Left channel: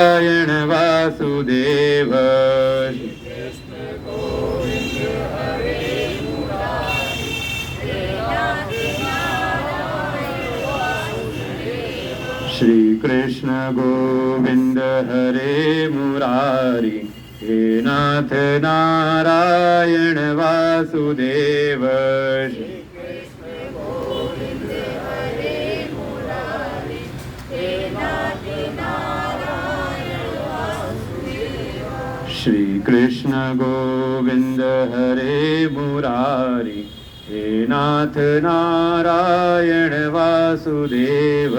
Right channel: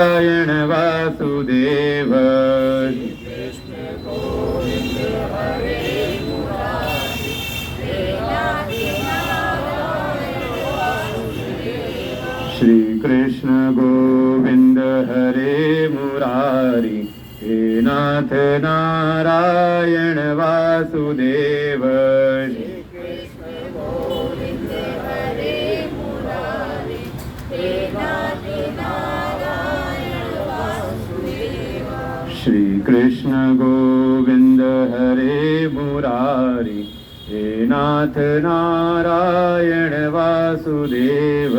नारायण वासुदेव श्री कृष्ण गोविंद हरे मुरारी हे नाथ नारायण वासुदेव श्री कृष्ण गोविंद हरे मुरारी हे नाथ नारायण वासुदेव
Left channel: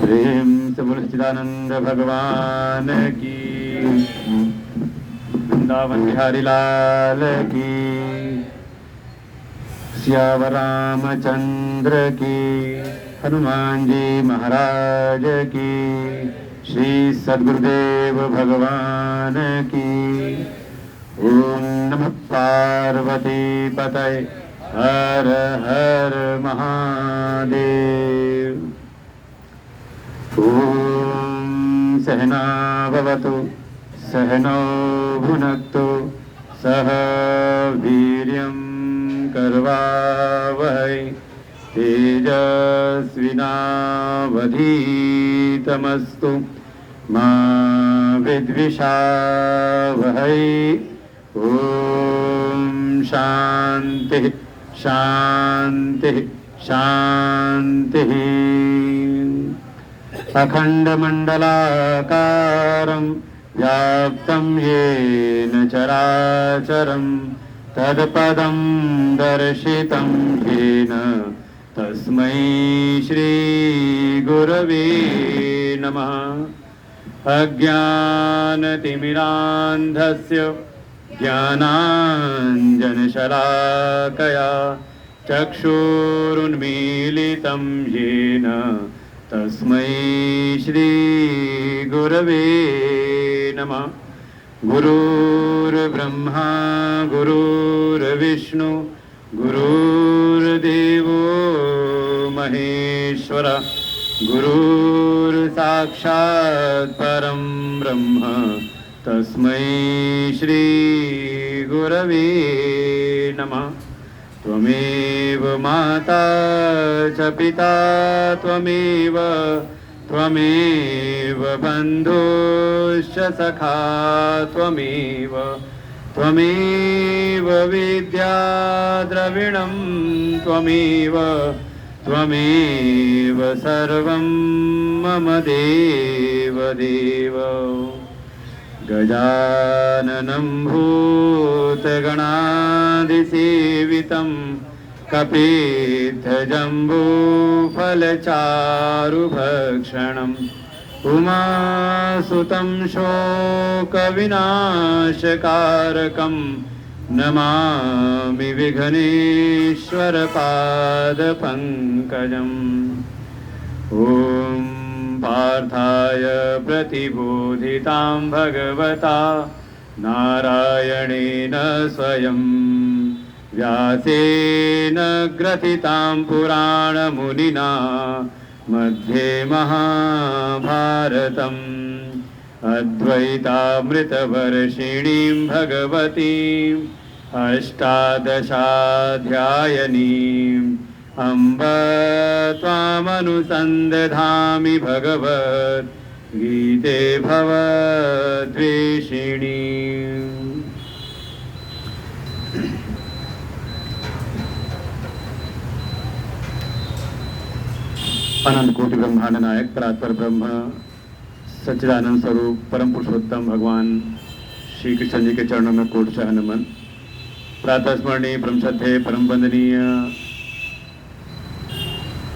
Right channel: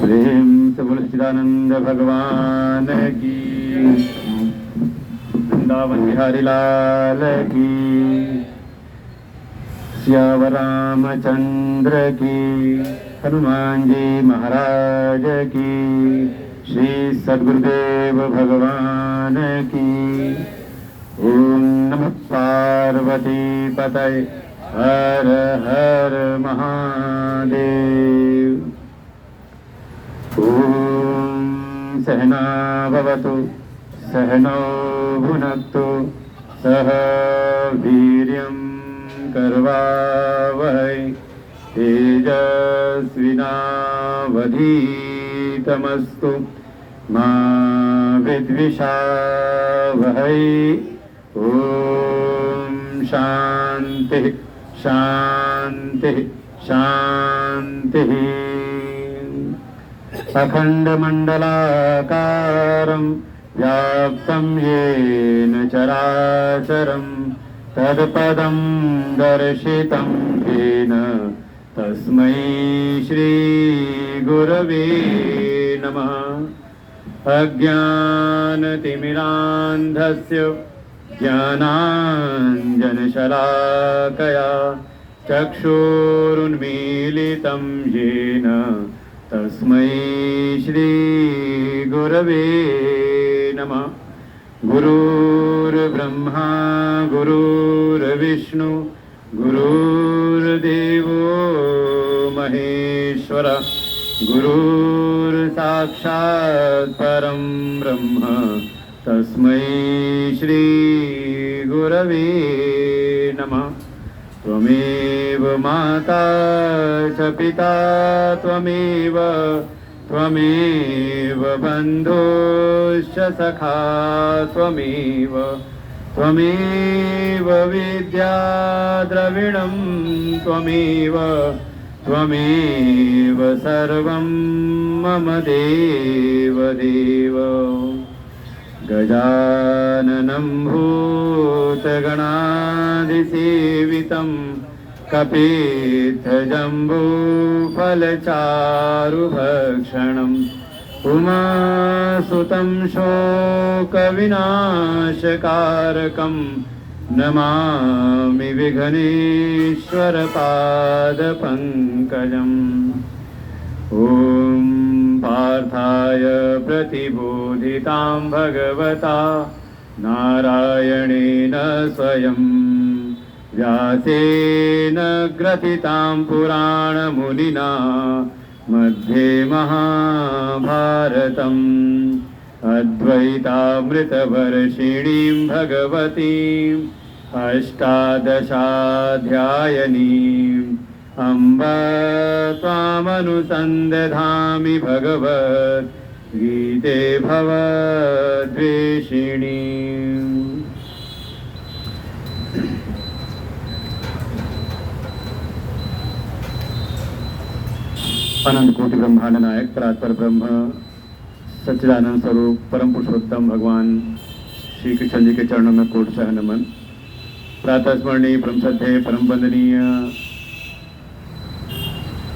प्रेम से बोलो सच्चिदानंद भगवान की, वृंदावन बिहारी लाल की, श्यावर रामचंद्र की, हनुमान जी महाराज की, श्री सद्गुरुदेव भगवान की। ओम नमः पार्वती पतये हर हर महादेव। ओम सहना भवतु सहनौ भुनक्तु सह वीर्यं करवावहै तेजस्विनावधीतमस्तु मा विद्विषावहै। ओम शांति शांति शांति। अखंडमंडलाकारं व्याप्तं येन चराचरं तत्पदं दर्शितं येन तस्मै श्री गुरवे नमः। अज्ञानतिमिरान्धस्य ज्ञानाञ्जनशलाकया चक्षुरुन्मीलितं येन तस्मै श्री गुरवे नमः। गुरुर्ब्रह्मा गुरुर्विष्णु गुरुर्देवो महेश्वर गुरुर्साक्षात् परं ब्रह्म तस्मै श्री गुरवे नमः। त्वमेव माता च पिता त्वमेव त्वमेव बन्धुश्च सखा त्वमेव त्वमेव विद्या द्रविणं त्वमेव त्वमेव सर्वं मम देव देव। गजाननं भूतगणादिसेवितं कपित्थजम्बूफलचारुभक्षणम् उमासुतं शोकविनाशकारकं नमामि विघ्नेश्वरपादपङ्कजम्। ॐ पार्थाय प्रतिबोधितां भगवता नारायणेन स्वयं व्यासेन ग्रथितां पुराणमुनिना मध्ये महाभारतम् अद्वैतामृतवर्षिणीं भगवतीम् अष्टादशाध्यायनीम् अम्ब त्वामनुसन्दधामि भगवद्गीते भवद्वेषिणी। अनंत कोटि ब्रह्मांड नायक परात्पर ब्रह्म सच्चिदानंद स्वरूप परम पुरुषोत्तम भगवान श्री कृष्ण जी के चरणों में कोटि सह नमन। प्रातः स्मरणीय परम श्रद्धेय परम वंदनीय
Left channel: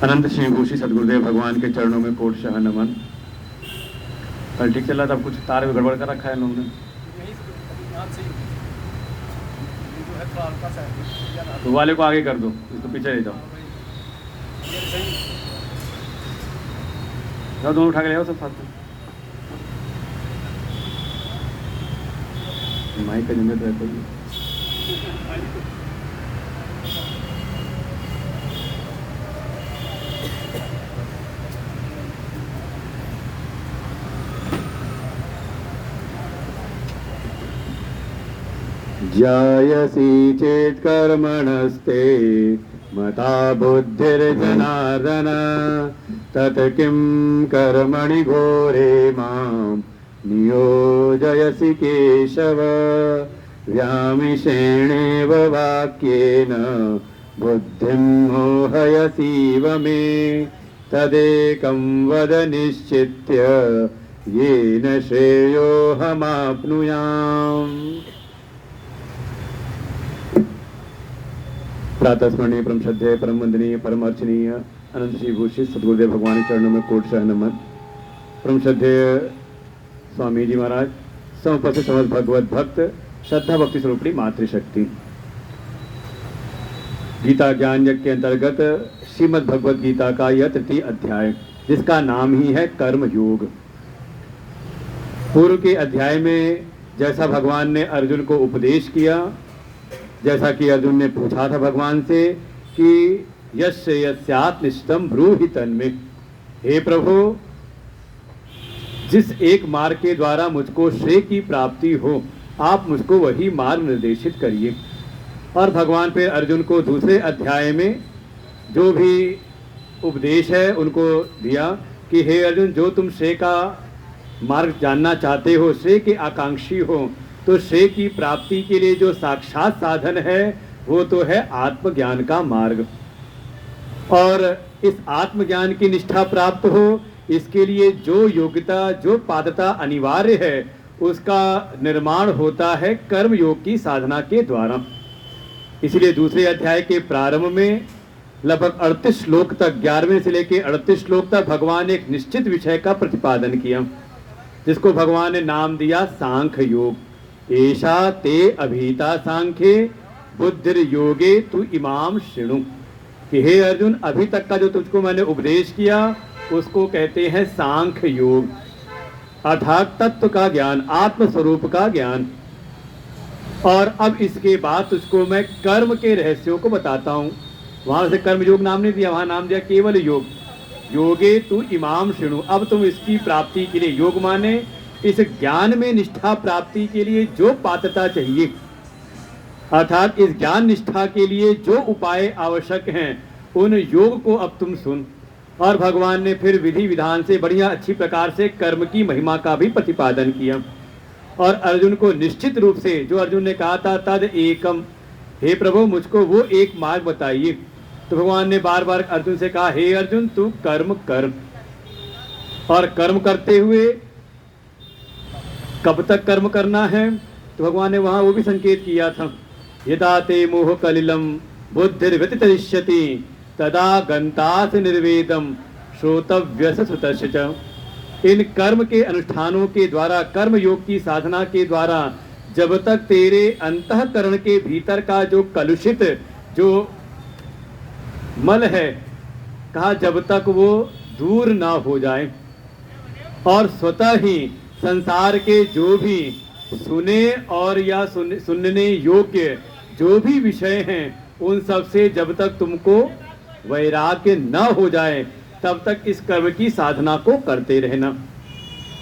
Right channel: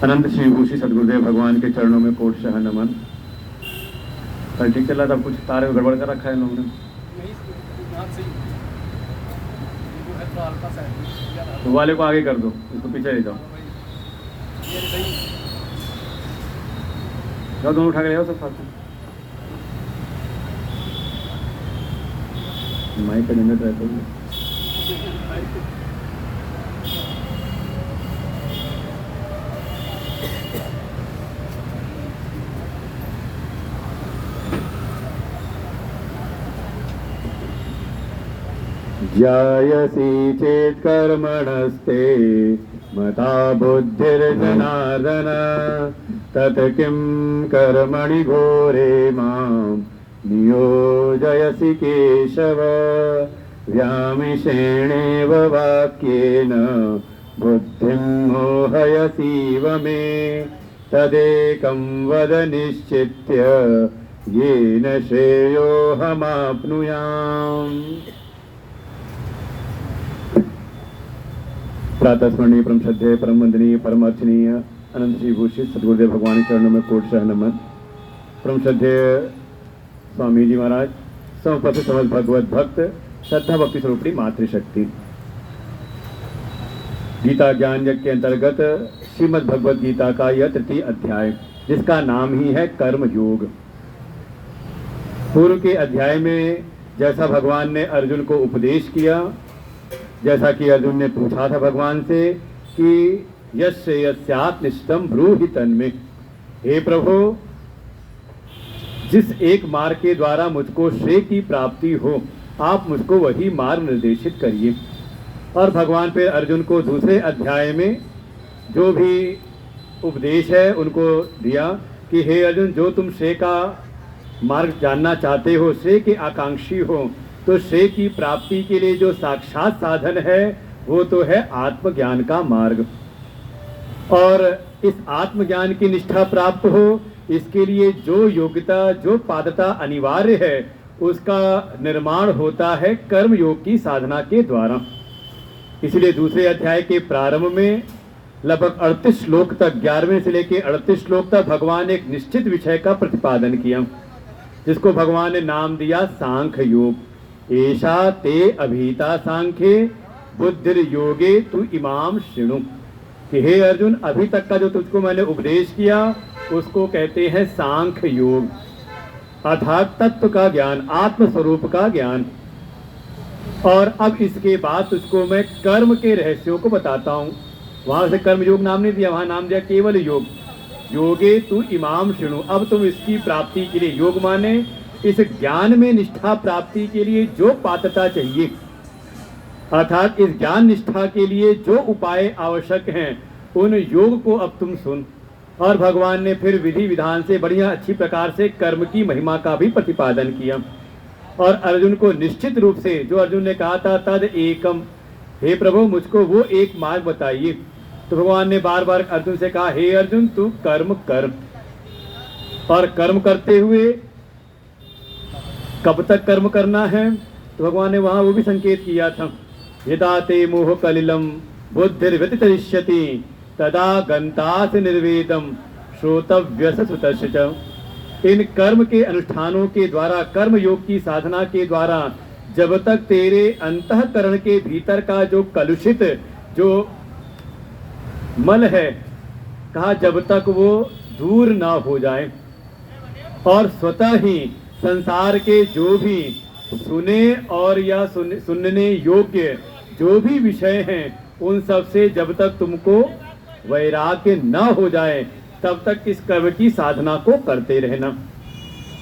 अनंत श्री भूषी सदगुरुदेव भगवान के चरणों में कोटि सह नमन। कल ठीक चला था, कुछ तार गड़बड़ कर रखा है इन्होंने। तो वाले को आगे कर दो, इसको पीछे ले जाओ। जाओ दोनों उठा के ले आओ सब साथ में। माइक का निमित्त रहता है। जायसी चेत् कर्मणस्ते मता बुद्धिर्जनार्दन तत् किं कर्मणि घोरे मां नियोजयसि केशव व्यामिषेणेव वाक्येन बुद्धिं मोहयसीव मे तदेकं वद निश्चित्य येन श्रेयोऽहमाप्नुयाम्। प्रातः स्मरणीय परम श्रद्धेय परम वंदनीय परम अर्चनीय अनंत श्री भूषित सदगुरुदेव भगवान चरणों में कोटशः नमन। परम श्रद्धेय स्वामी जी महाराज, समपस्थित समस्त भगवत भक्त, श्रद्धा भक्ति स्वरूपणी मातृशक्ति, गीता ज्ञान यज्ञ के अंतर्गत श्रीमद् भगवत गीता का यह तृतीय अध्याय, जिसका नाम ही है कर्म योग। पूर्व के अध्याय में जैसा भगवान ने अर्जुन को उपदेश किया, जैसा कि अर्जुन ने पूछा था भगवान से कि यस्य यस्यात् निष्ठम ब्रूहि तन्मे, हे प्रभु, जिस एक मार्ग के द्वारा मुझको श्रेय की प्राप्ति हो, आप मुझको वही मार्ग निर्देशित करिए। और भगवान पे अर्जुन को दूसरे अध्याय में जो भी उपदेश है उनको दिया कि हे अर्जुन, जो तुम श्रेय का मार्ग जानना चाहते हो, श्रेय के आकांक्षी हो, तो श्रेय की प्राप्ति के लिए जो साक्षात साधन है वो तो है आत्मज्ञान का मार्ग। और इस आत्मज्ञान की निष्ठा प्राप्त हो, इसके लिए जो योग्यता, जो पात्रता अनिवार्य है, उसका निर्माण होता है कर्म योग की साधना के द्वारा। इसलिए दूसरे अध्याय के प्रारंभ में लगभग 38 श्लोक तक, 11वें से लेकर 38 श्लोक तक भगवान ने एक निश्चित विषय का प्रतिपादन किया, जिसको भगवान ने नाम दिया सांख्य योग। ऐसा ते अभीता सांख्ये बुद्धिर योगे तु इमाम शृणु, कि हे अर्जुन, अभी तक का जो तुझको मैंने उपदेश किया उसको कहते हैं सांख्य योग, अर्थात तत्व का ज्ञान, आत्म स्वरूप का ज्ञान। और अब इसके बाद तुझको मैं कर्म के रहस्यों को बताता हूँ। वहां से कर्म योग नाम नहीं दिया, वहां नाम दिया केवल योग। योगे तु इमाम शृणु, अब तुम इसकी प्राप्ति के लिए, योग माने इस ज्ञान में निष्ठा प्राप्ति के लिए जो पात्रता चाहिए, अर्थात इस ज्ञान निष्ठा के लिए जो उपाय आवश्यक हैं, उन योग को अब तुम सुन। और भगवान ने फिर विधि विधान से बढ़िया अच्छी प्रकार से कर्म की महिमा का भी प्रतिपादन किया। और अर्जुन को निश्चित रूप से, जो अर्जुन ने कहा था तद एकम, हे प्रभु मुझको वो एक मार्ग बताइए, तो भगवान ने बार बार अर्जुन से कहा, हे अर्जुन तू कर्म कर। और कर्म करते हुए कब तक कर्म करना है, तो भगवान ने वहां वो भी संकेत किया था, यदा ते मोह कलिलम बुद्धिर्व्यतितरिष्यति तदा गंतास निर्वेदम श्रोतव्यस सुतस्य च। इन कर्म के अनुष्ठानों के द्वारा, कर्म योग की साधना के द्वारा, जब तक तेरे अंतःकरण के भीतर का जो कलुषित, जो मल है, कहा जब तक वो दूर ना हो जाए, और स्वतः ही संसार के जो भी सुने और या सुनने योग्य जो भी विषय हैं, उन सब से जब तक तुमको वैराग्य न हो जाए, तब तक इस कर्म की साधना को करते रहना।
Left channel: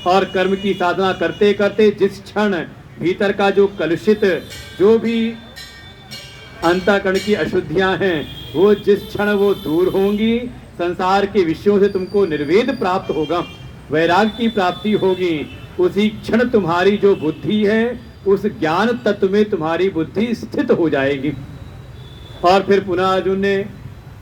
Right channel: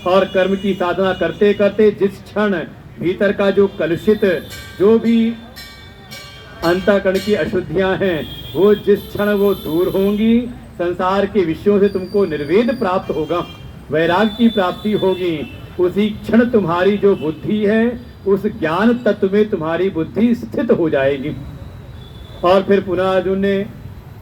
और कर्म की साधना करते करते जिस क्षण भीतर का जो कलुषित, जो भी अंतःकरण की अशुद्धियां हैं, वो जिस क्षण वो दूर होंगी, संसार के विषयों से तुमको निर्वेद प्राप्त होगा, वैराग्य की प्राप्ति होगी, उसी क्षण तुम्हारी जो बुद्धि है उस ज्ञान तत्व में तुम्हारी बुद्धि स्थित हो जाएगी। और फिर पुनः अर्जुन ने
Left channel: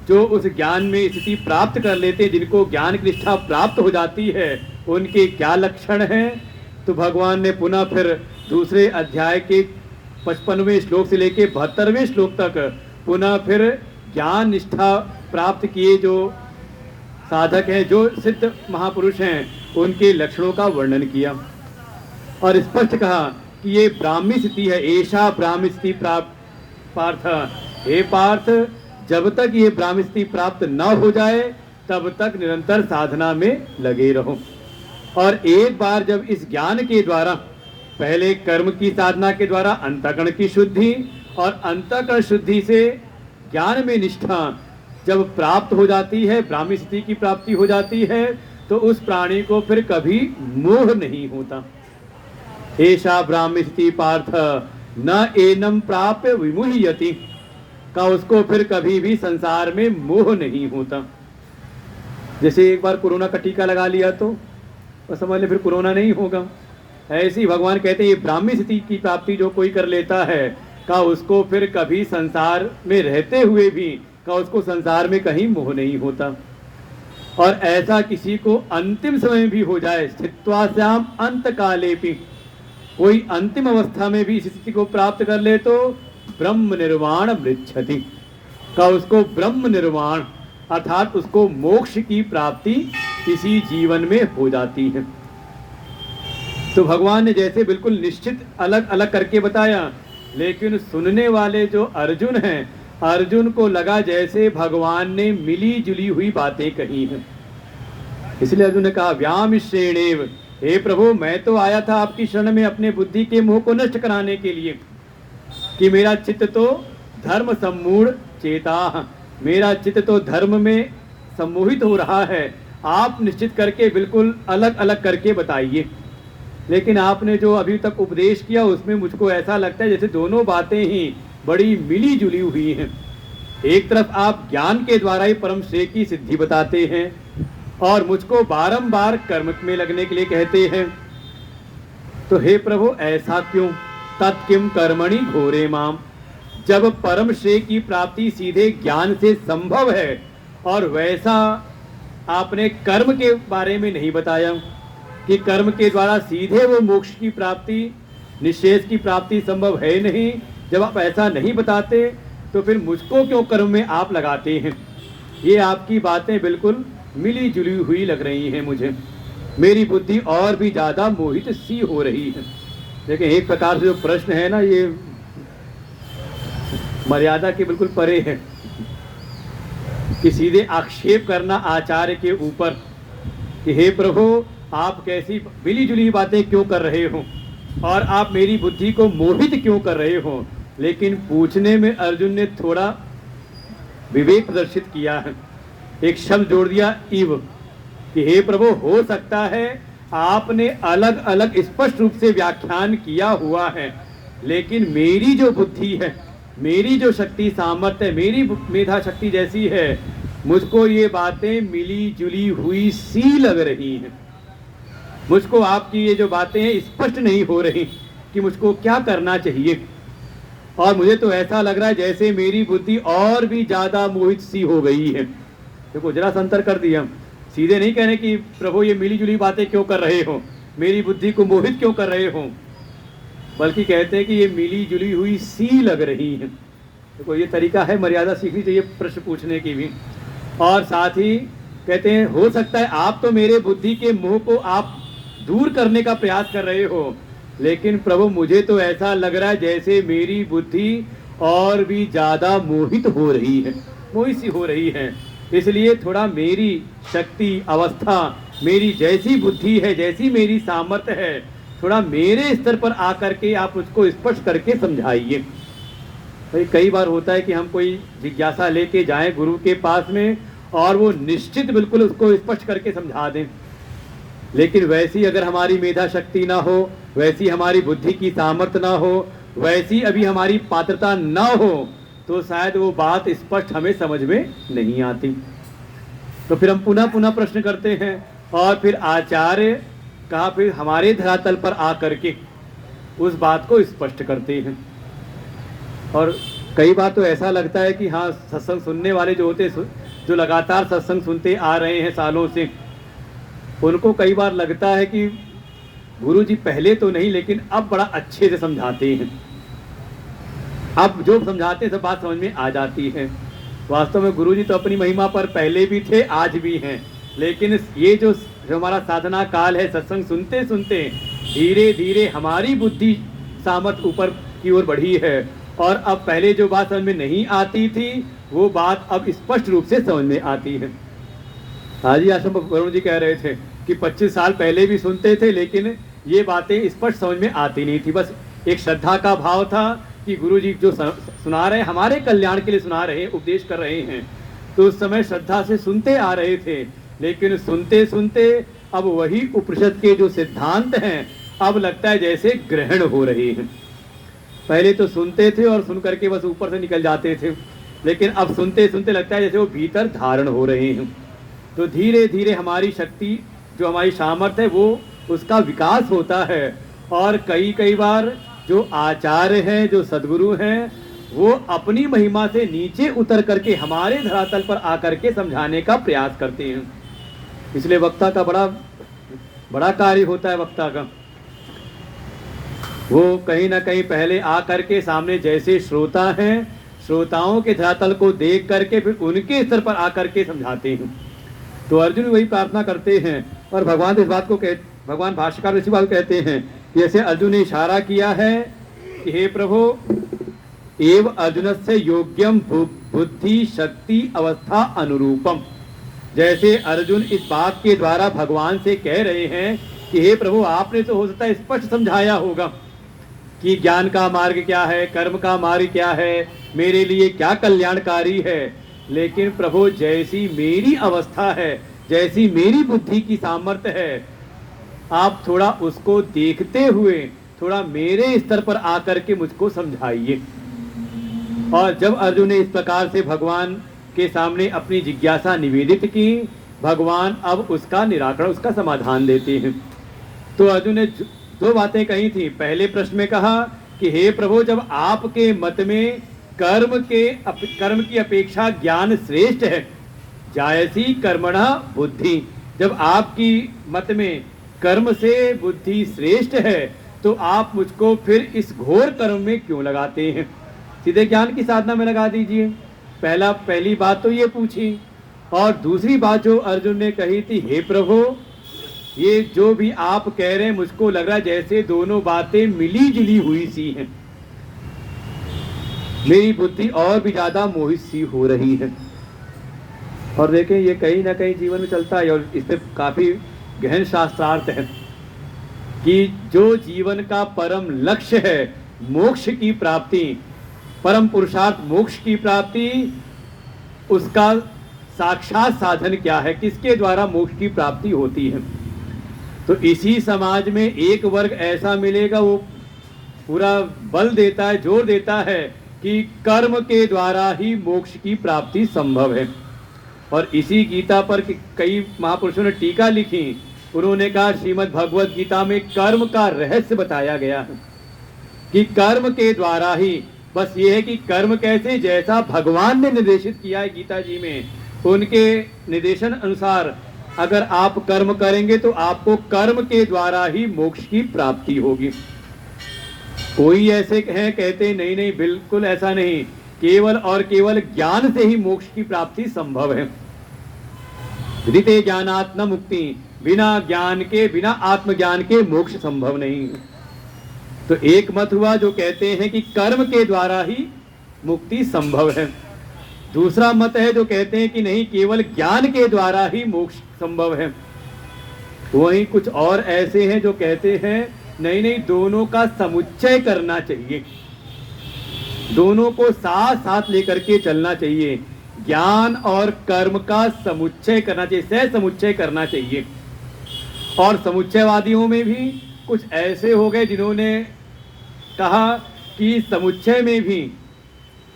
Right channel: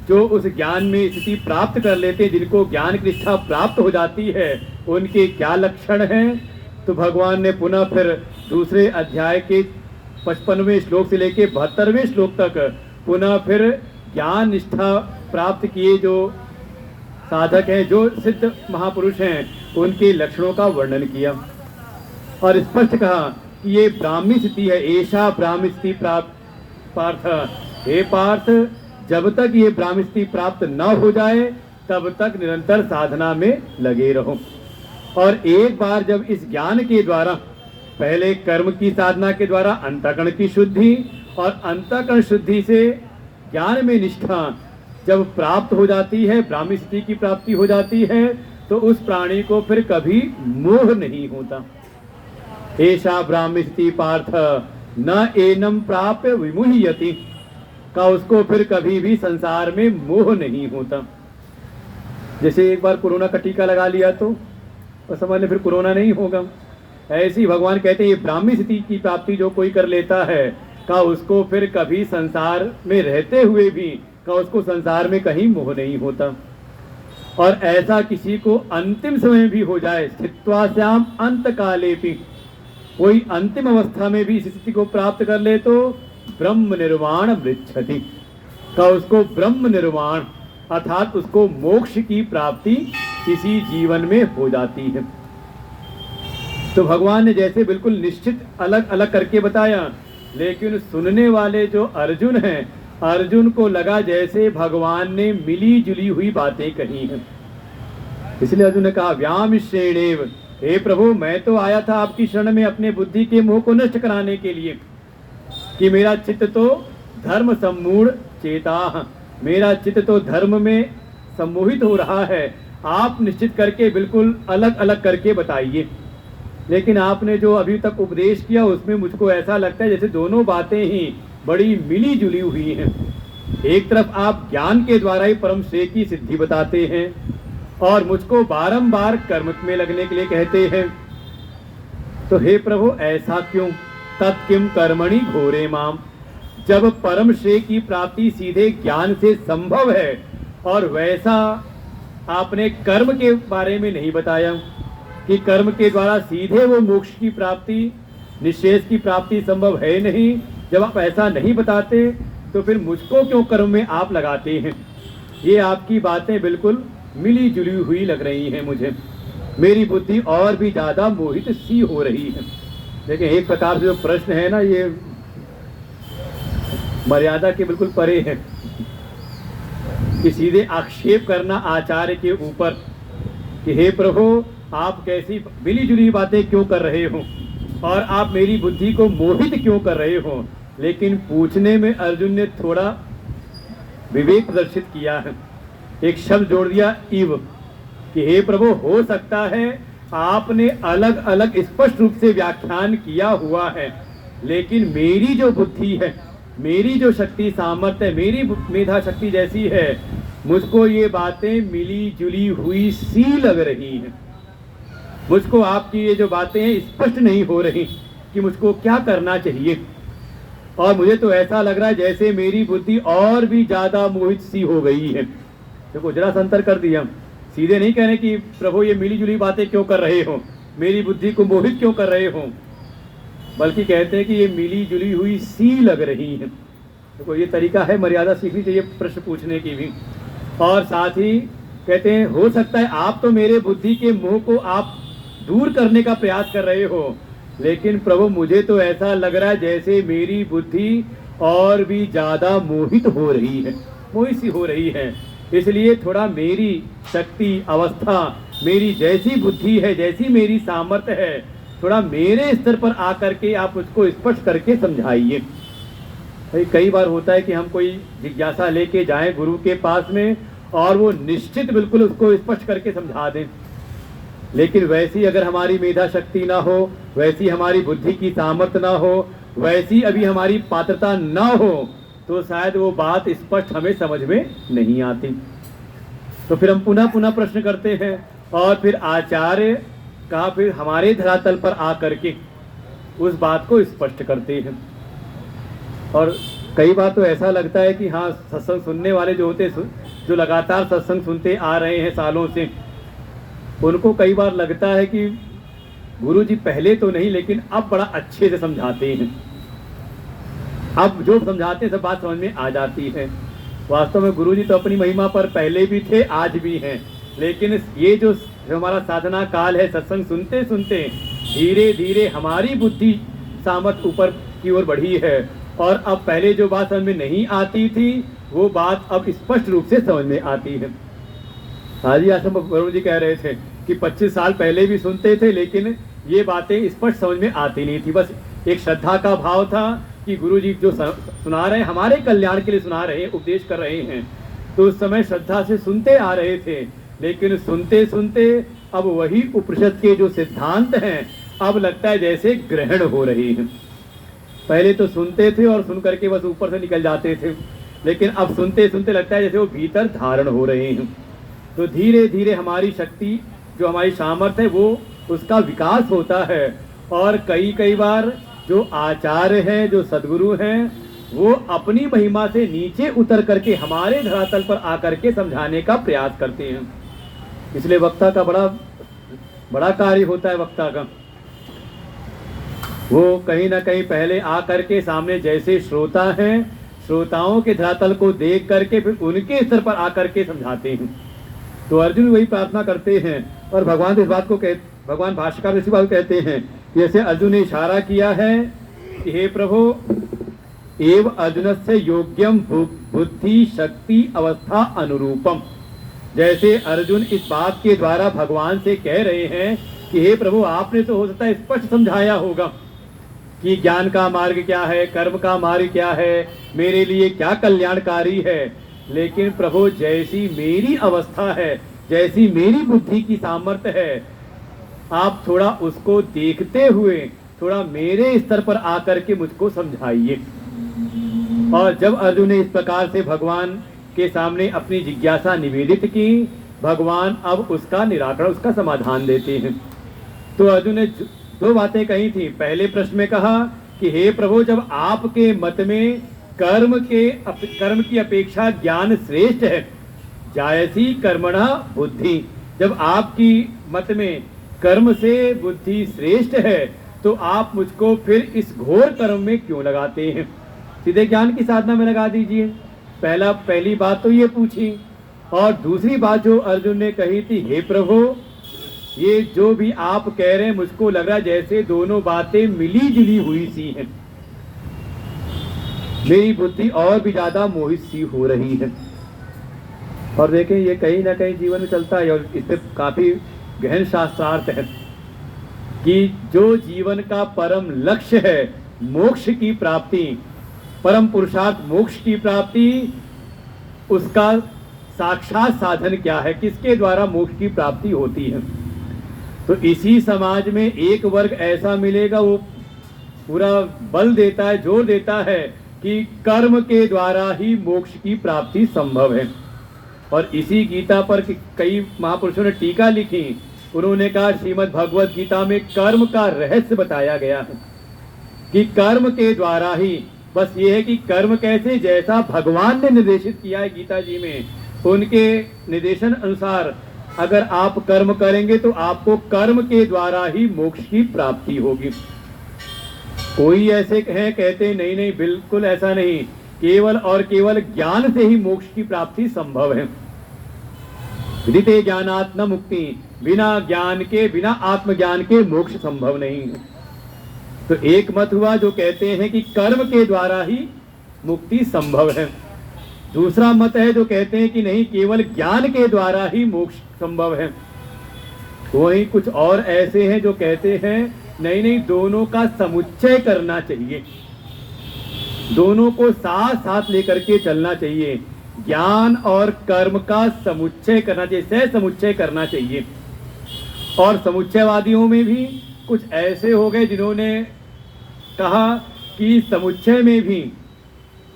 जो उस ज्ञान में स्थिति प्राप्त कर लेते, जिनको ज्ञान की निष्ठा प्राप्त हो जाती है, उनके क्या लक्षण हैं, तो भगवान ने पुनः फिर दूसरे अध्याय के 55वें श्लोक से लेकर 72वें श्लोक तक पुनः फिर ज्ञान निष्ठा प्राप्त किए जो साधक हैं, जो सिद्ध महापुरुष हैं, उनके लक्षणों का वर्णन किया। और स्पष्ट कहा कि ये ब्राह्मी स्थिति है, ऐसा ब्राह्मी स्थिति प्राप्त पार्थ, हे पार्थ, जब तक ये ब्राह्मी स्थिति प्राप्त न हो जाए तब तक निरंतर साधना में लगे रहो। और एक बार जब इस ज्ञान के द्वारा, पहले कर्म की साधना के द्वारा अंतःकरण की शुद्धि, और अंतःकरण शुद्धि से ज्ञान में निष्ठा जब प्राप्त हो जाती है, ब्राह्मी स्थिति की प्राप्ति हो जाती है, तो उस प्राणी को फिर कभी मोह नहीं होता। ऐसा ब्राह्मी स्थिति पार्थ न एनम प्राप्य विमुह्यति, का उसको फिर कभी भी संसार में मोह नहीं होता। जैसे एक बार कोरोना का टीका लगा लिया तो समझ ले फिर कोरोना नहीं होगा। ऐसी भगवान कहते हैं ये ब्राह्मी स्थिति की प्राप्ति जो कोई कर लेता है का उसको फिर कभी संसार में रहते हुए भी का उसको संसार में कहीं मोह नहीं होता। और ऐसा किसी को अंतिम समय में भी हो जाए, स्थित्वास्याम अंत काले भी, कोई अंतिम अवस्था में भी इस स्थिति को प्राप्त कर ले तो ब्रह्म निर्वाण मृच्छति, का उसको ब्रह्म निर्वाण अर्थात उसको मोक्ष की प्राप्ति इसी जीवन में हो जाती है। तो भगवान ने जैसे बिल्कुल निश्चित अलग अलग करके बताया, लेकिन सुनने वाले जो अर्जुन हैं, अर्जुन को लगा जैसे भगवान ने मिली जुली हुई बातें कही हैं। इसलिए अर्जुन ने कहा व्याम श्रेणेव, हे प्रभु मैं तो आया था आपकी शरण में अपने बुद्धि के मोह को नष्ट कराने के लिए, कि मेरा चित्त तो धर्म सम्मूढ़ चेता, मेरा चित्त तो धर्म में सम्मोहित हो रहा है, आप निश्चित करके बिल्कुल अलग अलग करके बताइए। लेकिन आपने जो अभी तक उपदेश किया उसमें मुझको ऐसा लगता है जैसे दोनों बातें ही बड़ी मिली जुली हुई हैं। एक तरफ आप ज्ञान के द्वारा ही परम श्रेय की सिद्धि बताते हैं और मुझको बारंबार कर्म में लगने के लिए कहते हैं। तो हे प्रभु ऐसा क्यों? तत्किम कर्मणि घोरे माम, जब परम श्रेय की प्राप्ति सीधे ज्ञान से संभव है और वैसा आपने कर्म के बारे में नहीं बताया कि कर्म के द्वारा सीधे वो मोक्ष की प्राप्ति, निश्चेष की प्राप्ति संभव है नहीं। जब आप ऐसा नहीं बताते तो फिर मुझको क्यों कर्म में आप लगाते हैं? ये आपकी बातें बिल्कुल मिली जुली हुई लग रही हैं मुझे, मेरी बुद्धि और भी ज्यादा मोहित सी हो रही है। लेकिन एक प्रकार से जो प्रश्न है ना, ये मर्यादा के बिल्कुल परे है कि सीधे आक्षेप करना आचार्य के ऊपर कि हे प्रभु आप कैसी मिली जुली बातें क्यों कर रहे हो और आप मेरी बुद्धि को मोहित क्यों कर रहे हो। लेकिन पूछने में अर्जुन ने थोड़ा विवेक प्रदर्शित किया है, एक शब्द जोड़ दिया इव, कि हे प्रभु हो सकता है आपने अलग अलग स्पष्ट रूप से व्याख्यान किया हुआ है, लेकिन मेरी जो बुद्धि है, मेरी जो शक्ति सामर्थ्य है, मेरी मेधा शक्ति जैसी है, मुझको ये बातें मिली जुली हुई सी लग रही हैं। मुझको आपकी ये जो बातें हैं स्पष्ट नहीं हो रही कि मुझको क्या करना चाहिए। और मुझे तो ऐसा लग रहा है जैसे मेरी बुद्धि और भी ज्यादा मोहित सी हो गई है। देखो जरा सा अंतर कर दिया, सीधे नहीं कह रहे कि प्रभु ये मिली जुली बातें क्यों कर रहे हो, मेरी बुद्धि को मोहित क्यों कर रहे हो, बल्कि कहते हैं कि ये मिली जुली हुई सी लग रही है। देखो ये तरीका है, मर्यादा सीखनी चाहिए प्रश्न पूछने की भी। और साथ ही कहते हैं हो सकता है आप तो मेरे बुद्धि के मोह को आप दूर करने का प्रयास कर रहे हो, लेकिन प्रभु मुझे तो ऐसा लग रहा है जैसे मेरी बुद्धि और भी ज्यादा मोहित हो रही है, मोहित सी हो रही है। इसलिए थोड़ा मेरी शक्ति अवस्था, मेरी जैसी बुद्धि है, जैसी मेरी सामर्थ्य है, थोड़ा मेरे स्तर पर आकर के आप उसको स्पष्ट करके समझाइए। भाई कई बार होता है कि हम कोई जिज्ञासा लेके जाएं गुरु के पास में और वो निश्चित बिल्कुल उसको स्पष्ट करके समझा दें, लेकिन वैसी अगर हमारी मेधा शक्ति ना हो, वैसी हमारी बुद्धि की सामर्थ्य ना हो, वैसी अभी हमारी पात्रता ना हो, तो शायद वो बात स्पष्ट हमें समझ में नहीं आती। तो फिर हम पुनः पुनः प्रश्न करते हैं और फिर आचार्य का फिर हमारे धरातल पर आकर के उस बात को स्पष्ट करते हैं। और कई बार तो ऐसा लगता है कि हाँ सत्संग सुनने वाले जो होते, जो लगातार सत्संग सुनते आ रहे हैं सालों से, उनको कई बार लगता है कि गुरु जी पहले तो नहीं लेकिन अब बड़ा अच्छे से समझाते हैं, अब जो समझाते हैं सब बात समझ में आ जाती है। वास्तव में गुरु जी तो अपनी महिमा पर पहले भी थे, आज भी हैं, लेकिन ये जो हमारा साधना काल है, सत्संग सुनते सुनते धीरे धीरे हमारी बुद्धि सामर्थ्य ऊपर की ओर बढ़ी है और अब पहले जो बात समझ में नहीं आती थी वो बात अब स्पष्ट रूप से समझ में आती है। हाजी आश्रम वरुण जी कह रहे थे कि 25 साल पहले भी सुनते थे लेकिन ये बातें स्पष्ट समझ में आती नहीं थी, बस एक श्रद्धा का भाव था कि गुरुजी जो सुना रहे हैं हमारे कल्याण के लिए सुना रहे हैं, उपदेश कर रहे हैं, तो उस समय श्रद्धा से सुनते आ रहे थे, लेकिन सुनते सुनते अब वही उपनिषद के जो सिद्धांत हैं अब लगता है जैसे ग्रहण हो रहे हैं। पहले तो सुनते थे और सुन करके बस ऊपर से निकल जाते थे, लेकिन अब सुनते सुनते लगता है जैसे वो भीतर धारण हो रहे हैं। तो धीरे धीरे हमारी शक्ति, जो हमारी सामर्थ्य है, वो उसका विकास होता है। और कई बार जो आचार्य हैं, जो सदगुरु हैं, वो अपनी महिमा से नीचे उतर करके हमारे धरातल पर आकर के समझाने का प्रयास करते हैं। इसलिए वक्ता का बड़ा कार्य होता है। वक्ता का वो कहीं ना कहीं पहले आकर के सामने जैसे श्रोता हैं, श्रोताओं के धरातल को देख करके फिर उनके स्तर पर आकर के समझाते हैं। तो अर्जुन वही प्रार्थना करते हैं और भगवान इस बात को भगवान भाष्यकार इसी बात कहते हैं, जैसे अर्जुन ने इशारा किया है कि हे प्रभु एव अर्जुन से योग्यम बुद्धि शक्ति अवस्था अनुरूपम। जैसे अर्जुन इस बात के द्वारा भगवान से कह रहे हैं कि हे प्रभु आपने तो हो सकता है स्पष्ट समझाया होगा कि ज्ञान का मार्ग क्या है, कर्म का मार्ग क्या है, मेरे लिए क्या कल्याणकारी है, लेकिन प्रभु जैसी मेरी अवस्था है, जैसी मेरी बुद्धि की सामर्थ्य है, आप थोड़ा उसको देखते हुए थोड़ा मेरे स्तर पर आकर के मुझको समझाइए। और जब अर्जुन ने इस प्रकार से भगवान के सामने अपनी जिज्ञासा निवेदित की, भगवान अब उसका निराकरण, उसका समाधान देते हैं। तो अर्जुन ने दो बातें कही थी। पहले प्रश्न में कहा कि हे प्रभु जब आपके मत में कर्म की अपेक्षा ज्ञान श्रेष्ठ है, जायसी कर्मणा बुद्धि, जब आपकी मत में कर्म से बुद्धि श्रेष्ठ है तो आप मुझको फिर इस घोर कर्म में क्यों लगाते हैं, सीधे ज्ञान की साधना में लगा दीजिए। पहली बात तो ये पूछी। और दूसरी बात जो अर्जुन ने कही थी, हे प्रभु ये जो भी आप कह रहे हैं मुझको लग रहा है जैसे दोनों बातें मिली जुली हुई सी हैं, मेरी बुद्धि और भी ज्यादा मोहित सी हो रही है। और देखें ये कहीं ना कहीं जीवन में चलता है और इसमें काफी गहन शास्त्रार्थ है कि जो जीवन का परम लक्ष्य है मोक्ष की प्राप्ति, परम पुरुषार्थ मोक्ष की प्राप्ति, उसका साक्षात साधन क्या है, किसके द्वारा मोक्ष की प्राप्ति होती है। तो इसी समाज में एक वर्ग ऐसा मिलेगा वो पूरा बल देता है, जोर देता है कि कर्म के द्वारा ही मोक्ष की प्राप्ति संभव है। और इसी गीता पर कई महापुरुषों ने टीका लिखी। उन्होंने कहा श्रीमद् भगवत गीता में कर्म का रहस्य बताया गया है कि कर्म के द्वारा ही, बस ये है कि कर्म कैसे, जैसा भगवान ने निर्देशित किया है गीता जी में, उनके निर्देशन अनुसार अगर आप कर्म करेंगे तो आपको कर्म के द्वारा ही मोक्ष की प्राप्ति होगी। कोई ऐसे हैं कहते नहीं नहीं बिल्कुल ऐसा नहीं, केवल और केवल ज्ञान से ही मोक्ष की प्राप्ति संभव है। ऋते ज्ञानात् न मुक्ति, बिना ज्ञान के, बिना आत्मज्ञान के मोक्ष संभव नहीं है। तो एक मत हुआ जो कहते हैं कि कर्म के द्वारा ही मुक्ति संभव है। दूसरा मत है जो कहते हैं कि नहीं, केवल ज्ञान के द्वारा ही मोक्ष संभव है। वहीं कुछ और ऐसे हैं जो कहते हैं नहीं नहीं, दोनों का समुच्चय करना चाहिए, दोनों को साथ साथ लेकर के चलना चाहिए, ज्ञान और कर्म का समुच्चय करना चाहिए, सह समुच्चय करना चाहिए। और समुच्चयवादियों में भी कुछ ऐसे हो गए जिन्होंने कहा कि समुच्चय में भी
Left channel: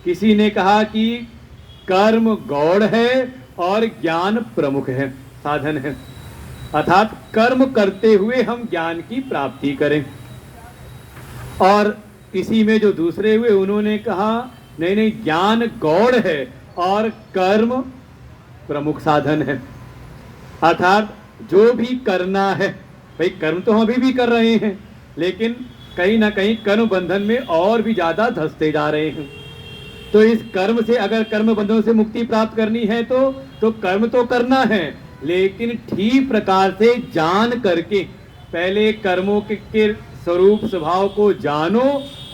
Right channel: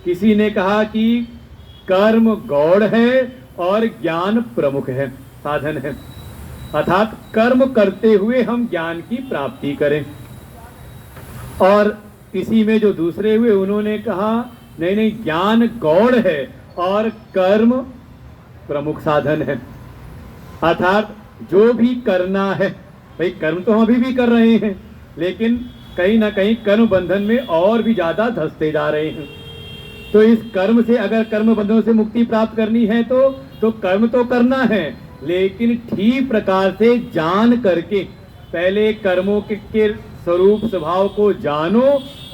किसी ने कहा कि कर्म गौड़ है और ज्ञान प्रमुख है, साधन है, अर्थात कर्म करते हुए हम ज्ञान की प्राप्ति करें। और इसी में जो दूसरे हुए उन्होंने कहा नहीं नहीं, ज्ञान गौड़ है और कर्म प्रमुख साधन है, अर्थात जो भी करना है, भाई कर्म तो हम अभी भी कर रहे हैं लेकिन कहीं ना कहीं कर्म बंधन में और भी ज्यादा धंसते जा रहे हैं। तो इस कर्म से, अगर कर्म बंधनों से मुक्ति प्राप्त करनी है तो कर्म तो करना है, लेकिन ठीक प्रकार से जान करके, पहले कर्मों के स्वरूप स्वभाव को जानो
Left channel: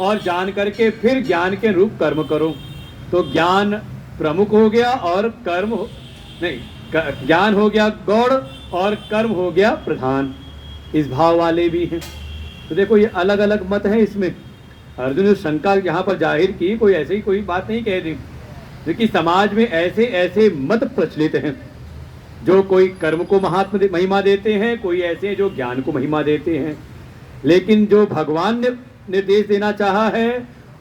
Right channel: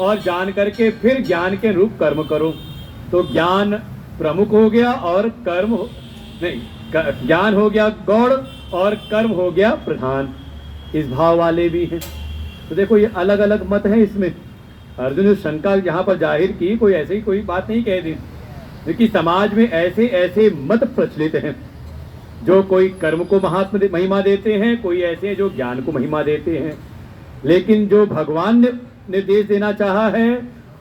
और जान करके फिर ज्ञान के रूप कर्म करो। तो ज्ञान प्रमुख हो गया और कर्म नहीं, ज्ञान हो गया गौड़ और कर्म हो गया प्रधान। इस भाव वाले भी हैं। तो देखो ये अलग अलग मत है इसमें। अर्जुन ने शंका यहाँ पर जाहिर की, कोई ऐसे ही कोई बात नहीं कह दी, क्योंकि समाज में ऐसे ऐसे मत प्रचलित हैं, जो कोई कर्म को महिमा देते हैं, कोई ऐसे हैं जो ज्ञान को महिमा देते हैं। लेकिन जो भगवान ने निर्देश देना चाहा है,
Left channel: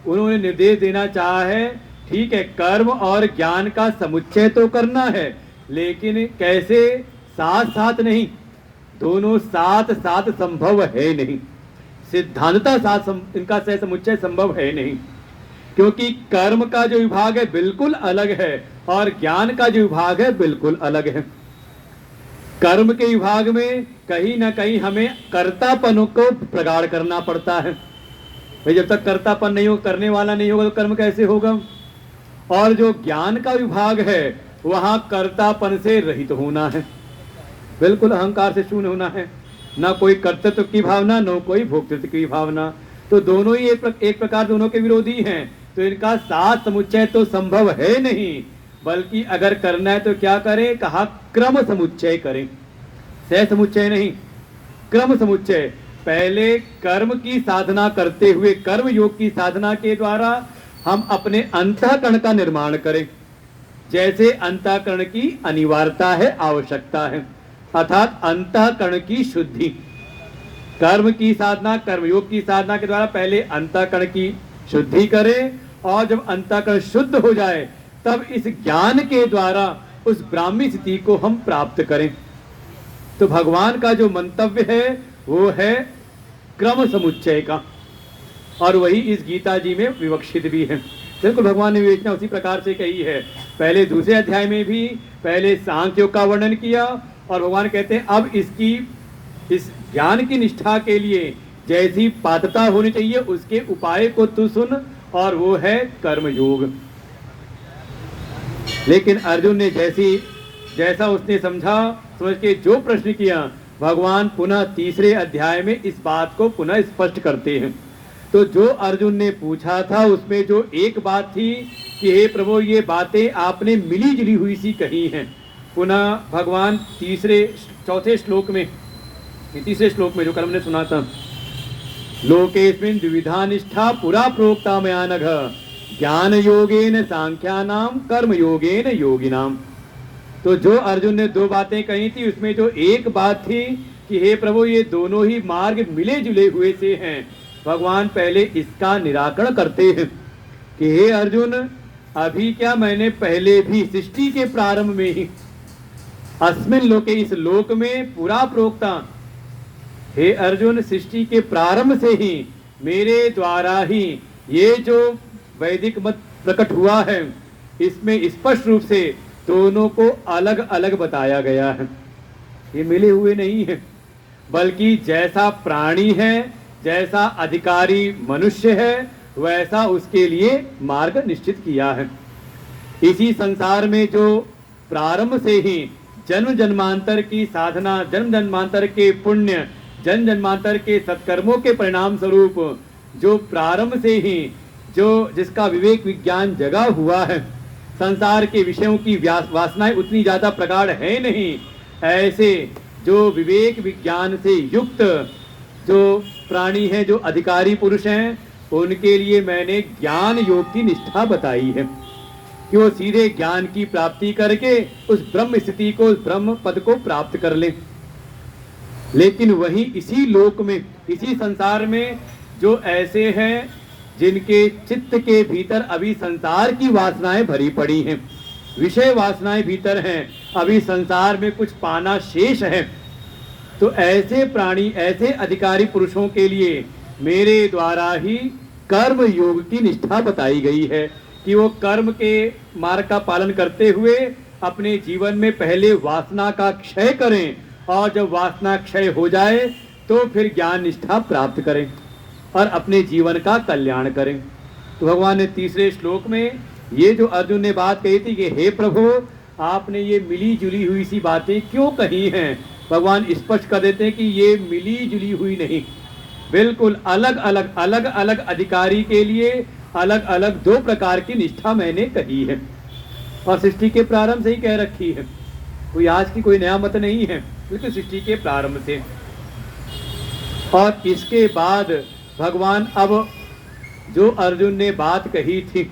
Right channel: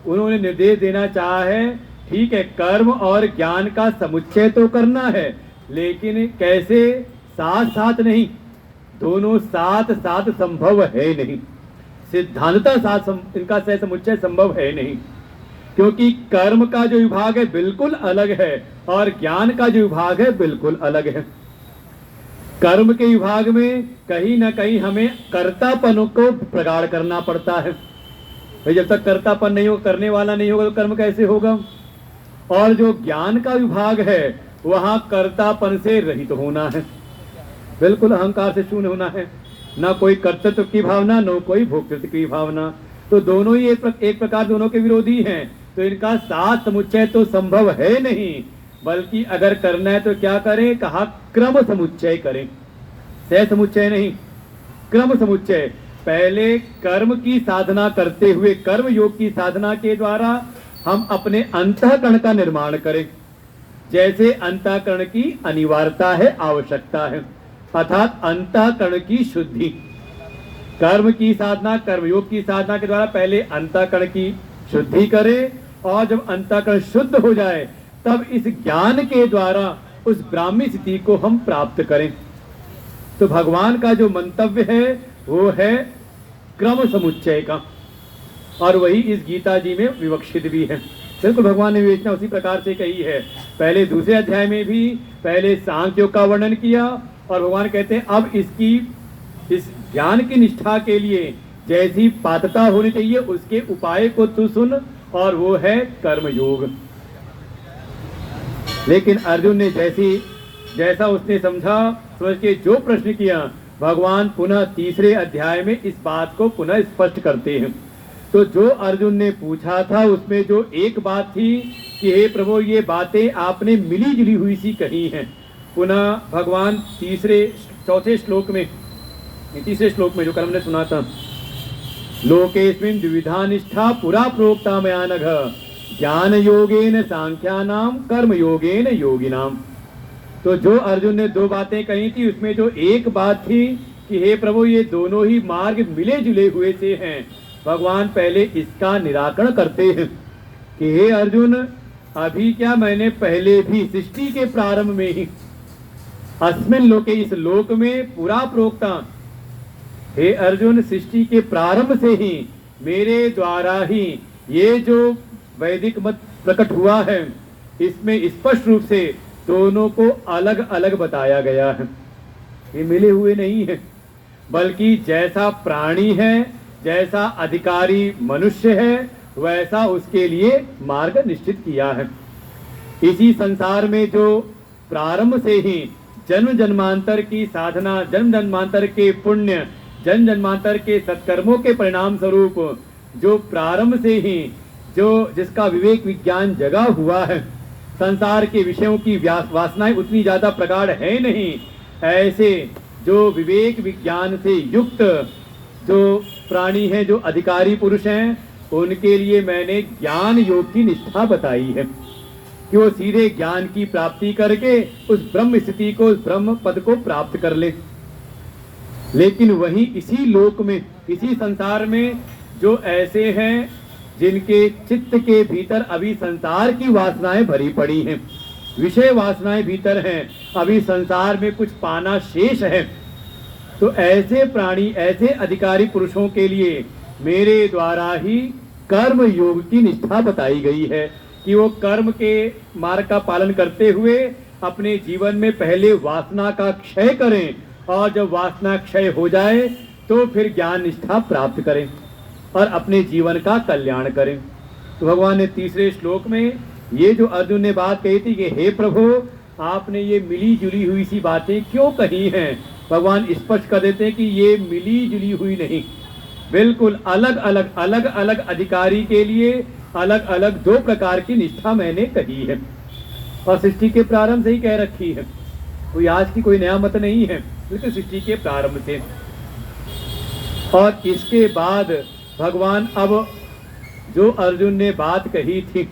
उन्होंने निर्देश देना चाहा है, ठीक है कर्म और ज्ञान का समुच्चय तो करना है, लेकिन कैसे, साथ साथ नहीं, दोनों साथ साथ संभव है नहीं, सिद्धांतता साथ इनका सह समुच्चय संभव है नहीं, क्योंकि कर्म का जो विभाग है बिल्कुल अलग है और ज्ञान का जो विभाग है बिल्कुल अलग है। कर्म के विभाग में कहीं ना कहीं हमें कर्तापन को प्रगाढ़ करना पड़ता है। भाई जब तक कर्तापन नहीं हो, करने वाला नहीं होगा तो कर्म कैसे होगा। और जो ज्ञान का विभाग है वहां कर्तापन से रहित होना है, बिल्कुल अहंकार से शून्य होना है, ना कोई कर्तृत्व की भावना, न कोई भोक्तृत्व की भावना। तो दोनों ही एक प्रकार दोनों के विरोधी हैं, तो इनका साथ समुच्चय तो संभव है नहीं, बल्कि अगर करना है तो क्या करें, कहा क्रम समुच्चय करें, सह समुच्चय नहीं, क्रम समुच्चय। पहले कर्म की साधना करते हुए, कर्म योग की साधना के द्वारा हम अपने अंतःकरण का निर्माण करें, जैसे अंतःकरण की अनिवार्यता है, आवश्यकता है, अर्थात अंतःकरण की शुद्धि। कर्म की साधना, कर्मयोग की साधना के द्वारा पहले अंतःकरण की शुद्धि करें, और जब अंतःकरण शुद्ध हो जाए तब इस ज्ञान के द्वारा उस ब्राह्मी स्थिति को हम प्राप्त करें। तो भगवान का जो मंतव्य है वो है क्रम समुच्चय का, और वही इस गीता जी में विवक्षित भी है। बिल्कुल भगवान ने विवेचना उसी प्रकार से कही है। पहले दूसरे अध्याय में भी पहले सांख्य योग का वर्णन किया, और भगवान कहते हैं अब इस ज्ञान की निष्ठा के लिए जैसी पात्रता होनी चाहिए उसके उपाय को तू सुन, और वो है कर्मयोग। लेकिन अर्जुन ने जैसा उसने समझ के जो प्रश्न किया, भगवान पुनः तीसरे अध्याय में इस बात को पुनः स्पष्ट करते हैं। तो जो अर्जुन ने पूछा था उसमें जो एक बात थी कि हे प्रभु ये बातें आपने मिली जुली हुई सी कही हैं, पुनः भगवान तीसरे श्लोक में जो कल हमने सुना था, लोकेस्मिन् द्विविधा निष्ठा पुरा प्रोक्ता मया नघ, ज्ञान योगेन सांख्यानाम कर्म योगेन योगिनाम। तो जो अर्जुन ने दो बातें कही थी उसमें जो एक बात थी कि हे प्रभु ये दोनों ही मार्ग मिले जुले हुए से हैं, भगवान पहले इसका निराकरण करते हैं कि हे अर्जुन अभी क्या, मैंने पहले भी सृष्टि के प्रारंभ में ही अस्मिन् लोके, इस लोक में पूरा प्रोक्ता, हे अर्जुन सृष्टि के प्रारंभ से ही मेरे द्वारा ही ये जो वैदिक मत प्रकट हुआ है इसमें स्पष्ट रूप से दोनों को अलग अलग बताया गया है। ये मिले हुए नहीं है, बल्कि जैसा प्राणी है, जैसा अधिकारी मनुष्य है, वैसा उसके लिए मार्ग निश्चित किया है। इसी संसार में जो प्रारंभ से ही जन्म जन्मांतर की साधना, जन्म जन्मांतर के पुण्य, जन्म जन्मांतर के सत्कर्मों के परिणाम स्वरूप जो प्रारंभ से ही जिसका विवेक विज्ञान जगा हुआ है, संसार के विषयों की वासनाएं उतनी ज्यादा प्रगाढ़ है नहीं, ऐसे जो विवेक विज्ञान से युक्त जो प्राणी हैं, जो अधिकारी पुरुष हैं, उनके लिए मैंने ज्ञान योग की निष्ठा बताई है कि वो सीधे ज्ञान की प्राप्ति करके उस ब्रह्म स्थिति को, उस ब्रह्म पद को प्राप्त कर ले। लेकिन वहीं इसी लोक में, इसी संसार में जो ऐसे हैं जिनके चित्त के भीतर अभी संसार की वासनाएं भरी पड़ी हैं, विषय वासनाएं भीतर हैं, अभी संसार में कुछ पाना शेष है, तो ऐसे प्राणी, ऐसे अधिकारी पुरुषों के लिए मेरे द्वारा ही कर्म योग की निष्ठा बताई गई है कि वो कर्म के मार्ग का पालन करते हुए अपने जीवन में पहले वासना का क्षय करें, और जब वासना क्षय हो जाए तो फिर ज्ञान निष्ठा प्राप्त करें और अपने जीवन का कल्याण करें। तो भगवान ने तीसरे श्लोक में ये जो अर्जुन ने बात कही थी कि हे प्रभु आपने ये मिली जुली हुई सी बातें क्यों कही हैं, भगवान स्पष्ट कर देते हैं कि ये मिली जुली हुई नहीं, बिल्कुल अलग अलग अधिकारी के लिए अलग अलग दो प्रकार की निष्ठा मैंने कही है, और सृष्टि के प्रारंभ से ही कह रखी है, कोई आज की कोई नया मत नहीं है, बिल्कुल सृष्टि के प्रारंभ से। और इसके बाद भगवान अब जो अर्जुन ने बात कही थी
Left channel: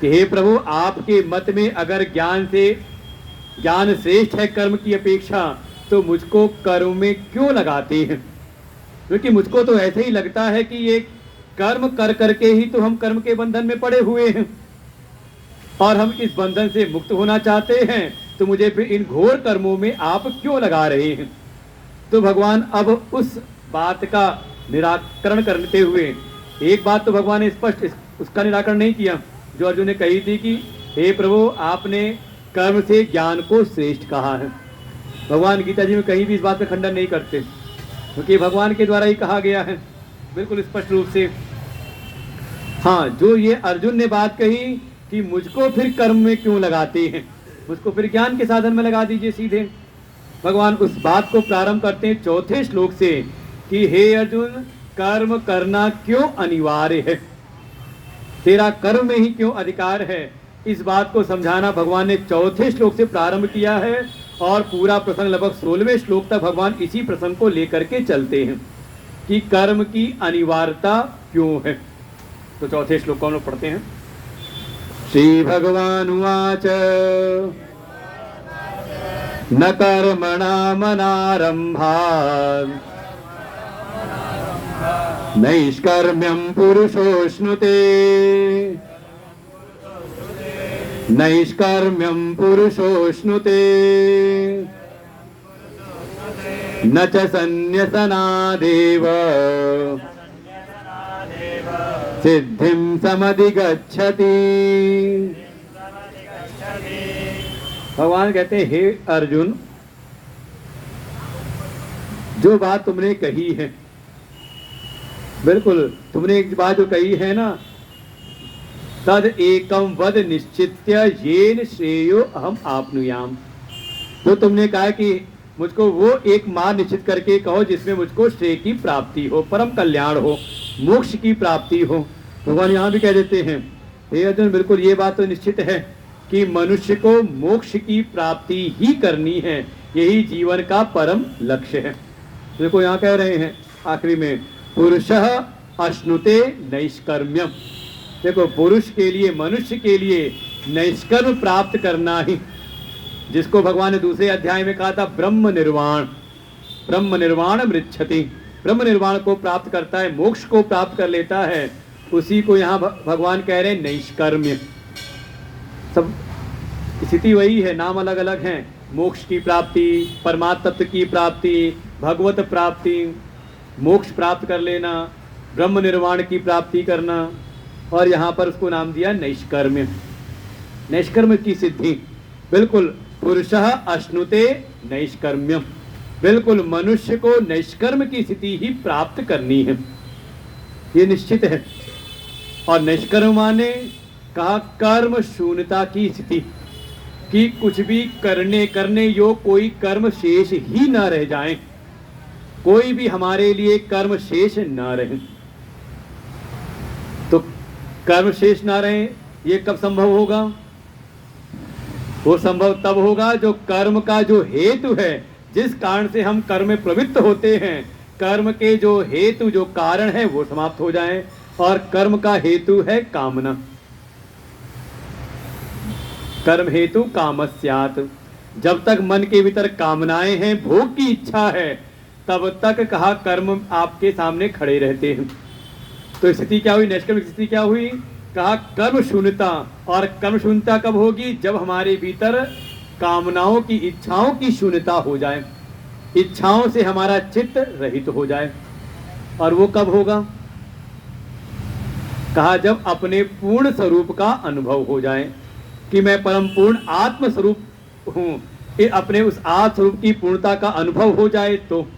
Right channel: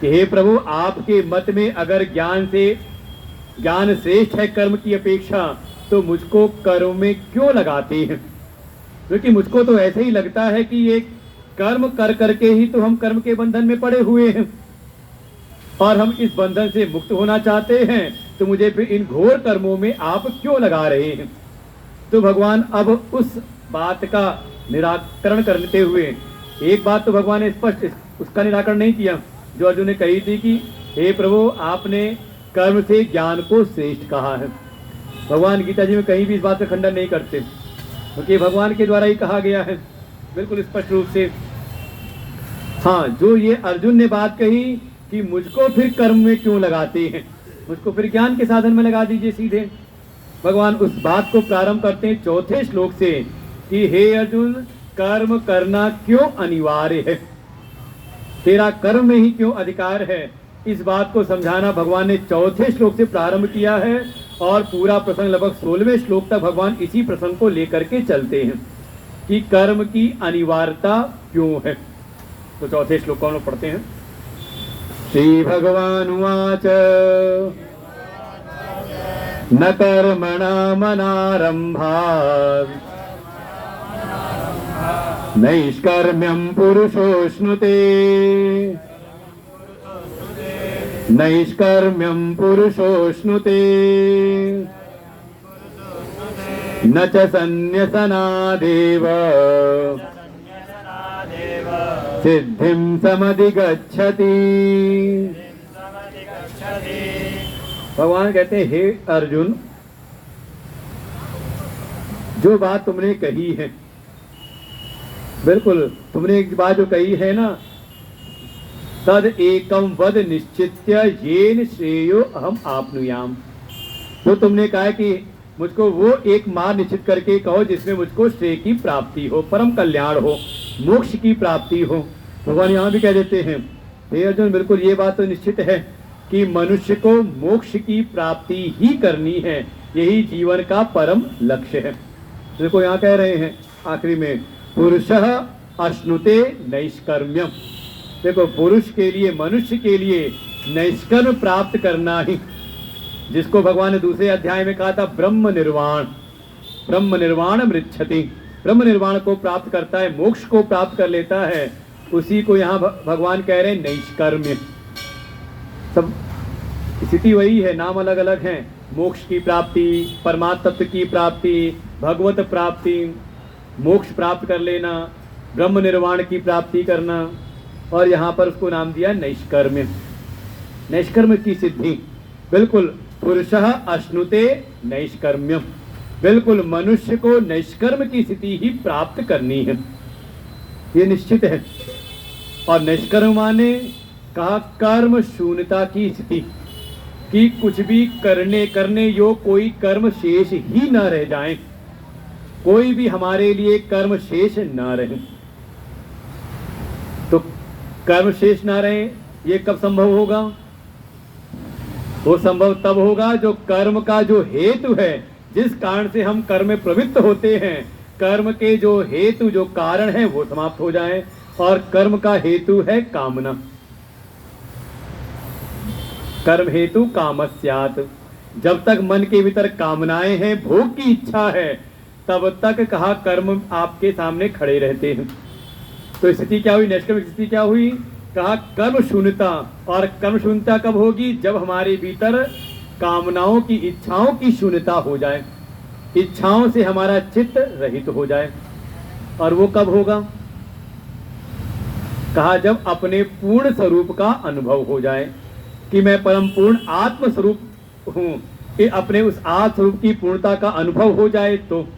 कि हे प्रभु, आपके मत में अगर ज्ञान श्रेष्ठ है कर्म की अपेक्षा, तो मुझको कर्म में क्यों लगाते हैं? क्योंकि मुझको तो ऐसे ही लगता है कि ये कर्म कर करके ही तो हम कर्म के बंधन में पड़े हुए हैं, और हम इस बंधन से मुक्त होना चाहते हैं, तो मुझे फिर इन घोर कर्मों में आप क्यों लगा रहे हैं? तो भगवान अब उस बात का निराकरण करते हुए, एक बात तो भगवान ने स्पष्ट उसका निराकरण नहीं किया जो अर्जुन ने कही थी कि हे प्रभु, आपने कर्म से ज्ञान को श्रेष्ठ कहा है। भगवान गीता जी में कहीं भी इस बात का खंडन नहीं करते, क्योंकि भगवान के द्वारा ही कहा गया है बिल्कुल स्पष्ट रूप से। हाँ, जो ये अर्जुन ने बात कही कि मुझको फिर कर्म में क्यों लगाते हैं, मुझको फिर ज्ञान के साधन में लगा दीजिए सीधे। भगवान उस बात को प्रारंभ करते हैं चौथे श्लोक से कि हे अर्जुन, कर्म करना क्यों अनिवार्य है, तेरा कर्म में ही क्यों अधिकार है। इस बात को समझाना भगवान ने चौथे श्लोक से प्रारंभ किया है, और पूरा प्रसंग लगभग 16वें श्लोक तक भगवान इसी प्रसंग को लेकर के चलते हैं कि कर्म की अनिवार्यता क्यों है। तो चौथे श्लोक को हम लोग पढ़ते हैं। श्री भगवान उवाच न कर्मणामनारंभात् नैष्कर्म्यं पुरुषोऽश्नुते नैष्कर्म्यं पुरुषोऽश्नुते न च सन्न्यसनादेव सिद्धिं समधिगच्छति। भगवान कहते हैं, हे अर्जुन, जो बात तुमने कही है, बिल्कुल तुमने एक बात जो कही है ना, तद एकम वद निश्चित्य येन श्रेयो अहम आपनुयाम, जो तुमने कहा कि मुझको वो एक मार्ग निश्चित करके कहो जिसमें मुझको श्रेय की प्राप्ति हो, परम कल्याण हो, मोक्ष की प्राप्ति हो। भगवान यहाँ भी कह देते हैं, हे अर्जुन, बिल्कुल ये बात तो निश्चित है कि मनुष्य को मोक्ष की प्राप्ति ही करनी है, यही जीवन का परम लक्ष्य है। देखो यहाँ कह रहे हैं आखिरी में, पुरुषः अश्नुते नैष्कर्म्यम। देखो, पुरुष के लिए, मनुष्य के लिए नैष्कर्म प्राप्त करना ही, जिसको भगवान ने दूसरे अध्याय में कहा था ब्रह्म निर्वाण मृच्छति, ब्रह्म निर्वाण को प्राप्त करता है, मोक्ष को प्राप्त कर लेता है, उसी को यहाँ भगवान कह रहे हैं नैष्कर्म्य। सब स्थिति वही है, नाम अलग अलग हैं। मोक्ष की प्राप्ति, परमात्म तत्व की प्राप्ति, भगवत प्राप्ति, मोक्ष प्राप्त कर लेना, ब्रह्म निर्वाण की प्राप्ति करना, और यहाँ पर उसको नाम दिया नैष्कर्म्य, नैष्कर्म्य की सिद्धि। बिल्कुल पुरुषः अश्नुते नैष्कर्म्यम, बिल्कुल मनुष्य को नैष्कर्म की स्थिति ही प्राप्त करनी है, ये निश्चित है। और निष्कर्म माने कहा कर्म शून्यता की स्थिति, कि कुछ भी करने योग कोई कर्म शेष ही न रह जाए, कोई भी हमारे लिए कर्म शेष न रहे। तो कर्म शेष ना रहे, ये कब संभव होगा? वो संभव तब होगा जो कर्म का जो हेतु है, जिस कारण से हम कर्म में प्रवृत्त होते हैं, कर्म के जो हेतु, जो कारण है, वो समाप्त हो जाए। और कर्म का हेतु है कामना, कर्म हेतु कामस्यात्। जब तक मन के भीतर कामनाएं हैं, भोग की इच्छा है, तब तक कहा कर्म आपके सामने खड़े रहते हैं। तो स्थिति क्या हुई? नैष्कर्मिक स्थिति क्या हुई? कहा कर्म शून्यता। और कर्म शून्यता कब होगी? जब हमारे भीतर कामनाओं की, इच्छाओं की शून्यता हो जाए, इच्छाओं से हमारा चित्त रहित हो जाए। और वो कब होगा? कहा जब अपने पूर्ण स्वरूप का अनुभव हो जाए, कि मैं परम पूर्ण आत्म स्वरूप हूं, अपने उस आत्म स्वरूप की पूर्णता का अनुभव हो जाए तो।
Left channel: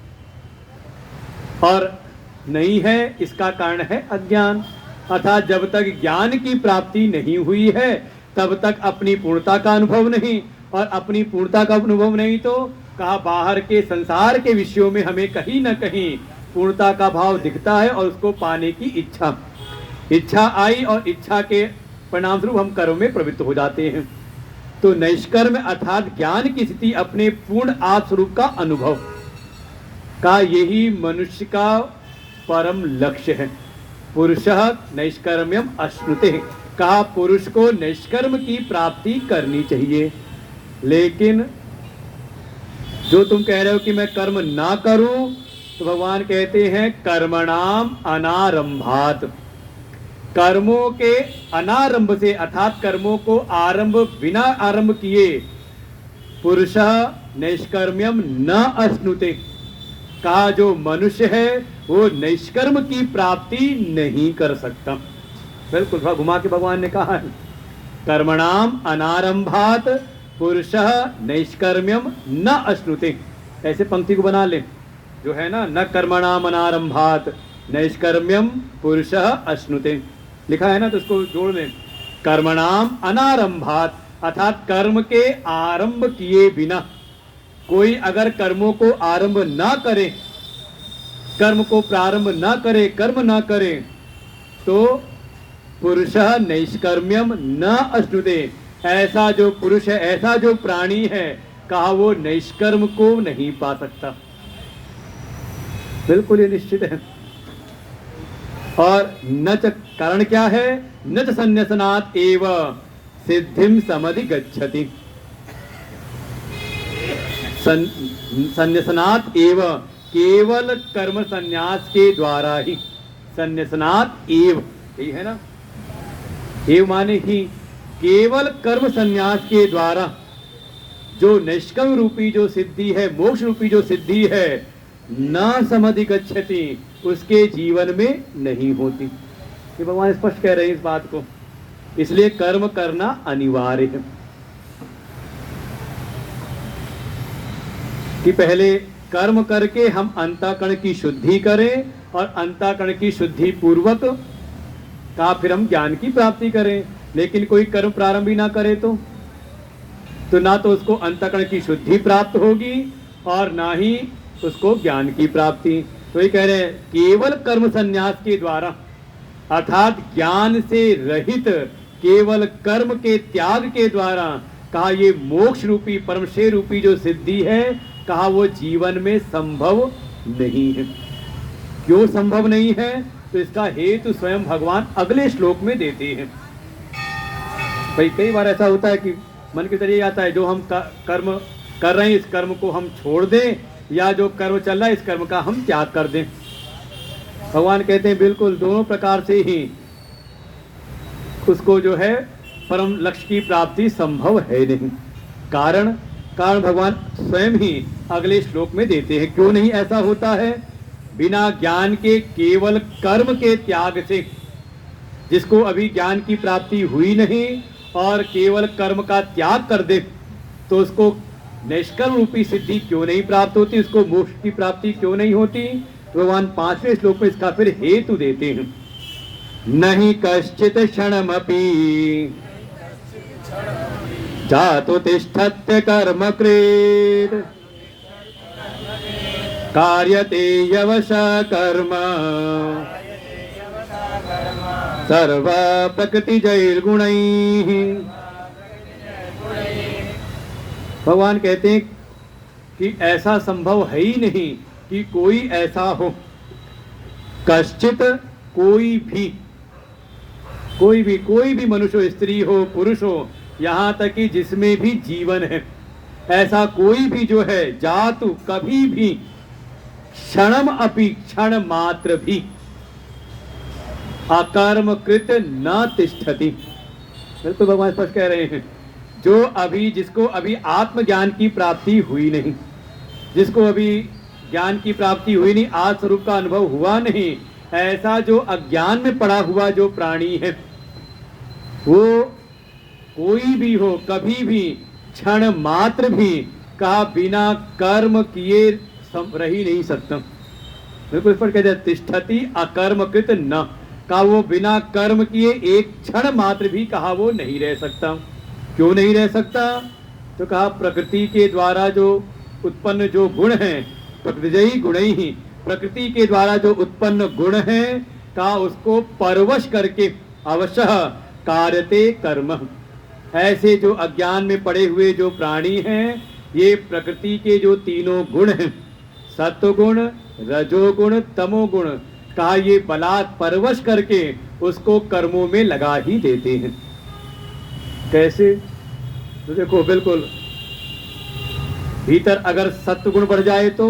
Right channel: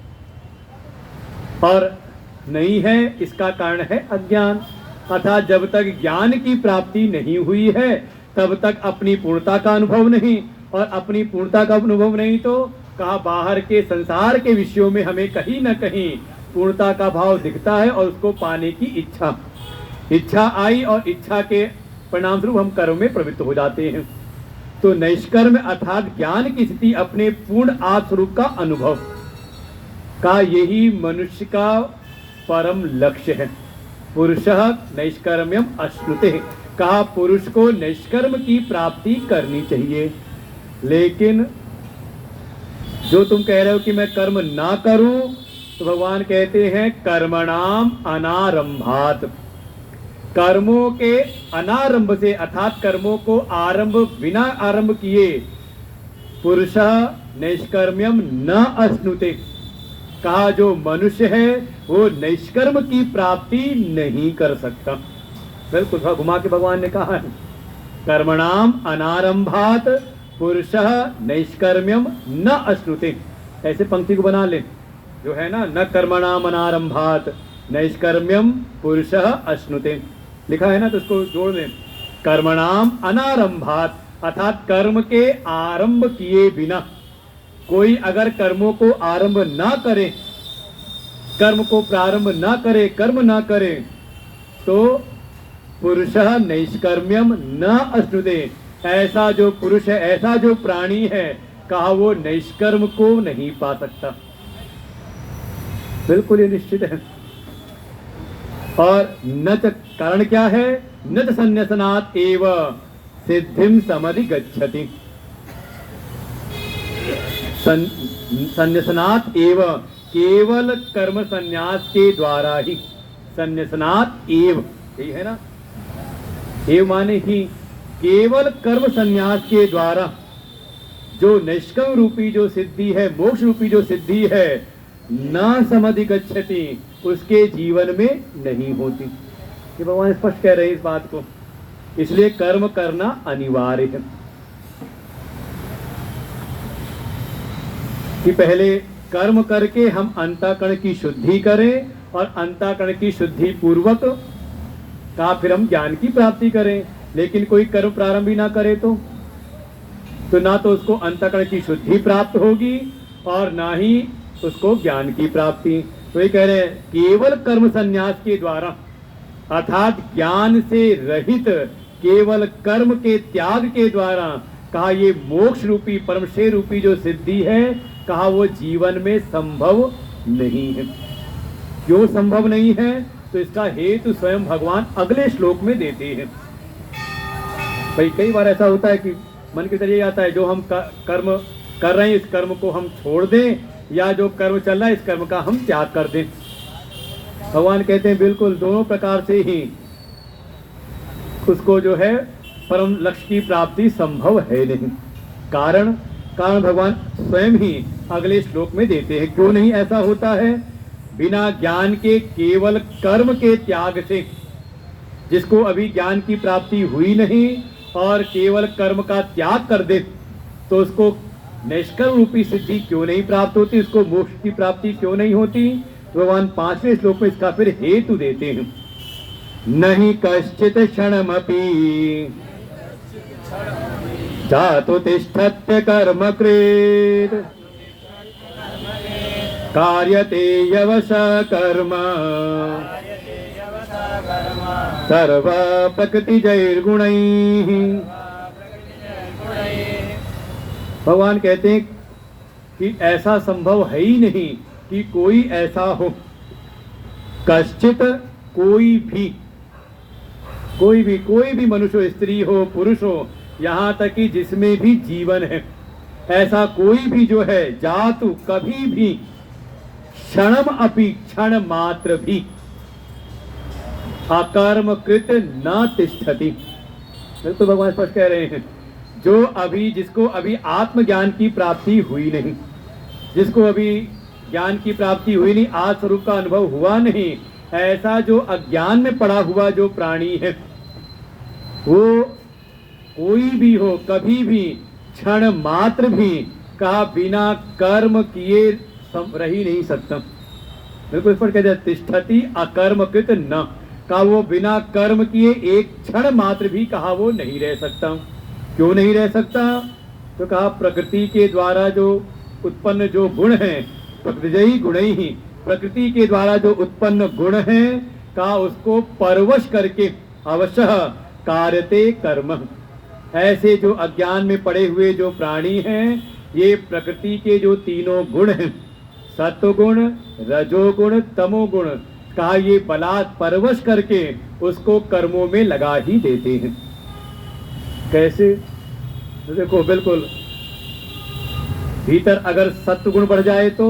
और नहीं है, इसका कारण है अज्ञान। अर्थात जब तक ज्ञान की प्राप्ति नहीं हुई है, तब तक अपनी पूर्णता का अनुभव नहीं, और अपनी पूर्णता का अनुभव नहीं तो कहा बाहर के संसार के विषयों में हमें कहीं न कहीं पूर्णता का भाव दिखता है, और उसको पाने की इच्छा आई, और इच्छा के परिणाम स्वरूप हम कर्म में प्रवृत्त हो जाते हैं। तो नैष्कर्म अर्थात ज्ञान की स्थिति, अपने पूर्ण आत्म स्वरूप का अनुभव का, यही मनुष्य का परम लक्ष्य है। पुरुषः नैष्कर्म्यम अश्नुते, कहा पुरुष को निष्कर्म की प्राप्ति करनी चाहिए। लेकिन जो तुम कह रहे हो कि मैं कर्म ना करूं, तो भगवान कहते हैं कर्मणाम अनारंभात, कर्मों के अनारंभ से अर्थात कर्मों को आरंभ बिना आरंभ किए पुरुषः निष्कर्म्यम न अश्नुते, कहा जो मनुष्य है वो निष्कर्म की प्राप्ति नहीं कर सकता। बिल्कुल घुमा के भगवान ने कहा है कर्मणाम अनारंभात पुरुषः नैष्कर्म्यम न अश्नुते। ऐसे पंक्ति को बना ले जो है ना, न कर्मणाम अनारंभात नैष्कर्म्यम पुरुषः अश्नुते, लिखा है ना, तो उसको जोड़ लें कर्मणाम अनारंभात, अर्थात कर्म के आरंभ किए बिना। कोई अगर कर्मों को आरंभ ना करे, कर्म को प्रारंभ ना करे, कर्म ना करे, तो पुरुषः नैष्कर्म्यम न अश्नुते, ऐसा जो पुरुष है, ऐसा जो प्राणी है, कहा वो नैष्कर्म को नहीं पा सकता। बिल्कुल ये निश्चित है। और न च कारण क्या है, न च संन्यासनात् एव सिद्धिम समधिगच्छति, संन्यासनात् एव केवल कर्म संन्यास के द्वारा ही, संन्यासनात् एव यही है ना, एव माने ही केवल कर्म संन्यास के द्वारा जो निष्कर्म रूपी जो सिद्धि है, मोक्ष रूपी जो सिद्धि है, न समधिगच्छति, उसके जीवन में नहीं होती। ये भगवान स्पष्ट कह रहे हैं इस बात को, इसलिए कर्म करना अनिवार्य है कि पहले कर्म करके हम अंतःकरण की शुद्धि करें, और अंतःकरण की शुद्धि पूर्वक का फिर हम ज्ञान की प्राप्ति करें। लेकिन कोई कर्म प्रारंभ ही ना करे तो ना तो उसको अंतःकरण की शुद्धि प्राप्त होगी और ना ही उसको ज्ञान की प्राप्ति। तो ये कह रहे हैं केवल कर्म संन्यास के द्वारा, अर्थात ज्ञान से रहित केवल कर्म के त्याग के द्वारा, कहा ये मोक्ष रूपी परमशे रूपी जो सिद्धि है, कहा वो जीवन में संभव नहीं है। क्यों संभव नहीं है, तो इसका हेतु स्वयं भगवान अगले श्लोक में देते हैं। भाई कई बार ऐसा होता है कि मन के जरिए आता है जो हम कर्म कर रहे हैं इस कर्म को हम छोड़ दें, या जो कर्म चल रहा है इस कर्म का हम त्याग कर दें। भगवान कहते हैं बिल्कुल दोनों प्रकार से ही उसको जो है परम लक्ष्य की प्राप्ति संभव है नहीं। कारण भगवान स्वयं ही अगले श्लोक में देते हैं। क्यों नहीं ऐसा होता है, बिना ज्ञान के केवल कर्म के त्याग से, जिसको अभी ज्ञान की प्राप्ति हुई नहीं और केवल कर्म का त्याग कर दे, तो उसको निष्कर्म रूपी सिद्धि क्यों नहीं प्राप्त होती, उसको मोक्ष की प्राप्ति क्यों नहीं होती। तो भगवान 5वें श्लोक में इसका फिर हेतु देते हैं, नहीं कश्चित क्षणमपि जातु तिष्ठत्य कर्म कृत कार्यते यवश कर्म सर्व प्रकृति जैर्गुणैः। भगवान कहते हैं कि ऐसा संभव है ही नहीं कि कोई ऐसा हो, कश्चित कोई भी मनुष्य हो, स्त्री हो, पुरुष हो, यहाँ तक कि जिसमें भी जीवन है, ऐसा कोई भी जो है जातु कभी भी क्षणम अपि क्षण मात्र भी अकर्म कृत न तिष्ठति। तो भगवान स्पष्ट कह रहे हैं जिसको अभी आत्मज्ञान की प्राप्ति हुई नहीं, जिसको अभी ज्ञान की प्राप्ति हुई नहीं, आत्म स्वरूप का अनुभव हुआ नहीं, ऐसा जो अज्ञान में पड़ा हुआ जो प्राणी है, वो कोई भी हो, कभी भी क्षण मात्र भी, कहा बिना कर्म किए रह ही नहीं सकता। बिल्कुल स्पष्ट कहते हैं तिष्ठति अकर्मकृत न, कहा वो बिना कर्म किए एक क्षण मात्र भी, कहा वो नहीं रह सकता। क्यों नहीं रह सकता, तो कहा प्रकृति के द्वारा जो उत्पन्न जो गुण है, प्रकृति गुण ही, प्रकृति के द्वारा जो उत्पन्न गुण है, कहा उसको परवश करके अवश्य कार्यते कर्म। ऐसे जो अज्ञान में पड़े हुए जो प्राणी हैं, ये प्रकृति के जो तीनों गुण हैं, सत्वगुण, रजोगुण, तमोगुण, कहा ये बलात् परवश करके उसको कर्मों में लगा ही देते हैं। कैसे? तो देखो, बिल्कुल भीतर अगर सत्व गुण बढ़ जाए तो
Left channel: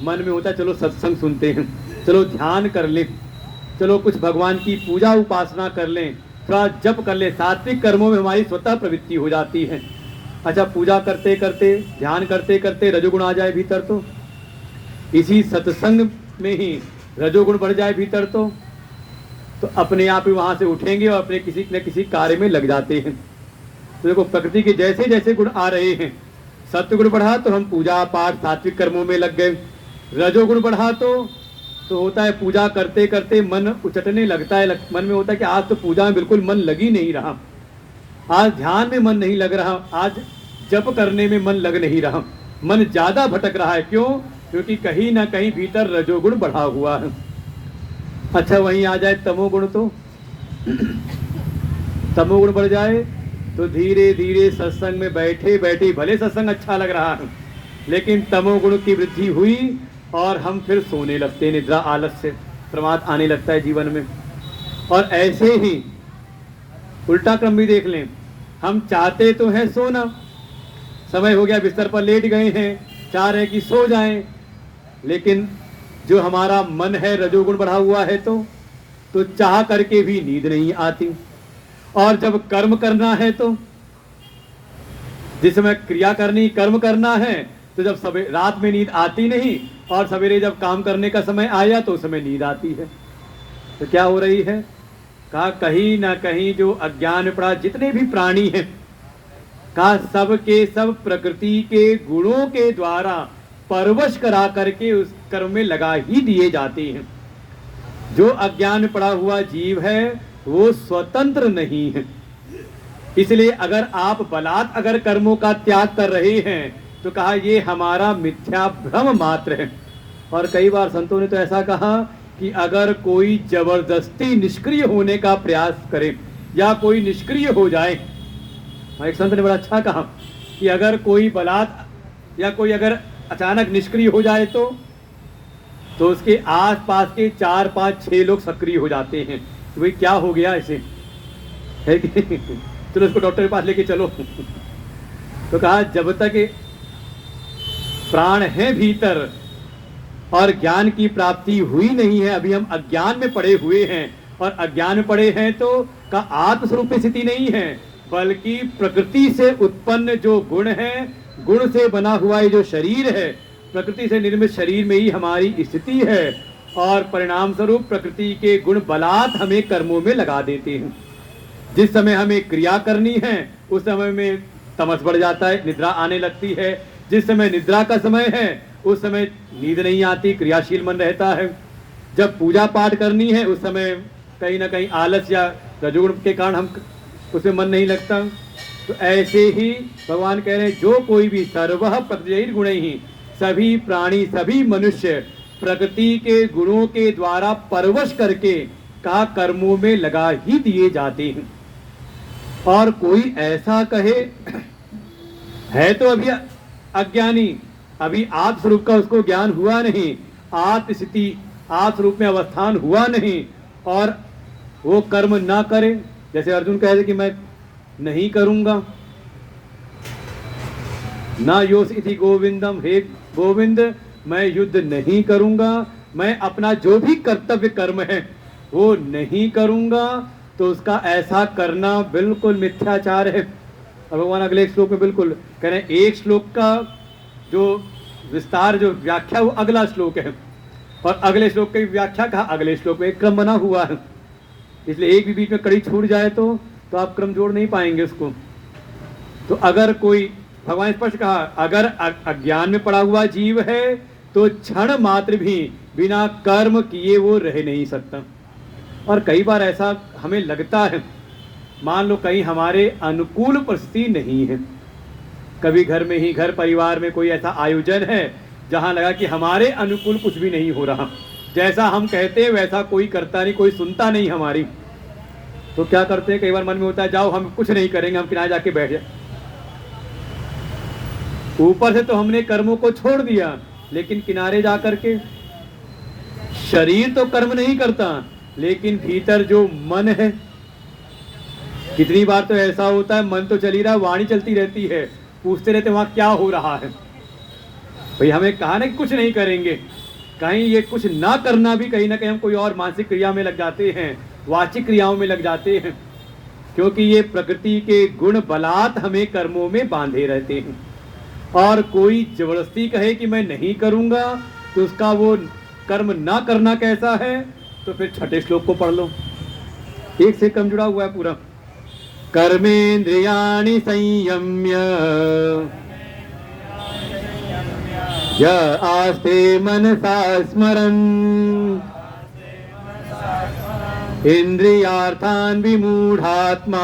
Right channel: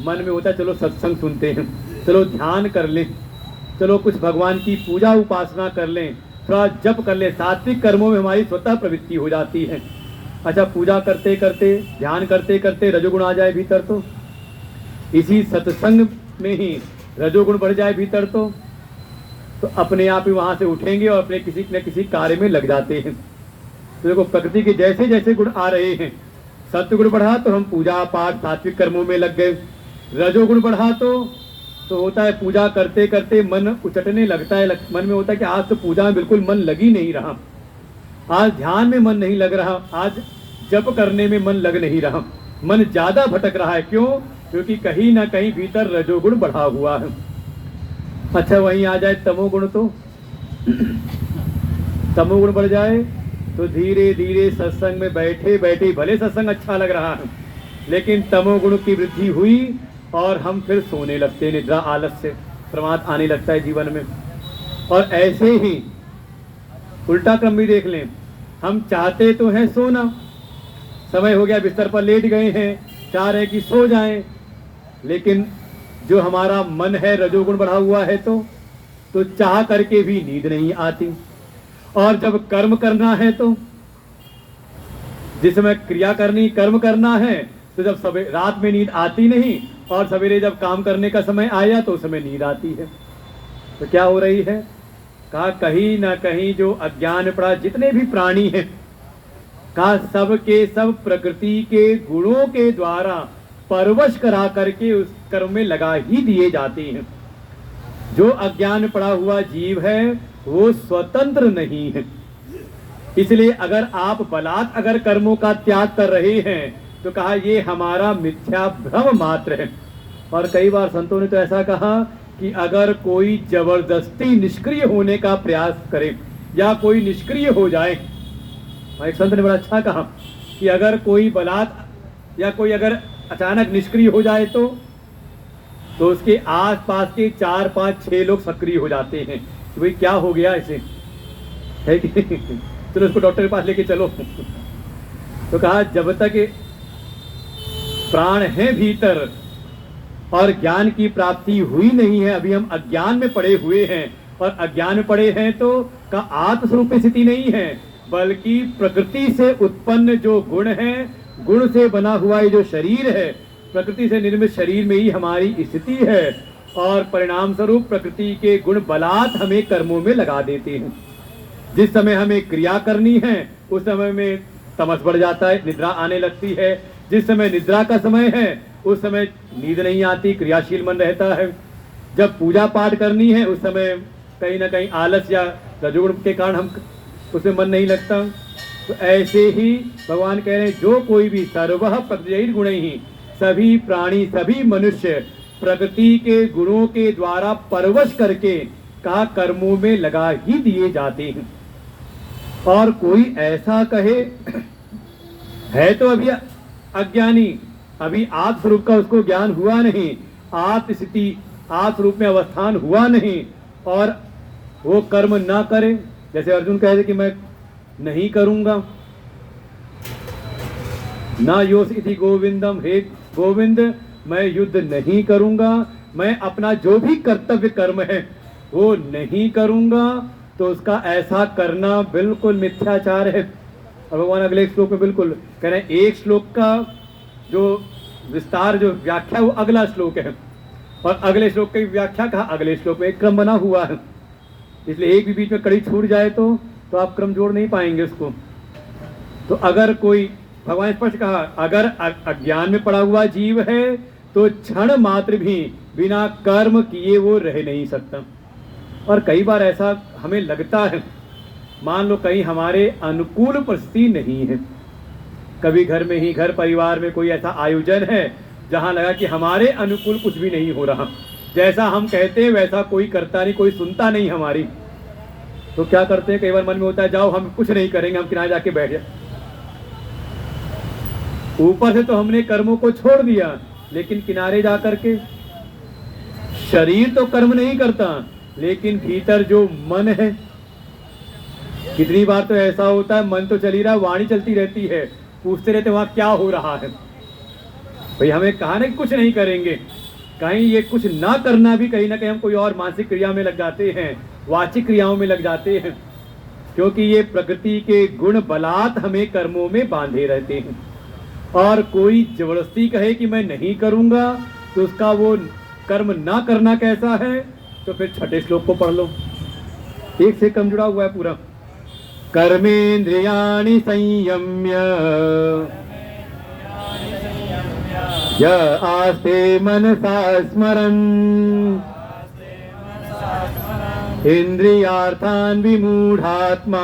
मन में होता है चलो सत्संग सुनते हैं, चलो ध्यान कर लें, चलो कुछ भगवान की पूजा उपासना कर लें, थोड़ा जप कर लें। सात्विक कर्मों में हमारी स्वतः प्रवृत्ति हो जाती है। अच्छा, पूजा करते करते, ध्यान करते करते रजोगुण आ जाए भीतर तो, इसी सत्संग में ही रजोगुण बढ़ जाए भीतर तो अपने आप ही वहां से उठेंगे और अपने किसी न किसी कार्य में लग जाते हैं। तो देखो, प्रकृति के जैसे जैसे गुण आ रहे हैं, सत्व गुण बढ़ा तो हम पूजा पाठ सात्विक कर्मों में लग गए, रजोगुण बढ़ा तो होता है पूजा करते करते मन उचटने लगता है, मन में होता है कि आज तो पूजा में बिल्कुल मन लग ही नहीं रहा, आज ध्यान में मन नहीं लग रहा, आज जप करने में मन लग नहीं रहा, मन ज्यादा भटक रहा है। क्यों? क्योंकि कहीं ना कहीं भीतर रजोगुण बढ़ा हुआ है। अच्छा, वहीं आ जाए तमोगुण तो तमोगुण बढ़ जाए तो धीरे धीरे सत्संग में बैठे बैठे, भले सत्संग अच्छा लग रहा है, लेकिन तमोगुण की वृद्धि हुई और हम फिर सोने लगते, निद्रा आलस्य प्रमाद आने लगता है जीवन में। और ऐसे ही उल्टा क्रम भी देख लें, हम चाहते तो हैं सोना, समय हो गया बिस्तर पर लेट गए हैं, चाह रहे कि सो जाएं, लेकिन जो हमारा मन है रजोगुण बढ़ा हुआ है तो चाह करके भी नींद नहीं आती। और जब कर्म करना है तो, जिस समय क्रिया करनी, कर्म करना है, तो जब रात में नींद आती नहीं और सवेरे जब काम करने का समय आया तो उस समय नींद आती है। तो क्या हो रही है? कहा कहीं ना कहीं जो अज्ञान में पड़ा जितने भी प्राणी हैं, कहा सब के सब प्रकृति के गुणों के द्वारा परवश करा करके उस कर्म में लगा ही दिए जाते हैं। जो अज्ञान में पड़ा हुआ जीव है वो स्वतंत्र नहीं है। इसलिए अगर आप बलात् अगर कर्मों का त्याग कर रहे हैं तो कहा ये हमारा मिथ्या भ्रम मात्र है। और कई बार संतों ने तो ऐसा कहा कि अगर कोई जबरदस्ती निष्क्रिय होने का प्रयास करे या कोई निष्क्रिय हो जाए, एक संत ने बड़ा अच्छा कहा कि अगर कोई बलात् या कोई अगर अचानक निष्क्रिय हो जाए तो उसके आसपास के 4, 5, 6 लोग सक्रिय हो जाते हैं कि भाई क्या हो गया इसे, है कि चलो उसको डॉक्टर के पास लेके चलो। तो कहा जब तक प्राण है भीतर और ज्ञान की प्राप्ति हुई नहीं है, अभी हम अज्ञान में पड़े हुए हैं, और अज्ञान में पड़े हैं तो का आत्मस्वरूप स्थिति नहीं है, बल्कि प्रकृति से उत्पन्न जो गुण है, गुण से बना हुआ ये जो शरीर है, प्रकृति से निर्मित शरीर में ही हमारी स्थिति है। और परिणाम स्वरूप प्रकृति के गुण बलात् हमें कर्मों में लगा देते हैं। जिस समय हमें क्रिया करनी है उस समय में तमस बढ़ जाता है, निद्रा आने लगती है। जिस समय निद्रा का समय है उस समय नींद नहीं आती, क्रियाशील मन रहता है। जब पूजा पाठ करनी है उस समय कहीं ना कहीं आलस या रजोगुण के कारण हम उसमें मन नहीं लगता। तो ऐसे ही भगवान कह रहे हैं जो कोई भी सर्वः प्रकृति गुण ही, सभी प्राणी सभी मनुष्य प्रकृति के गुणों के द्वारा परवश करके कहा कर्मों में लगा ही दिए जाते हैं। और कोई ऐसा कहे है तो अभी अज्ञानी, अभी आप स्वरूप का उसको ज्ञान हुआ नहीं, आप स्थिति आप स्वरूप में अवस्थान हुआ नहीं, और वो कर्म ना करे। जैसे अर्जुन कहे थे कि मैं नहीं करूंगा, ना योस इति गोविंदम, हे गोविंद मैं युद्ध नहीं करूंगा, मैं अपना जो भी कर्तव्य कर्म है वो नहीं करूंगा, तो उसका ऐसा करना बिल्कुल मिथ्याचार है। और भगवान अगले श्लोक में बिल्कुल कह रहे हैं, एक श्लोक का जो विस्तार जो व्याख्या वो अगला श्लोक है, और अगले श्लोक की व्याख्या कहा अगले श्लोक में, एक क्रम बना हुआ है। इसलिए एक भी बीच में कड़ी छूट जाए तो आप क्रम जोड़ नहीं पाएंगे उसको। तो अगर कोई, भगवान स्पष्ट कहा, अगर अज्ञान में पड़ा हुआ जीव है तो क्षण मात्र भी बिना कर्म किए वो रह नहीं सकता। और कई बार ऐसा हमें लगता है, मान लो कहीं हमारे अनुकूल परिस्थिति नहीं है, कभी घर में ही, घर परिवार में कोई ऐसा आयोजन है जहां लगा कि हमारे अनुकूल कुछ भी नहीं हो रहा, जैसा हम कहते हैं वैसा कोई करता नहीं, कोई सुनता नहीं हमारी, तो क्या करते हैं, कई बार मन में होता है जाओ हम कुछ नहीं करेंगे, हम किनारे जाके बैठ जाए। ऊपर से तो हमने कर्मों को छोड़ दिया, लेकिन किनारे जाकर के शरीर तो कर्म नहीं करता, लेकिन भीतर जो मन है, कितनी बार तो ऐसा होता है मन तो चली रहा है, वाणी चलती रहती है, पूछते रहते वहां क्या हो रहा है। भाई हमें कहा ना कि कुछ नहीं करेंगे, कहीं ये कुछ ना करना भी कहीं ना कहीं हम कोई और मानसिक क्रिया में लग जाते हैं, वाचिक क्रियाओं में लग जाते हैं, क्योंकि ये प्रकृति के गुण बलात् हमें कर्मों में बांधे रहते हैं। और कोई जबरदस्ती कहे कि मैं नहीं करूंगा, तो उसका वो कर्म ना करना कैसा है, तो फिर छठे श्लोक को पढ़ लो, एक से कम जुड़ा हुआ है पूरा। कर्मेन्द्रियाणि संयम्य य आस्ते मनसा स्मरन् इंद्रियार्थान् विमूढ़ात्मा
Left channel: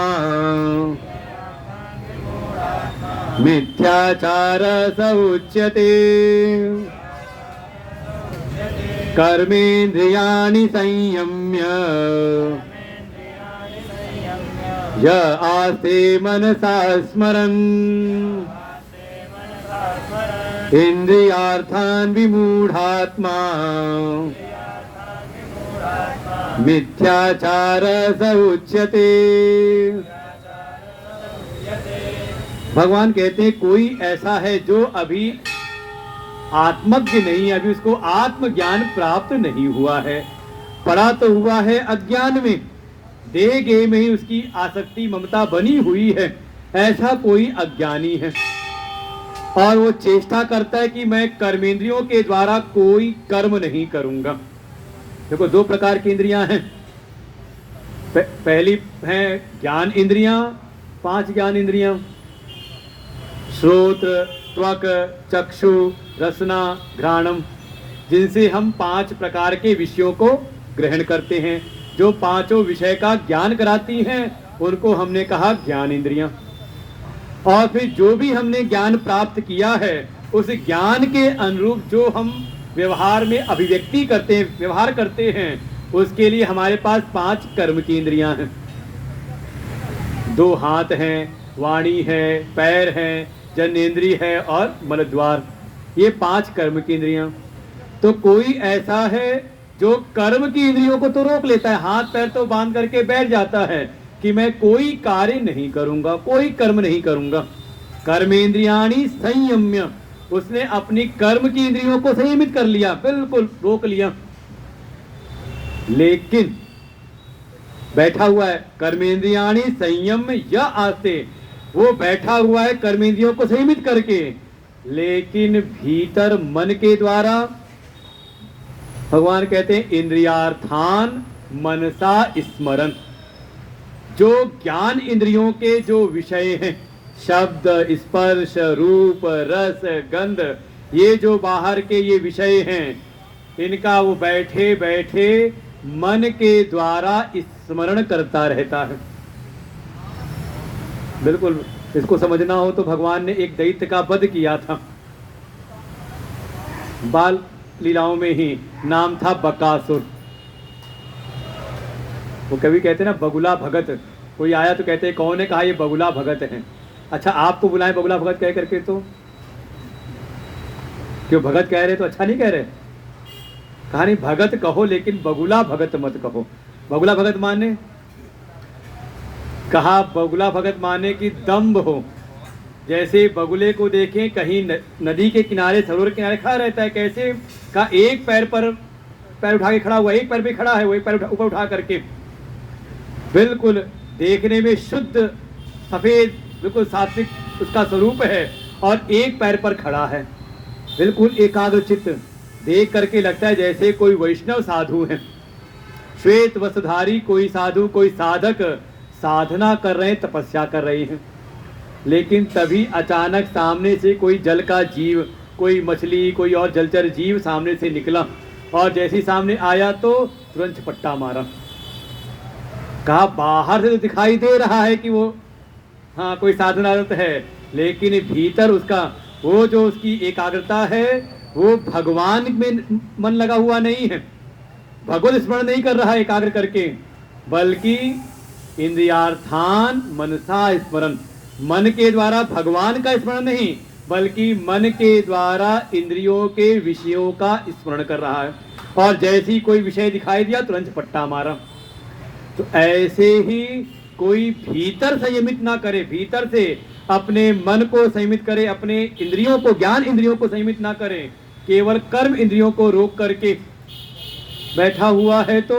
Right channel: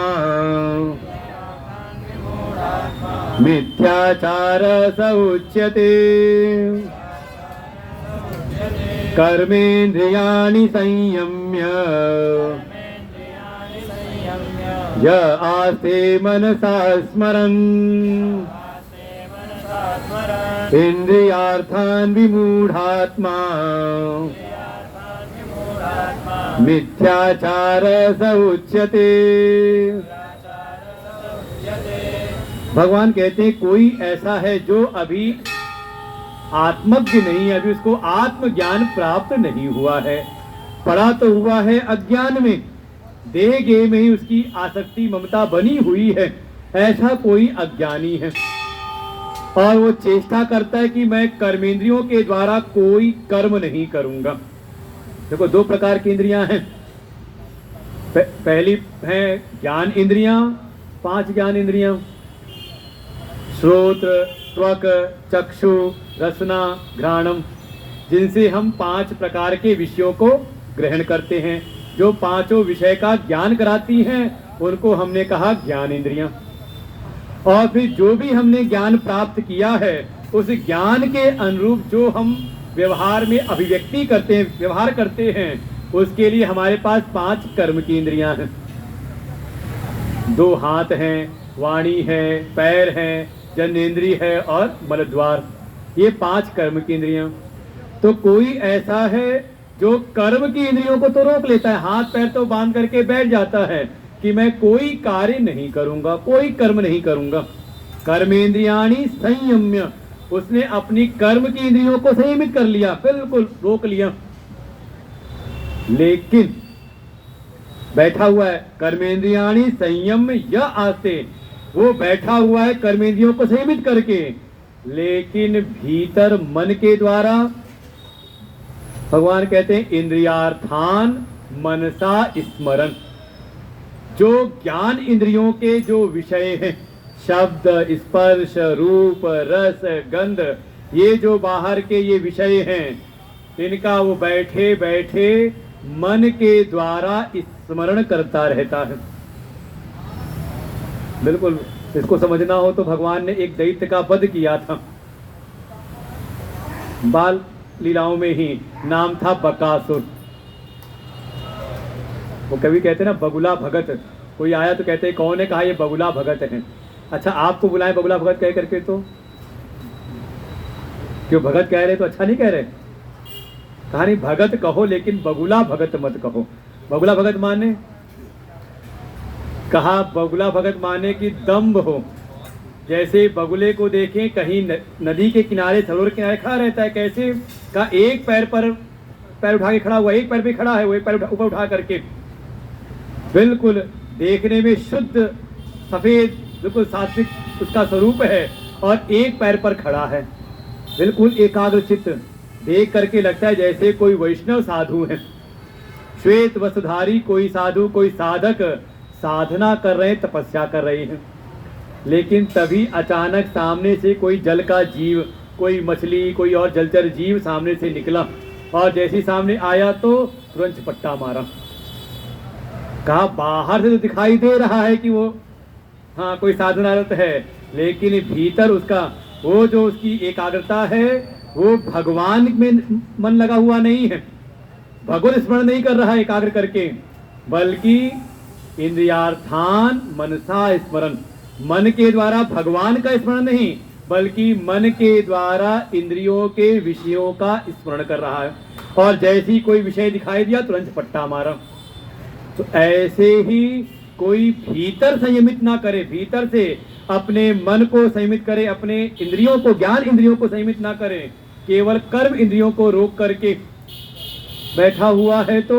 मिथ्याचार स उच्यते। कर्मेन्द्रियाणि संयम्य य आस्ते मनसा स्मरन् इंद्रियार्थान् विमूढ़ात्मा मिथ्याचार स उच्यते। भगवान कहते हैं कोई ऐसा है जो अभी आत्मज्ञ नहीं है, अभी उसको आत्मज्ञान प्राप्त नहीं हुआ है, पड़ा तो हुआ है अज्ञान में, देह गेह में ही उसकी आसक्ति ममता बनी हुई है, ऐसा कोई अज्ञानी है। और वो चेष्टा करता है कि मैं कर्मेंद्रियों के द्वारा कोई कर्म नहीं करूंगा। देखो दो प्रकार की इंद्रियां हैं, पहली है ज्ञान इंद्रियां, 5 ज्ञान इंद्रियां, श्रोत्र, त्वक, चक्षु, रसना, घ्राणम, जिनसे हम 5 प्रकार के विषयों को ग्रहण करते हैं, जो 5 विषय का ज्ञान कराती हैं, उनको हमने कहा ज्ञान इंद्रियां। और फिर जो भी हमने ज्ञान प्राप्त किया है, उस ज्ञान के अनुरूप जो हम व्यवहार में अभिव्यक्ति करते हैं, व्यवहार करते हैं, उसके लिए हमारे पास 5 कर्म की इंद्रियां हैं। 2 हाथ हैं, वाणी है, पैर हैं, जनेन्द्रिय है और मलद्वार, ये 5 कर्म की इंद्रियां। तो कोई ऐसा है जो कर्म की इंद्रियों को तो रोक लेता है, हाथ पैर तो बांध करके बैठ जाता है कि मैं कोई कार्य नहीं करूंगा, कोई कर्म नहीं करूंगा। कर्मेंद्रियाणि संयम्य, उसने अपनी कर्म की इंद्रियों को संयमित कर लिया, बिल्कुल रोक लिया, लेकिन बैठा हुआ है। कर्मेंद्रियाणि संयम य आस्ते, वो बैठा हुआ है कर्मेंद्रियों को संयमित करके, लेकिन भीतर मन के द्वारा भगवान कहते हैं इंद्रियार्थान मनसा स्मरण, जो ज्ञान इंद्रियों के जो विषय हैं, शब्द, स्पर्श, रूप, रस, गंध, ये जो बाहर के ये विषय हैं, इनका वो बैठे बैठे मन के द्वारा स्मरण करता रहता है। बिल्कुल इसको समझना हो तो भगवान ने एक दैत्य का वध किया था, बाल लीलाओं में ही, नाम था बकासुर। वो कभी कहते ना बगुला भगत, कोई आया तो कहते कौन है, कहा ये बगुला भगत है। अच्छा आपको बुलाए बगुला भगत कह करके, तो क्यों भगत कह रहे तो अच्छा नहीं कह रहे, कहा नहीं भगत कहो लेकिन बगुला भगत मत कहो। बगुला भगत माने, कहा बगुला भगत माने कि दम्भ हो, जैसे बगुले को देखें कहीं नदी के किनारे, सरोवर के किनारे खड़ा रहता है, कैसे का एक पैर पर पैर उठा के खड़ा हुआ, एक पैर पे खड़ा है, वो एक पैर ऊपर उठा करके, बिल्कुल देखने में शुद्ध सफेद बिल्कुल सात्विक उसका स्वरूप है, और एक पैर पर खड़ा है, बिल्कुल एकाग्र चित्त, देख करके लगता है जैसे कोई वैष्णव साधु है, श्वेत वस्त्रधारी कोई साधु, कोई साधक साधना कर रहे हैं, तपस्या कर रहे हैं। लेकिन तभी अचानक सामने से कोई जल का जीव, कोई मछली, कोई और जलचर जीव सामने से निकला, और जैसे ही सामने आया तो तुरंत झपट्टा मारा। कहा बाहर से तो दिखाई दे रहा है कि वो हाँ कोई साधनारत है, लेकिन भीतर उसका वो जो उसकी एकाग्रता है, वो भगवान में मन लगा हुआ नहीं है, भगवत स्मरण नहीं कर रहा है एकाग्र करके, बल्कि इंद्रियार्थान मनसा स्मरण, मन के द्वारा भगवान का स्मरण नहीं, बल्कि मन के द्वारा इंद्रियों के विषयों का स्मरण कर रहा है, और जैसी कोई विषय दिखाई दिया तुरंत पट्टा मारा। तो ऐसे ही कोई भीतर संयमित ना करे, भीतर से अपने मन को संयमित करे, अपने इंद्रियों को, ज्ञान इंद्रियों को संयमित ना करे, केवल कर्म इंद्रियों को रोक करके बैठा हुआ है तो,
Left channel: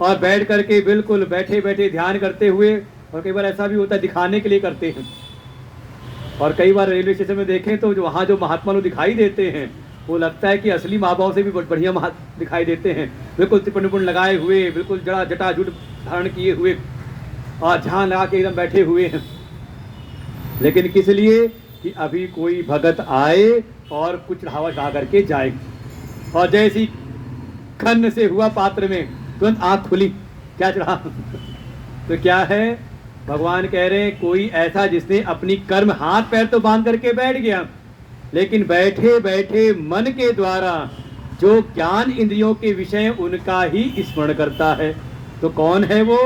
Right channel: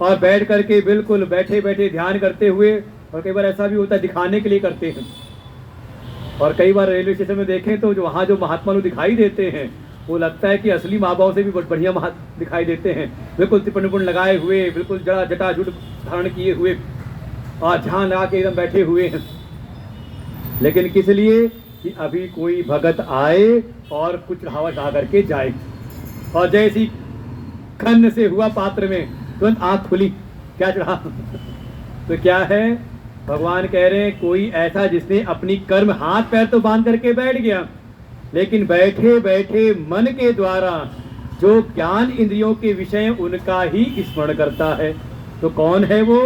और बैठ करके बिल्कुल बैठे बैठे ध्यान करते हुए, और कई बार ऐसा भी होता है दिखाने के लिए करते हैं, और कई बार रेलवे स्टेशन में देखें तो जो वहाँ जो महात्मा लोग दिखाई देते हैं वो लगता है कि असली माँ बाप से भी बढ़िया दिखाई देते हैं, बिल्कुल तिपन उपन लगाए हुए, बिल्कुल जड़ा जटाजुट धारण किए हुए, और ध्यान लगा के एकदम बैठे हुए हैं। लेकिन किस लिए कि अभी कोई भगत आए और कुछ चढ़ावा चढ़ा करके जाए, और जैसी खन्न से हुआ पात्र में तुरंत आंख खुली, क्या चढ़ा तो क्या है, भगवान कह रहे हैं कोई ऐसा जिसने अपनी कर्म हाथ पैर तो बांध करके बैठ गया, लेकिन बैठे बैठे मन के द्वारा जो ज्ञान इंद्रियों के विषय उनका ही स्मरण करता है। तो कौन है वो?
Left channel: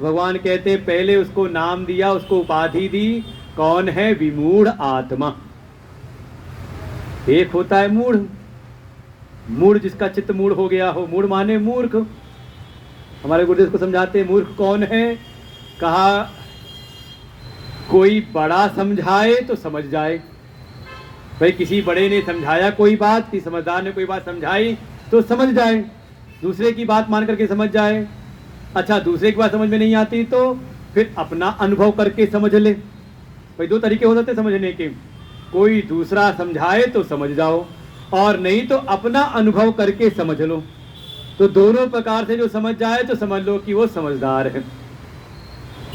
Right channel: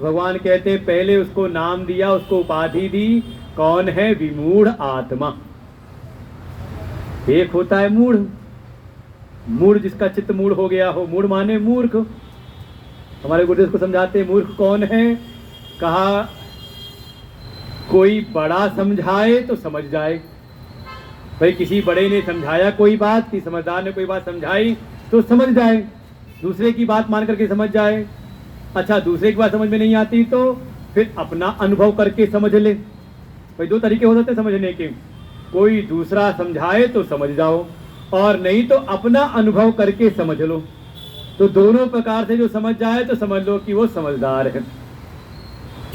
भगवान कहते पहले उसको नाम दिया, उसको उपाधि दी, कौन है? विमूढ़ आत्मा। एक होता है मूढ़, मूढ़ जिसका चित्त मूढ़ हो गया हो, मूढ़ माने मूर्ख। हमारे गुरुदेव को समझाते मूर्ख कौन है, कहा कोई बड़ा समझाए तो समझ जाए, भाई किसी बड़े ने समझाया कोई बात, किसी समझदार ने कोई बात समझाई तो समझ जाए, दूसरे की बात मान करके समझ जाए। अच्छा, दूसरे की बात समझ में नहीं आती तो फिर अपना अनुभव करके समझ ले। भाई दो तरीके हो सकते समझने के, कोई दूसरा समझाए तो समझ जाओ, और नहीं तो अपना अनुभव करके समझ लो। तो दोनों प्रकार से जो समझ जाए तो समझ लो कि वो समझदार है,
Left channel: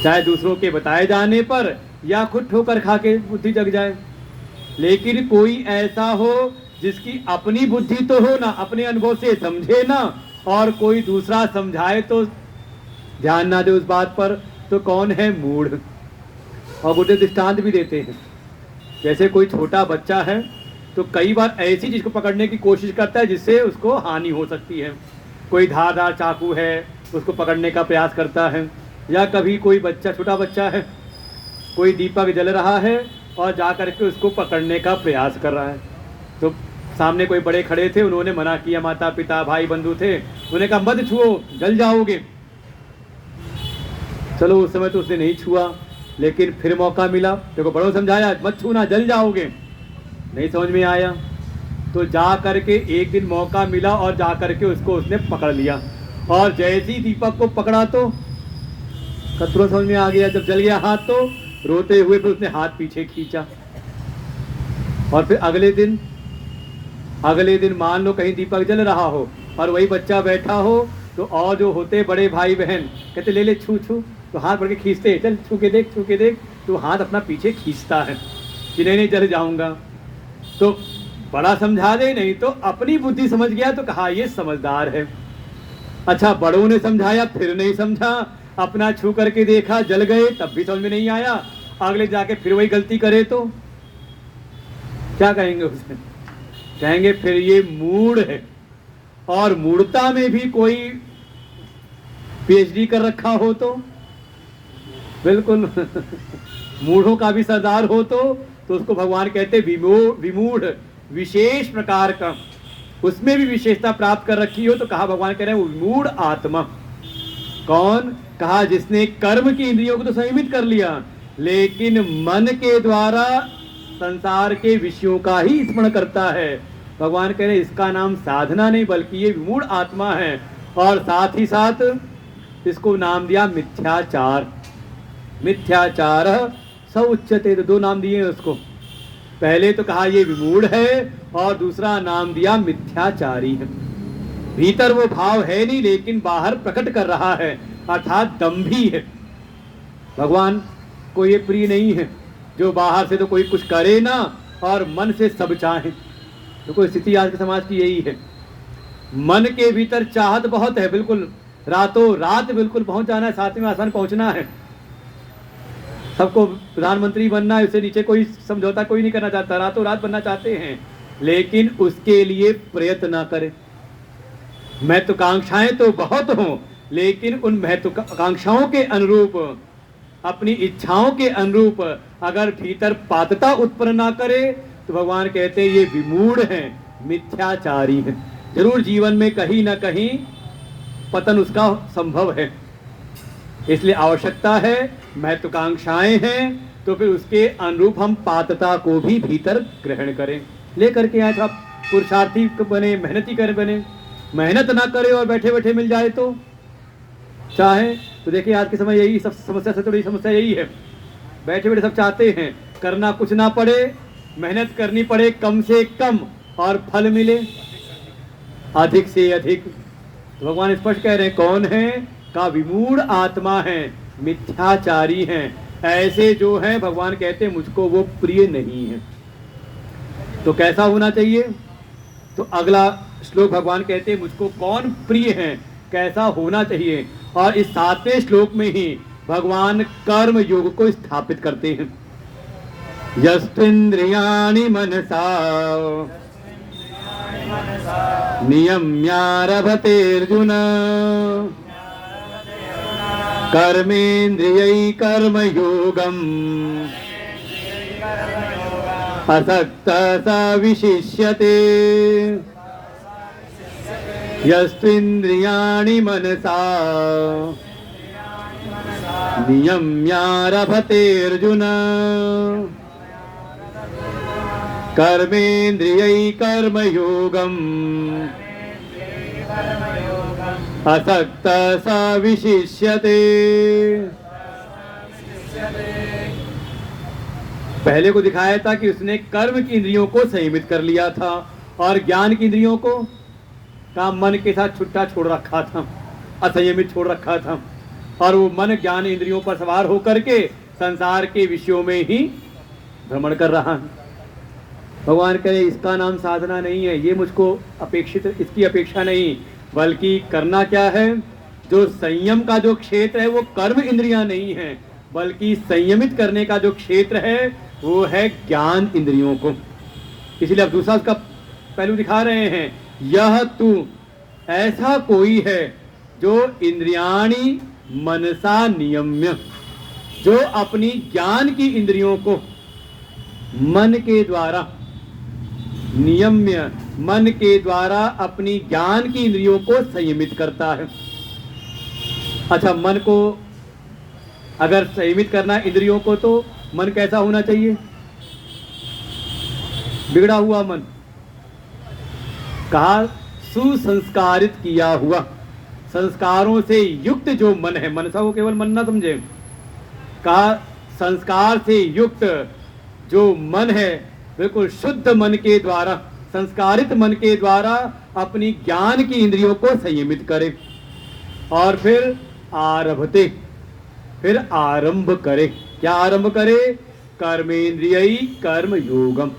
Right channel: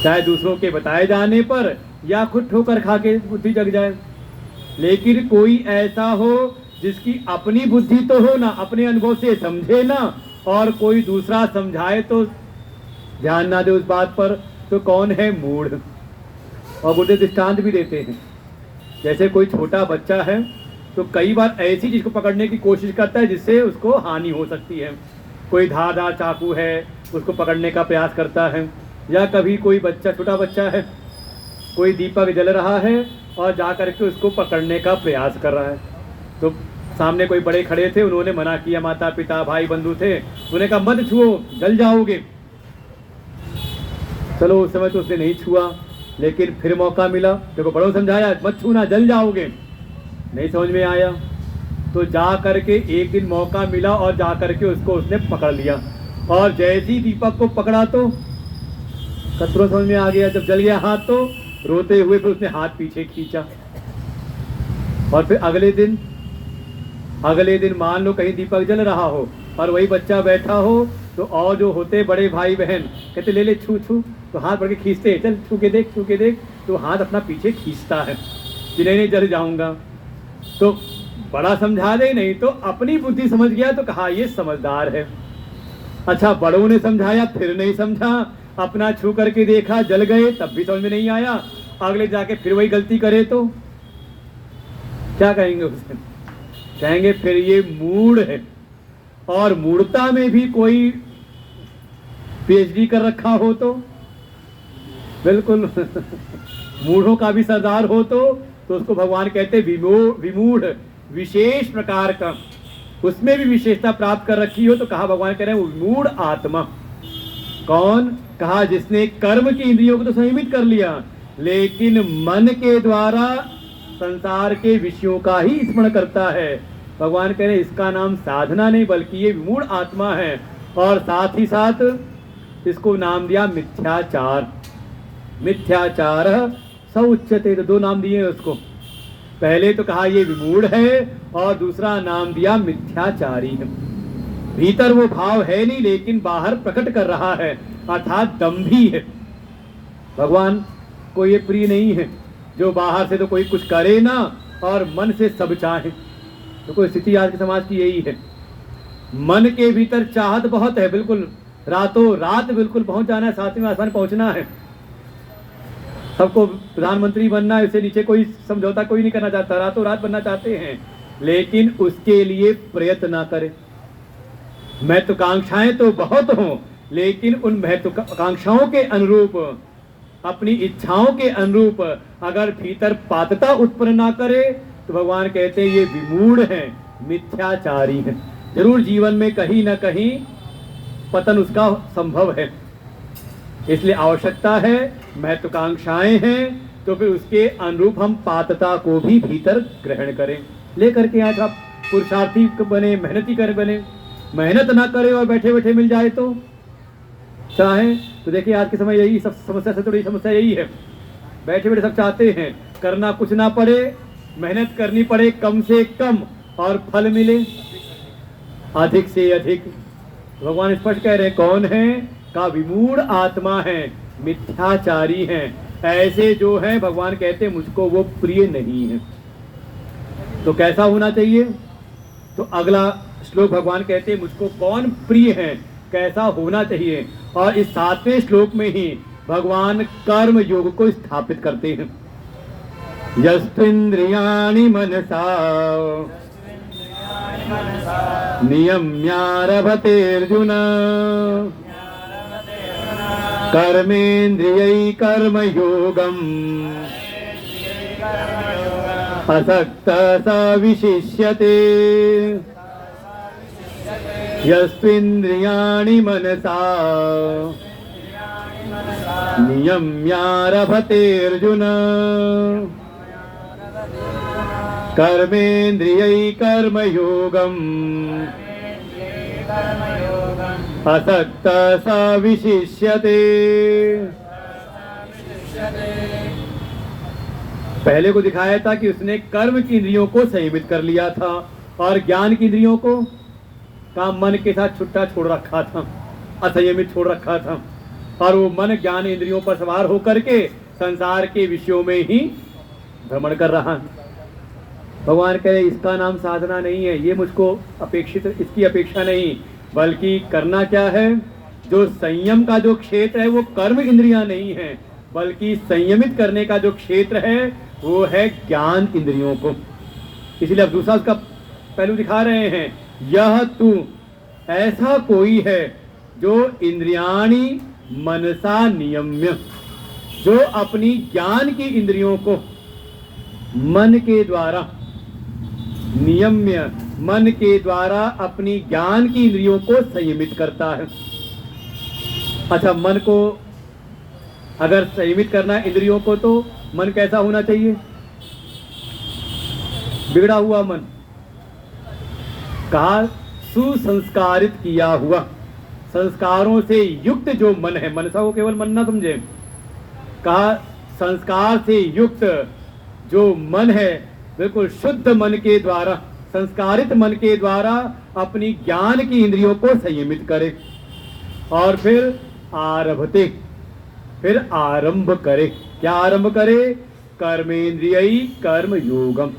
चाहे दूसरों के बताए जाने पर या खुद ठोकर खा के बुद्धि जग जाए। लेकिन कोई ऐसा हो जिसकी अपनी बुद्धि तो हो ना, अपने अनुभव से समझे ना, और कोई दूसरा समझाए तो ध्यान ना दे उस बात पर, तो कौन है? मूढ़। और गुरुदेव दृष्टांत भी देते हैं, जैसे कोई छोटा बच्चा है तो कई बार ऐसी चीज को पकड़ने की कोशिश करता है जिससे उसको हानि हो सकती है। कोई धारदार चाकू है उसको पकड़ने का प्रयास करता है, या कभी कोई बच्चा, छोटा बच्चा है, कोई दीपक जल रहा है और जा करके उसको पकड़ने का प्रयास कर रहा है। तो सामने कोई बड़े खड़े थे, उन्होंने मना किया, माता पिता भाई बंधु थे, उन्होंने कहा मत छुओ जल जाओगे। चलो उस समय तो उसने नहीं छुआ, लेकिन फिर मौका मिला, देखो बड़ों समझाया मत छूना जल जाओगे, नहीं समझ में आया, तो जा करके एक दिन मौका मिला और जा करके उसको उसने पकड़ लिया, और जैसी दीपक को पकड़ा तो तुरंत समझ में आ गया। जब जल गया हाथ तो रोते हुए फिर उसने हाथ पीछे खींचा। और फिर अगले दिन मान लो कहीं दीपक जल रहा हो और वही बच्चा बैठा हो, तो और जो होते बड़े भाई बहन कहते ले ले छू छू, तो हाथ बढ़ के खींचते, चल छू के देख, तो हाथ अपना पीछे खींचता है कि नहीं जल जाऊंगा। तो बड़ा समझा दे, नहीं तो अपनी बुद्धि समझ गया तो कहा ये समझदार है। अच्छा, बड़ों ने समझाया फिर नहीं समझा, अपना छू करके देखा जल गए तब भी समझ में नहीं आया, अगले जाके फिर वही गलती करे तो क्या कहेंगे उसे? कहेंगे फिर ये मूढ़ है। और मूढ़ता में भी कोई पीएचडी कर रखा हो तो बिल्कुल मूढ़ों का भी सरदार हो तो उसको भगवान कहते विमूढ़, विशेष प्रकार का, उसमें भी विशेषता प्राप्त कर रखी हो तो कहा भगवान कह रहे हैं विमूढ़ आत्मा। कौन? कहा जिसने कर्म की इंद्रियों को तो संयमित कर लिया, लेकिन मन के द्वारा संसार के विषयों का ही स्मरण करता है। भगवान कह रहे इसका नाम साधना नहीं बल्कि ये विमूढ़ आत्मा है, और साथ ही साथ इसको नाम दिया मिथ्याचार। मिथ्याचार स उच्यते, तो दो नाम दिए उसको, पहले तो कहा ये विमूढ़ है और दूसरा नाम दिया मिथ्याचारी है। भीतर वो भाव है नहीं लेकिन बाहर प्रकट कर रहा है, अर्थात दंभी है। भगवान को ये प्रिय नहीं है जो बाहर से तो कोई कुछ करे ना और मन से सब चाहे। तो कोई स्थिति आज के समाज की यही है, मन के भीतर चाहत बहुत है, बिल्कुल रातों रात बिल्कुल पहुंच जाना है, सातवें आसमान पहुंचना है, सबको प्रधानमंत्री बनना है, उससे नीचे कोई समझौता कोई नहीं करना चाहता, रातों रात बनना चाहते हैं, लेकिन उसके लिए प्रयत्न ना करें। महत्वाकांक्षाएं तो बहुत हों, लेकिन उन महत्वाकांक्षाओं के अनुरूप अपनी इच्छाओं के अनुरूप अगर भीतर पात्रता उत्पन्न ना करे तो भगवान कहते हैं ये विमूढ़ हैं, मिथ्याचारी हैं। जरूर जीवन में कहीं ना कहीं पतन उसका संभव है। इसलिए आवश्यकता है, महत्वाकांक्षाएं हैं, तो फिर उसके अनुरूप हम पात्रता को भी भीतर ग्रहण करें। लेकर के आए तो आप पुरुषार्थी बने, मेहनती कर बने, मेहनत ना करे और बैठे बैठे मिल जाए तो चाहे तो देखिए आज के समय यही सब समस्या से थोड़ी समस्या यही है, बैठे बैठे सब चाहते हैं, करना कुछ ना पड़े, मेहनत करनी पड़े कम से कम और फल मिले अधिक से अधिक। तो भगवान स्पष्ट कह रहे हैं कौन है का विमूढ़ आत्मा है, मिथ्याचारी हैं, ऐसे जो हैं भगवान कहते हैं मुझको वो प्रिय नहीं है। तो कैसा होना चाहिए? तो अगला श्लोक भगवान कहते हैं मुझको कौन प्रिय है, कैसा होना चाहिए। और इस 7वें श्लोक में ही भगवान कर्म योग को स्थापित करते हैं। यस्त्विन्द्रियाणि मनसा नियम्यारभतेऽर्जुन कर्मेन्द्रियै कर्मयोगम् असक्तः स विशिष्यते। यस्त्विन्द्रियाणि मनसा नियम्यारभतेऽर्जुन कर्मेन्द्रियै कर्मयोगम् असक्तः स विशिष्यते। पहले को दिखाया था कि उसने कर्म की इंद्रियों को संयमित कर लिया था और ज्ञान की इंद्रियों को का मन के साथ छुट्टा छोड़ रखा था, असंयमित छोड़ रखा था, और वो मन ज्ञान इंद्रियों पर सवार होकर के संसार के विषयों में ही भ्रमण कर रहा है। भगवान कहे इसका नाम साधना नहीं है, ये मुझको अपेक्षित, इसकी अपेक्षा नहीं, बल्कि करना क्या है, जो संयम का जो क्षेत्र है वो कर्म इंद्रियां नहीं है, बल्कि संयमित करने का जो क्षेत्र है वो है ज्ञान इंद्रियों को। इसलिए अब दूसरा उसका पहलू दिखा रहे हैं, यह तू ऐसा कोई है जो इंद्रियाणि मनसा नियम्य, जो अपनी ज्ञान की इंद्रियों को मन के द्वारा नियम्य, मन के द्वारा अपनी ज्ञान की इंद्रियों को संयमित करता है। अच्छा, मन को अगर संयमित करना इंद्रियों को, तो मन कैसा होना चाहिए? बिगड़ा हुआ मन, कहा सुसंस्कारित किया हुआ, संस्कारों से युक्त जो मन है, मनसा को केवल मन ना समझे, कहा संस्कार से युक्त जो मन है, बिल्कुल शुद्ध मन के द्वारा, संस्कारित मन के द्वारा अपनी ज्ञान की इंद्रियों को संयमित करे और फिर आरभते, फिर आरंभ करे। क्या आरंभ करे? कर्मेंद्रियई कर्म योगम।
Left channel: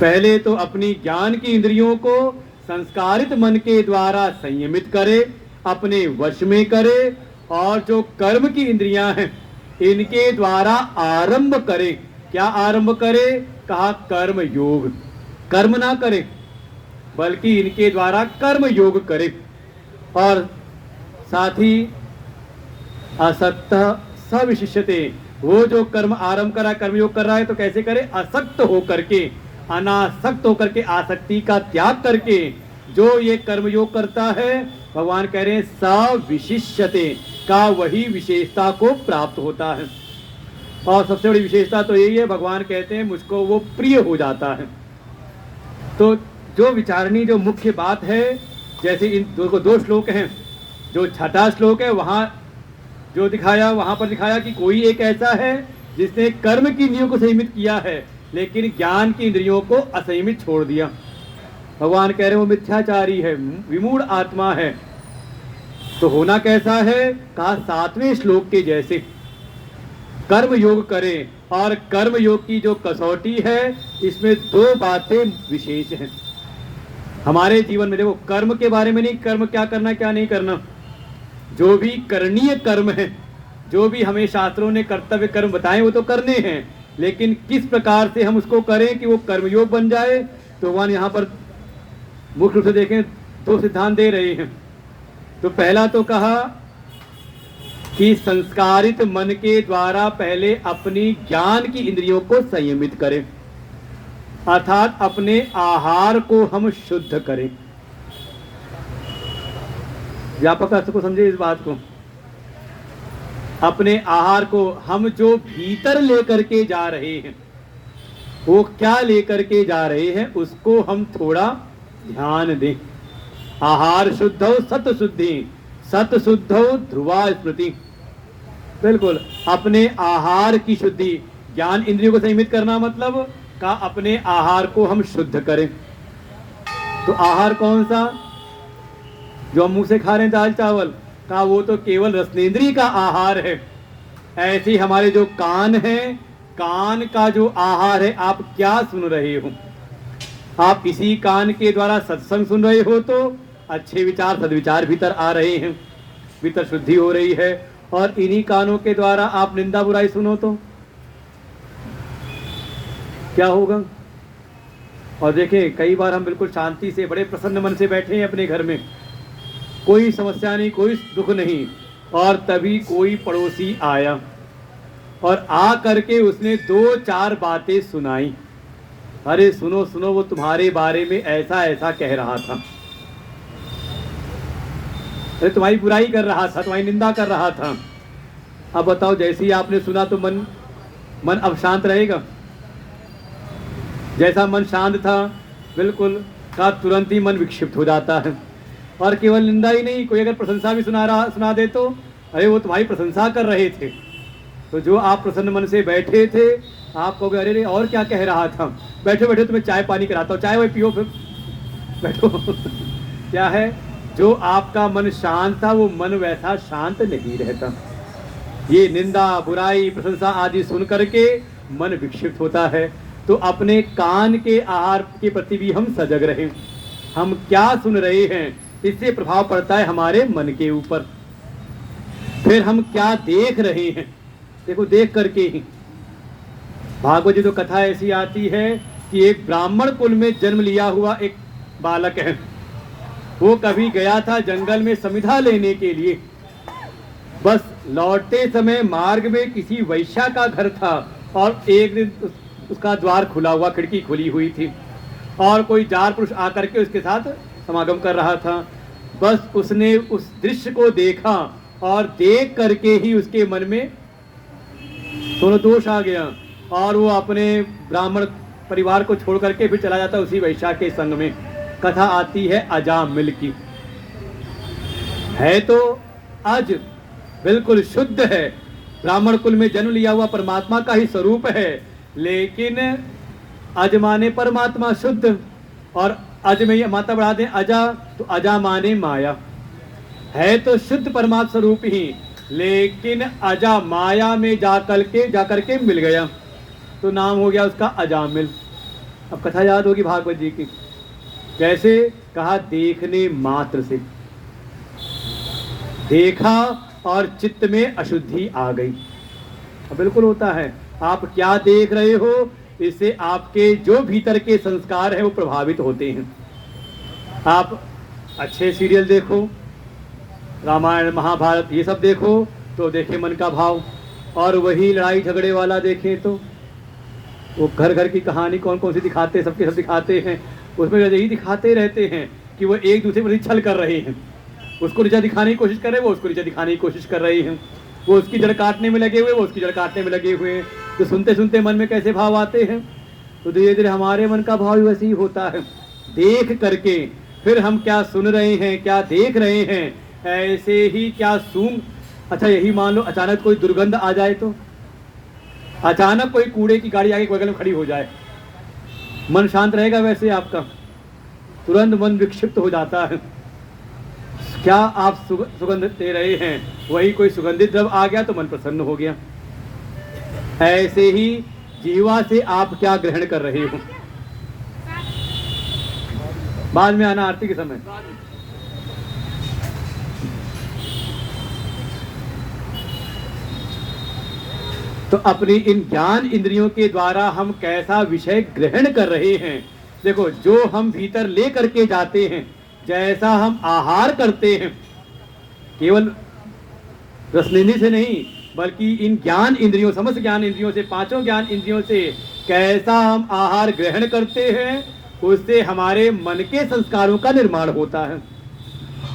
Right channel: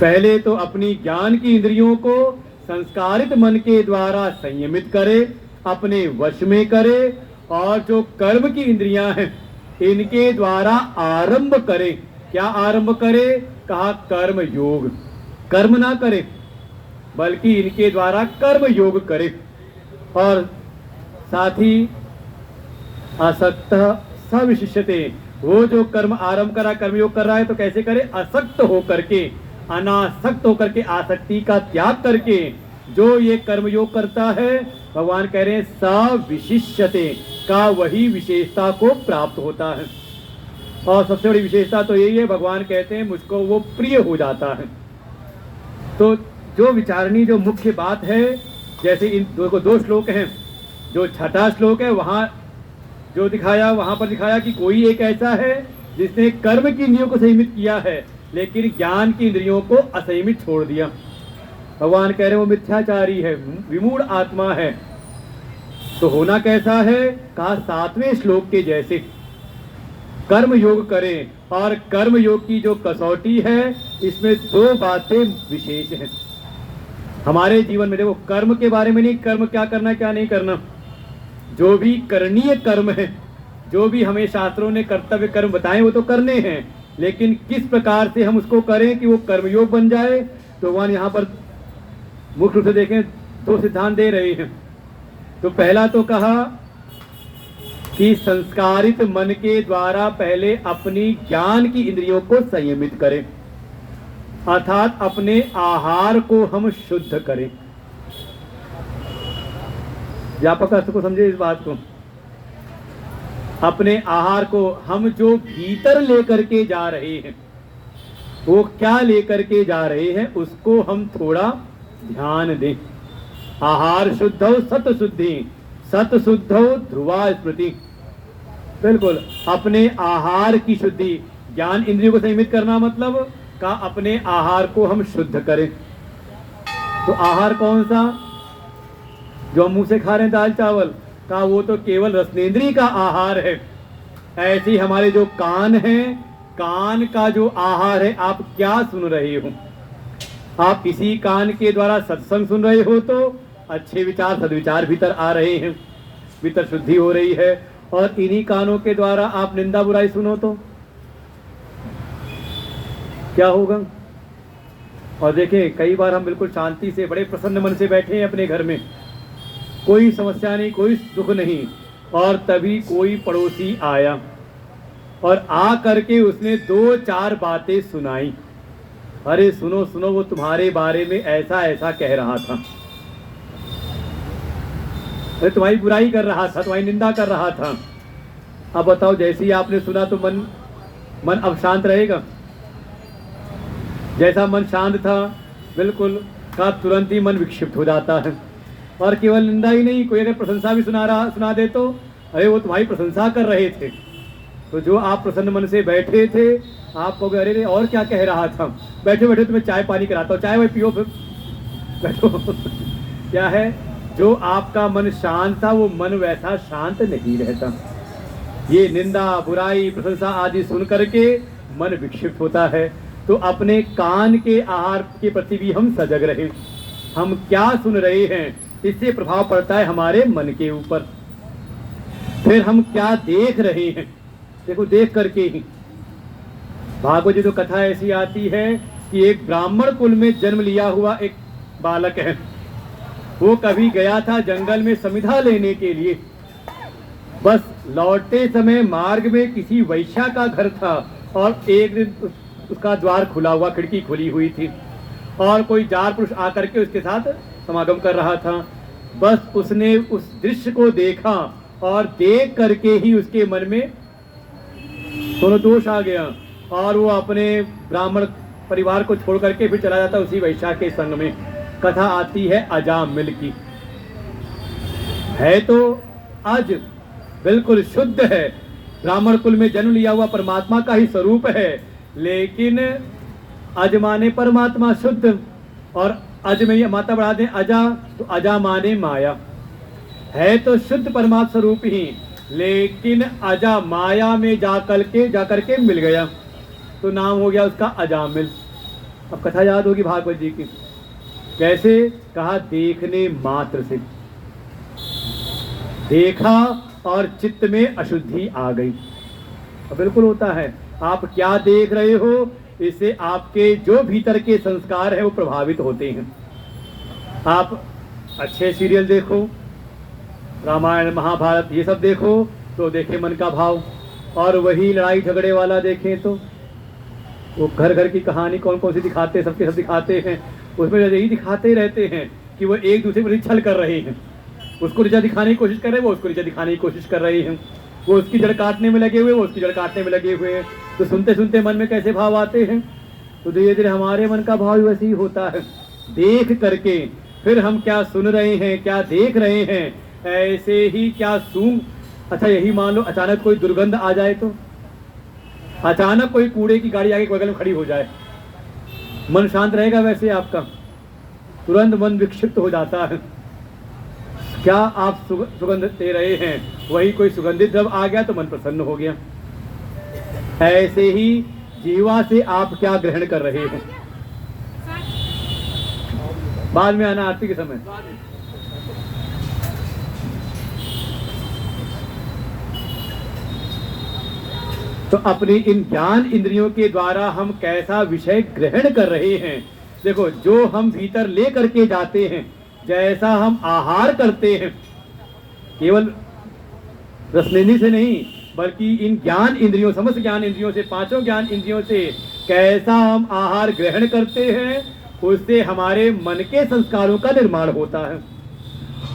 पहले तो अपनी ज्ञान की इंद्रियों को संस्कारित मन के द्वारा संयमित करे, अपने वश में करे, और जो कर्म की इंद्रियां हैं इनके द्वारा आरंभ करे। क्या आरंभ करे? कहा कर्म योग। कर्म ना करे बल्कि इनके द्वारा कर्म योग करे, और साथ ही असक्त सविशिष्यते, वो जो कर्म आरंभ करा, कर्म योग कर रहा है तो कैसे करे? असक्त होकर के, अनासक्त होकर के, आसक्ति का त्याग करके जो ये कर्म योग करता है, भगवान कह रहे हैं सविशिष्यते, का वही विशेषता को प्राप्त होता है। और सबसे बड़ी विशेषता तो यही है, भगवान कहते हैं मुझको वो प्रिय हो जाता है। तो जो विचारणी, जो मुख्य बात है, जैसे इन दो श्लोक हैं, जो छठा श्लोक है वहाँ जो दिखाया, वहाँ पर दिखाया कि कोई एक ऐसा है जिसने कर्म की इंद्रियों को संयमित किया है लेकिन ज्ञान की इंद्रियों को असंयमित छोड़ दिया। भगवान कह रहे हैं वो मिथ्याचारी है, विमूढ़ आत्मा है। तो होना कैसा है? कहा 7वें श्लोक के जैसे कर्म योग करें, और कर्म योग की जो कसौटी है इसमें 2 बातें विशेष हैं हमारे जीवन में। देखो, कर्म के बारे में नहीं, कर्म क्या करना क्या नहीं करना, जो भी करणीय कर्म है, जो भी हमें शास्त्रों ने कर्तव्य कर्म बताए वो तो करने हैं, लेकिन किस प्रकार से हम उसको करें कि वो कर्मयोग बन जाए। तो भगवान यहाँ पर मुख्य रूप से देखें 2 सिद्धांत दे रहे हैं। तो पहला तो कहा कि संस्कारित मन के द्वारा पहले अपनी ज्ञान की इंद्रियों को संयमित करें, अर्थात अपने आहार को हम शुद्ध करें। व्यापक अर्थ को समझे इस बात को। अपने आहार को हम जो भीतर लेकर के जा रहे हैं, वो क्या लेकर के जा रहे हैं उसको हम थोड़ा ध्यान दें। आहार शुद्धौ सत शुद्धि, सत शुद्धौ ध्रुवा स्मृति। बिल्कुल अपने आहार की शुद्धि, ज्ञान इंद्रियों को संयमित करना मतलब का अपने आहार को हम शुद्ध करें। तो आहार कौन सा? जो हम मुंह से खा रहे हैं दाल चावल का, वो तो केवल रसनेंद्रिय का आहार है। ऐसे ही हमारे जो कान हैं, कान का जो आहार है, आप क्या सुन रहे हो? आप इसी कान के द्वारा सत्संग सुन रहे हो तो अच्छे विचार सद्विचार भीतर आ रहे हैं, भीतर शुद्धि हो रही है। और इन्हीं कानों के द्वारा आप निंदा बुराई सुनो तो क्या होगा? और देखें, कई बार हम बिल्कुल शांति से बड़े प्रसन्न मन से बैठे हैं अपने घर में, कोई समस्या नहीं, कोई दुख नहीं, और तभी कोई पड़ोसी आया और आ करके उसने 2-4 बातें सुनाई। अरे सुनो सुनो, वो तुम्हारे बारे में ऐसा ऐसा कह रहा था, अरे तुम्हारी बुराई कर रहा था, तुम्हारी निंदा कर रहा था। अब बताओ, जैसे ही आपने सुना तो मन अब शांत रहेगा? जैसा मन शांत था बिल्कुल का तुरंत ही मन विक्षिप्त हो जाता है। और केवल निंदा ही नहीं, कोई अगर प्रशंसा भी सुना दे तो अरे वो तुम्हारी प्रशंसा कर रहे थे, तो जो आप प्रसन्न मन से बैठे थे आप कहोगे अरे और क्या कह रहा था, बैठो बैठो तुम्हें चाय पानी कराता हूँ, चाय वही पियो फिर बैठो। क्या है, जो आपका मन शांत था वो मन वैसा शांत नहीं रहता। ये निंदा बुराई प्रशंसा आदि सुन करके मन विक्षिप्त होता है। तो अपने कान के आहार के प्रति भी हम सजग रहें। हम क्या सुन रहे हैं इससे प्रभाव पड़ता है हमारे मन के ऊपर। फिर हम क्या देख रहे हैं, देखो देख करके ही। भागवत जी तो कथा ऐसी आती है कि एक ब्राह्मण कुल में जन्म लिया हुआ एक बालक है, वो कभी गया था जंगल में समिधा लेने के लिए। बस लौटते समय मार्ग में किसी वैश्या का घर था और एक दिन उसका द्वार खुला हुआ, खिड़की खुली हुई थी और कोई जार पुरुष आकर के उसके साथ समागम कर रहा था। बस उसने उस दृश्य को देखा और देख करके ही उसके मन में दोनों दोष आ गया और वो अपने ब्राह्मण परिवार को छोड़ करके फिर चला जाता उसी वैश्या के संग में। कथा आती है अजामिल की। है तो अज, बिल्कुल शुद्ध है, ब्राह्मण कुल में जन्म लिया हुआ परमात्मा का ही स्वरूप है, लेकिन अज माने परमात्मा शुद्ध, और अज में ये माता बढ़ा दें अजा, तो अजा माने माया। है तो शुद्ध परमात्मा स्वरूप ही, लेकिन अजा माया में जाकर के मिल गया, तो नाम हो गया उसका अजामिल। अब कथा याद होगी भागवत जी की, कैसे कहा, देखने मात्र से देखा और चित्त में अशुद्धि आ गई। अब बिल्कुल होता है, आप क्या देख रहे हो इससे आपके जो भीतर के संस्कार है वो प्रभावित होते हैं। आप अच्छे सीरियल देखो, रामायण महाभारत ये सब देखो तो देखे मन का भाव, और वही लड़ाई झगड़े वाला देखें तो वो घर घर की कहानी कौन कौन सी दिखाते हैं, सबके सब दिखाते हैं, उसमें यही दिखाते रहते हैं कि वो एक दूसरे पर छल कर रहे हैं। उसको नीचा दिखाने की कोशिश कर रहे हैं, वो उसको नीचा दिखाने की कोशिश कर रहे हैं, वो उसकी जड़ काटने में लगे हुए, वो उसकी जड़ काटने में लगे हुए हैं। तो सुनते सुनते मन में कैसे भाव आते हैं, तो धीरे धीरे हमारे मन का भाव वैसे ही होता है। देख करके फिर हम क्या सुन रहे हैं, क्या देख रहे हैं, ऐसे ही क्या सूंघ। अच्छा यही मान लो अचानक कोई दुर्गंध आ जाए, तो अचानक कोई कूड़े की गाड़ी आगे बगल में खड़ी हो जाए, मन शांत रहेगा वैसे आपका? तुरंत मन विक्षिप्त हो जाता है। क्या आप सुगंध दे रहे हैं, वही कोई सुगंधित द्रव्य आ गया तो मन प्रसन्न हो गया। ऐसे ही जीवा से आप क्या ग्रहण कर रहे हो। बाद में आना आरती के समय। तो अपनी इन ज्ञान इंद्रियों के द्वारा हम कैसा विषय ग्रहण कर रहे हैं। देखो, जो हम भीतर ले करके जाते हैं, जैसा हम आहार करते हैं, केवल रसनेन्द्रिय से नहीं, बल्कि इन ज्ञान इंद्रियों, समस्त ज्ञान इंद्रियों से, पांचों ज्ञान इंद्रियों से कैसा हम आहार ग्रहण करते हैं, उससे हमारे मन के संस्कारों का निर्माण होता है।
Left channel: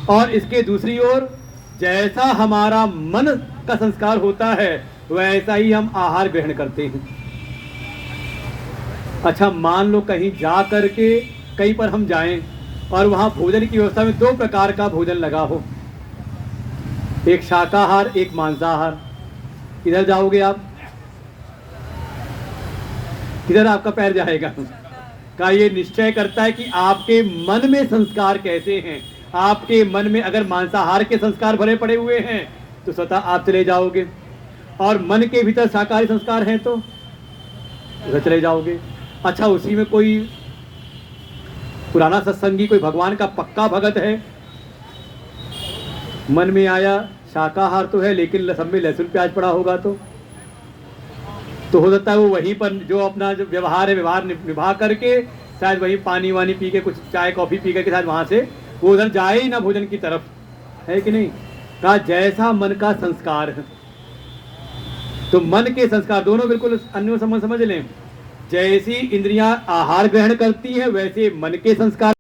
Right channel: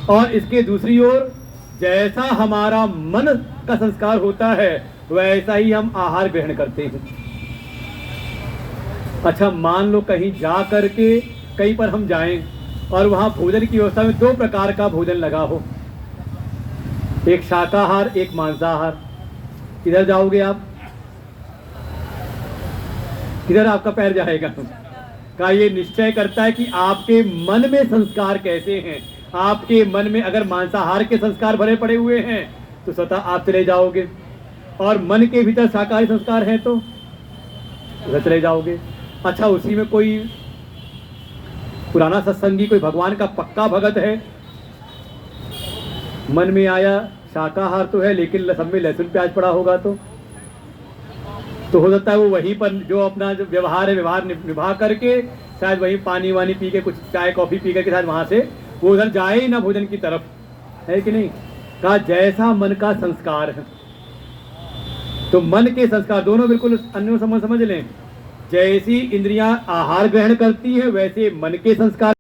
और इसके दूसरी ओर जैसा हमारा मन का संस्कार होता है वैसा ही हम आहार ग्रहण करते हैं। अच्छा, मान लो कहीं जा करके कहीं पर हम जाएं और वहां भोजन की व्यवस्था में दो प्रकार का भोजन लगा हो, एक शाकाहार एक मांसाहार, किधर जाओगे आप? किधर आपका पैर जाएगा? का ये निश्चय करता है कि आपके मन में संस्कार कैसे हैं। आपके मन में अगर मांसाहार के संस्कार भरे पड़े हुए हैं तो स्वतः आप चले जाओगे, और मन के भीतर शाकाहारी संस्कार हैं तो उधर चले जाओगे। अच्छा, उसी में कोई पुराना सत्संगी, कोई भगवान का पक्का भगत है, मन में आया शाकाहार तो है लेकिन सब में लहसुन प्याज पड़ा होगा तो हो सकता है वो वहीं पर जो अपना जो व्यवहार है व्यवहार निभा करके शायद वहीं पानी वानी पी के, कुछ चाय कॉफी पी करके शायद वहां से वो उधर जाए ही ना भोजन की तरफ, है कि नहीं? कहा जैसा मन का संस्कार है, तो मन के संस्कार दोनों बिल्कुल अन्य संबंध समझ लें। जैसी इंद्रियां आहार ग्रहण करती हैं वैसे मन के संस्कार।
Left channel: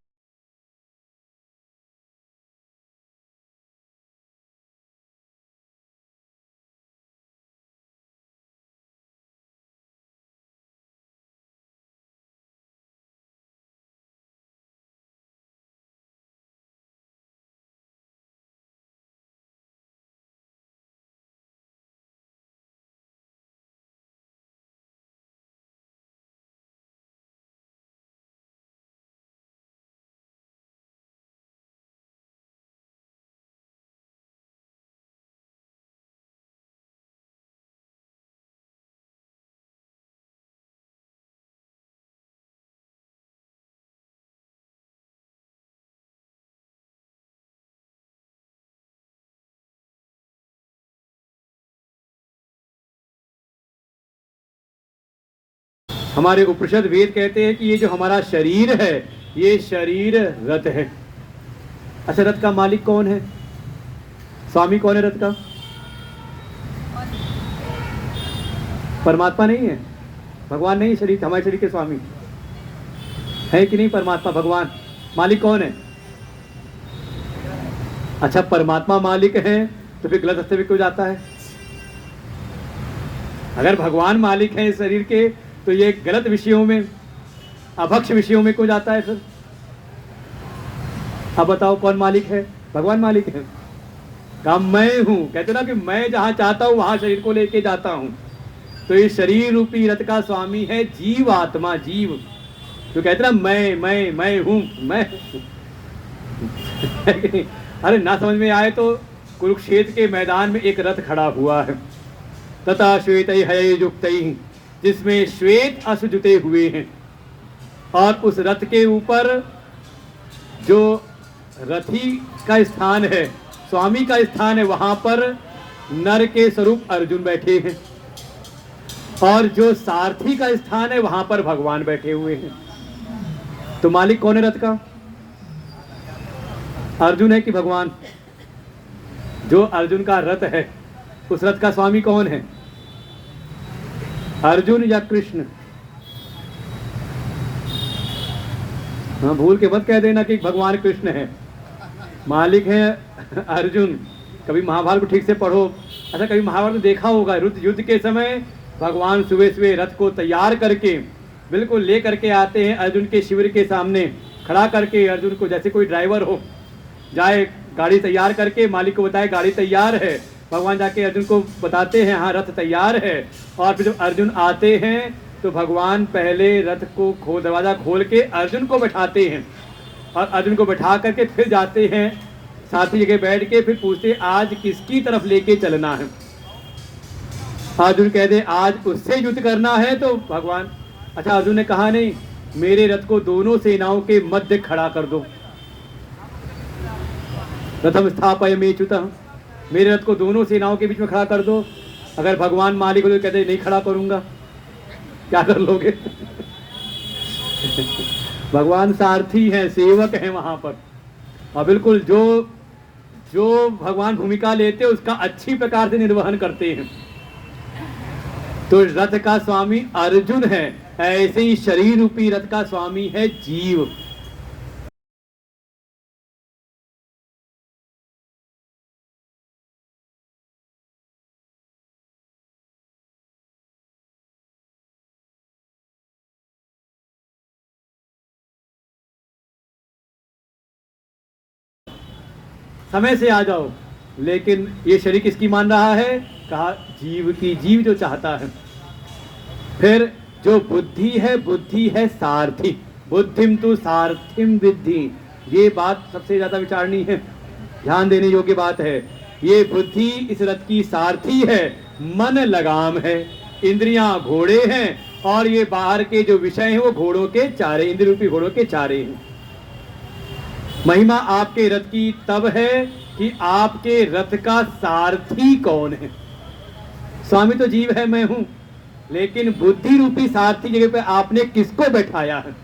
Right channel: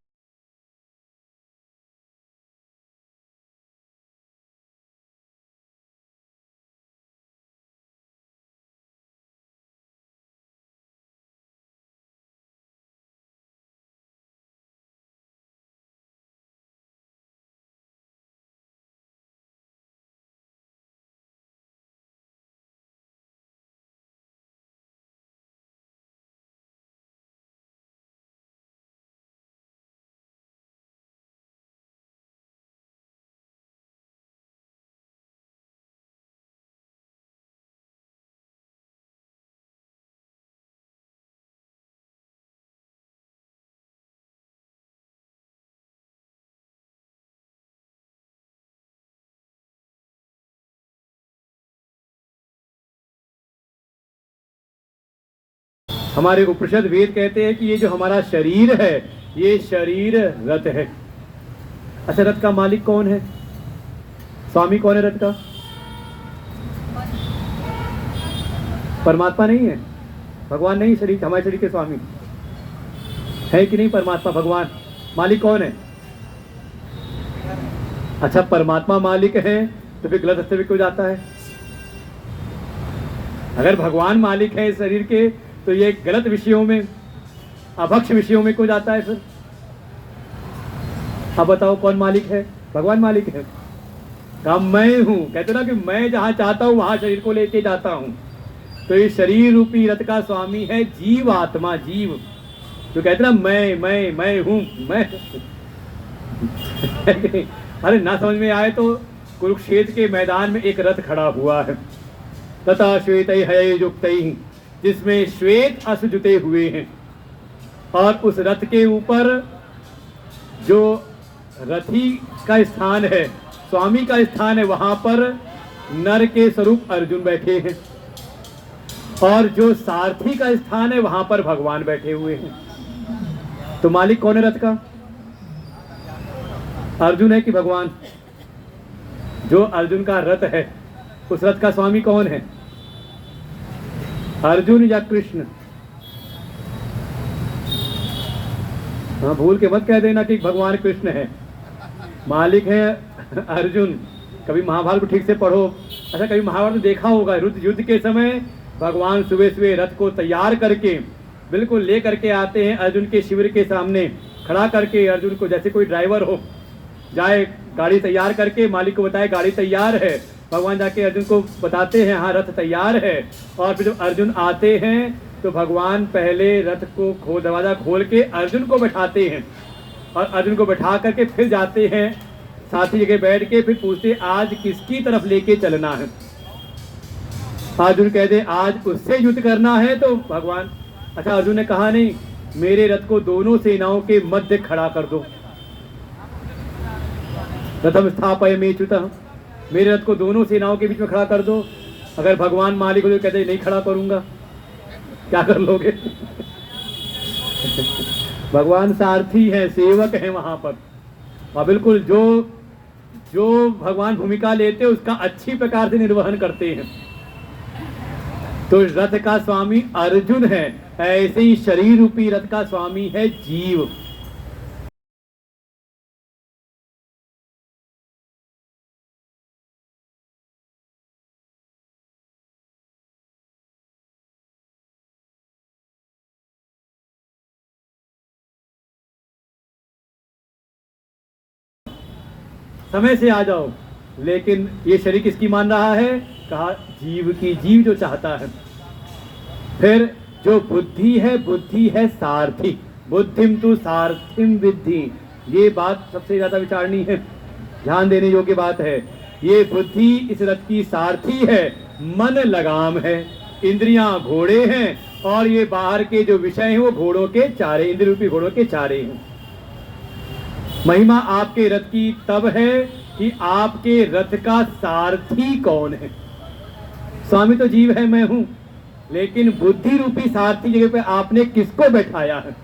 हमारे उपनिषद वेद कहते हैं कि ये जो हमारा शरीर है ये शरीर रथ है। अच्छा, रथ का मालिक कौन है? स्वामी कौन है रथ का? परमात्मा नहीं है, भगवान नहीं, शरीर हमारे शरीर के स्वामी है कि नहीं? परमात्मा भगवान मालिक कौन है? अच्छा, परमात्मा मालिक है तो फिर गलत रास्ते पे क्यों जाता है? अगर भगवान मालिक है इस शरीर के तो ये गलत विषयों में, अभक्ष विषयों में क्यों जाता है फिर? अब बताओ कौन मालिक है? भगवान मालिक है। कहा मैं हूं, कहते ना कि मैं जहां चाहता हूं वहां शरीर को लेके जाता हूं। तो ये शरीर रूपी रथ का स्वामी है जीव आत्मा, जीव तो कहते ना मैं हूं, मैं अरे ना समझ में आए तो कुरुक्षेत्र के मैदान में एक रथ खड़ा हुआ है, तथा श्वेत है युक्त, जिसमें श्वेत अश्व जुते हुए हैं, और उस रथ के ऊपर जो रथी का स्थान है, स्वामी का स्थान है, वहां पर नर के स्वरूप अर्जुन बैठे हैं, और जो सारथी का स्थान है वहां पर भगवान बैठे हुए हैं। तो मालिक कौन है रथ का? अर्जुन है कि भगवान? जो अर्जुन का रथ है उस रथ का स्वामी कौन है? अर्जुन या कृष्ण? हाँ, भूल के मत कह देना कि भगवान कृष्ण है, मालिक है अर्जुन। कभी महाभारत को ठीक से पढ़ो। अच्छा, कभी महाभारत देखा होगा, युद्ध के समय भगवान सुबह सुबह रथ को तैयार करके बिल्कुल ले करके आते हैं अर्जुन के शिविर के सामने खड़ा करके। अर्जुन को जैसे कोई ड्राइवर हो जाए, गाड़ी तैयार करके मालिक को बताए गाड़ी तैयार है, भगवान जाके अर्जुन को बताते हैं हाँ रथ तैयार है। और फिर जब अर्जुन आते हैं तो भगवान पहले रथ को दरवाजा खोल के अर्जुन को बैठाते हैं, और अर्जुन को बैठा करके फिर जाते हैं साथी जगह बैठ के, फिर पूछते आज किसकी तरफ लेके चलना है। अर्जुन कहते आज उससे युद्ध करना है तो भगवान, अच्छा अर्जुन ने कहा नहीं, मेरे रथ को दोनों सेनाओं के मध्य खड़ा कर दो, रथम स्थापयमेच्युतः, मेरे रथ को दोनों सेनाओं के बीच में खड़ा कर दो। अगर भगवान मालिक हो तो कहते नहीं खड़ा करूंगा, क्या कर लोगे? भगवान सारथी है, सेवक है वहां पर, और बिल्कुल जो जो भगवान भूमिका लेते हैं उसका अच्छी प्रकार से निर्वहन करते हैं। तो रथ का स्वामी अर्जुन है, ऐसे ही शरीर रूपी रथ का स्वामी है जीव। समय से आ जाओ, लेकिन ये शरीर किसकी मान रहा है? कहा जीव की, जीव जो चाहता है। फिर जो बुद्धि है सारथी, बुद्धिम तु सारथिम विद्धि। ये बात सबसे ज्यादा विचारनी है, ध्यान देने योग्य बात है। ये बुद्धि इस रथ की सारथी है, मन लगाम है, इंद्रियां घोड़े हैं, और ये बाहर के जो विषय हैं वो घोड़ों के चारे, इंद्रिय रूपी घोड़ों के चारे हैं। महिमा आपके रथ की तब है कि आपके रथ का सारथी कौन है। स्वामी तो जीव है, मैं हूं, लेकिन बुद्धि रूपी सारथी जगह पे आपने किसको बैठाया है?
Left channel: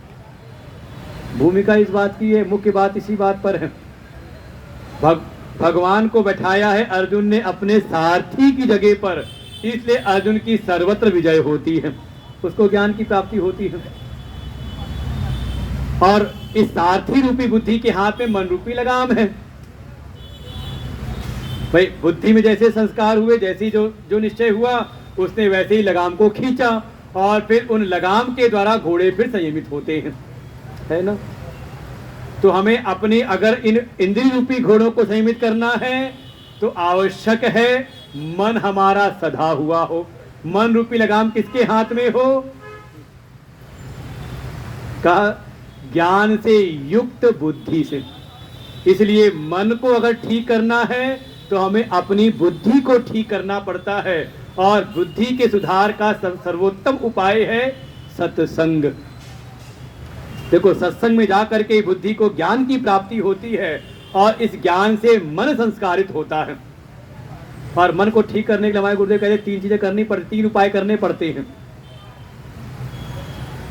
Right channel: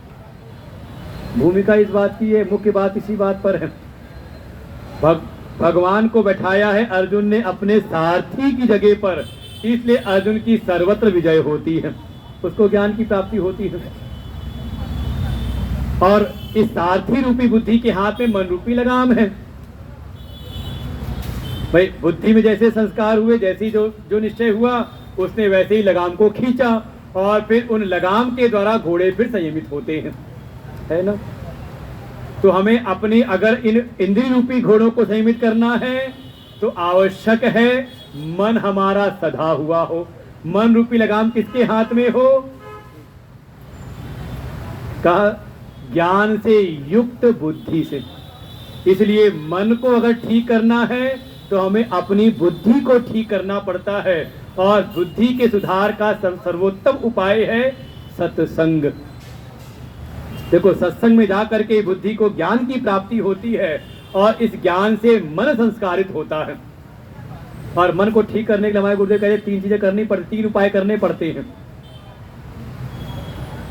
भूमिका इस बात की है, मुख्य बात इसी बात पर है। भगवान को बैठाया है अर्जुन ने अपने सारथी की जगह पर, इसलिए अर्जुन की सर्वत्र विजय होती है, उसको ज्ञान की प्राप्ति होती है। और इस सारथी रूपी बुद्धि के हाथ में मन रूपी लगाम है। भाई बुद्धि में जैसे संस्कार हुए, जैसी जो निश्चय हुआ, उसने वैसे ही लगाम को खींचा, और फिर उन लगाम के द्वारा घोड़े फिर संयमित होते हैं, है ना। तो हमें अपनी अगर इन इंद्रिय रूपी घोड़ों को संयमित करना है तो आवश्यक है मन हमारा सधा हुआ हो। मन रूपी लगाम किसके हाथ में हो? कहा ज्ञान से युक्त बुद्धि से। इसलिए मन को अगर ठीक करना है तो हमें अपनी बुद्धि को ठीक करना पड़ता है, और बुद्धि के सुधार का सर्वोत्तम उपाय है सत्संग। देखो, सत्संग में जाकर के बुद्धि को ज्ञान की प्राप्ति होती है, और इस ज्ञान से मन संस्कारित होता है। और मन को ठीक करने के लिए हमारे गुरुदेव कहते 3 चीजें करनी पड़ती, 3 उपाय करने पड़ते हैं।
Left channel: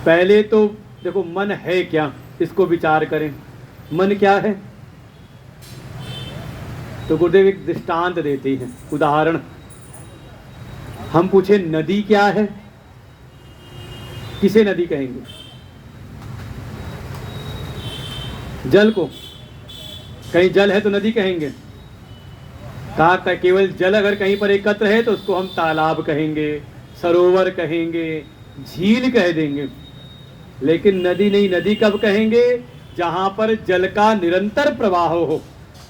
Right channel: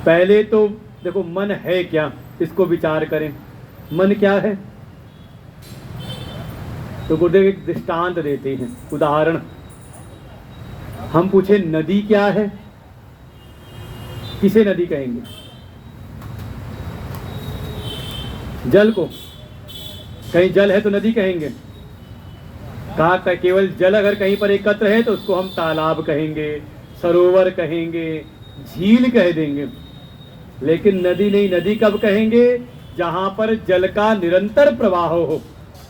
पहले तो देखो मन है क्या, इसको विचार करें, मन क्या है। तो गुरुदेव एक दृष्टांत देते हैं, उदाहरण। हम पूछे नदी क्या है, किसे नदी कहेंगे? जल को। कहीं जल है तो नदी कहेंगे। कहा केवल जल अगर कहीं पर एकत्र है तो उसको हम तालाब कहेंगे, सरोवर कहेंगे, झील कह देंगे। लेकिन नदी नहीं, नदी कब कहेंगे? जहां पर जल का निरंतर प्रवाह हो,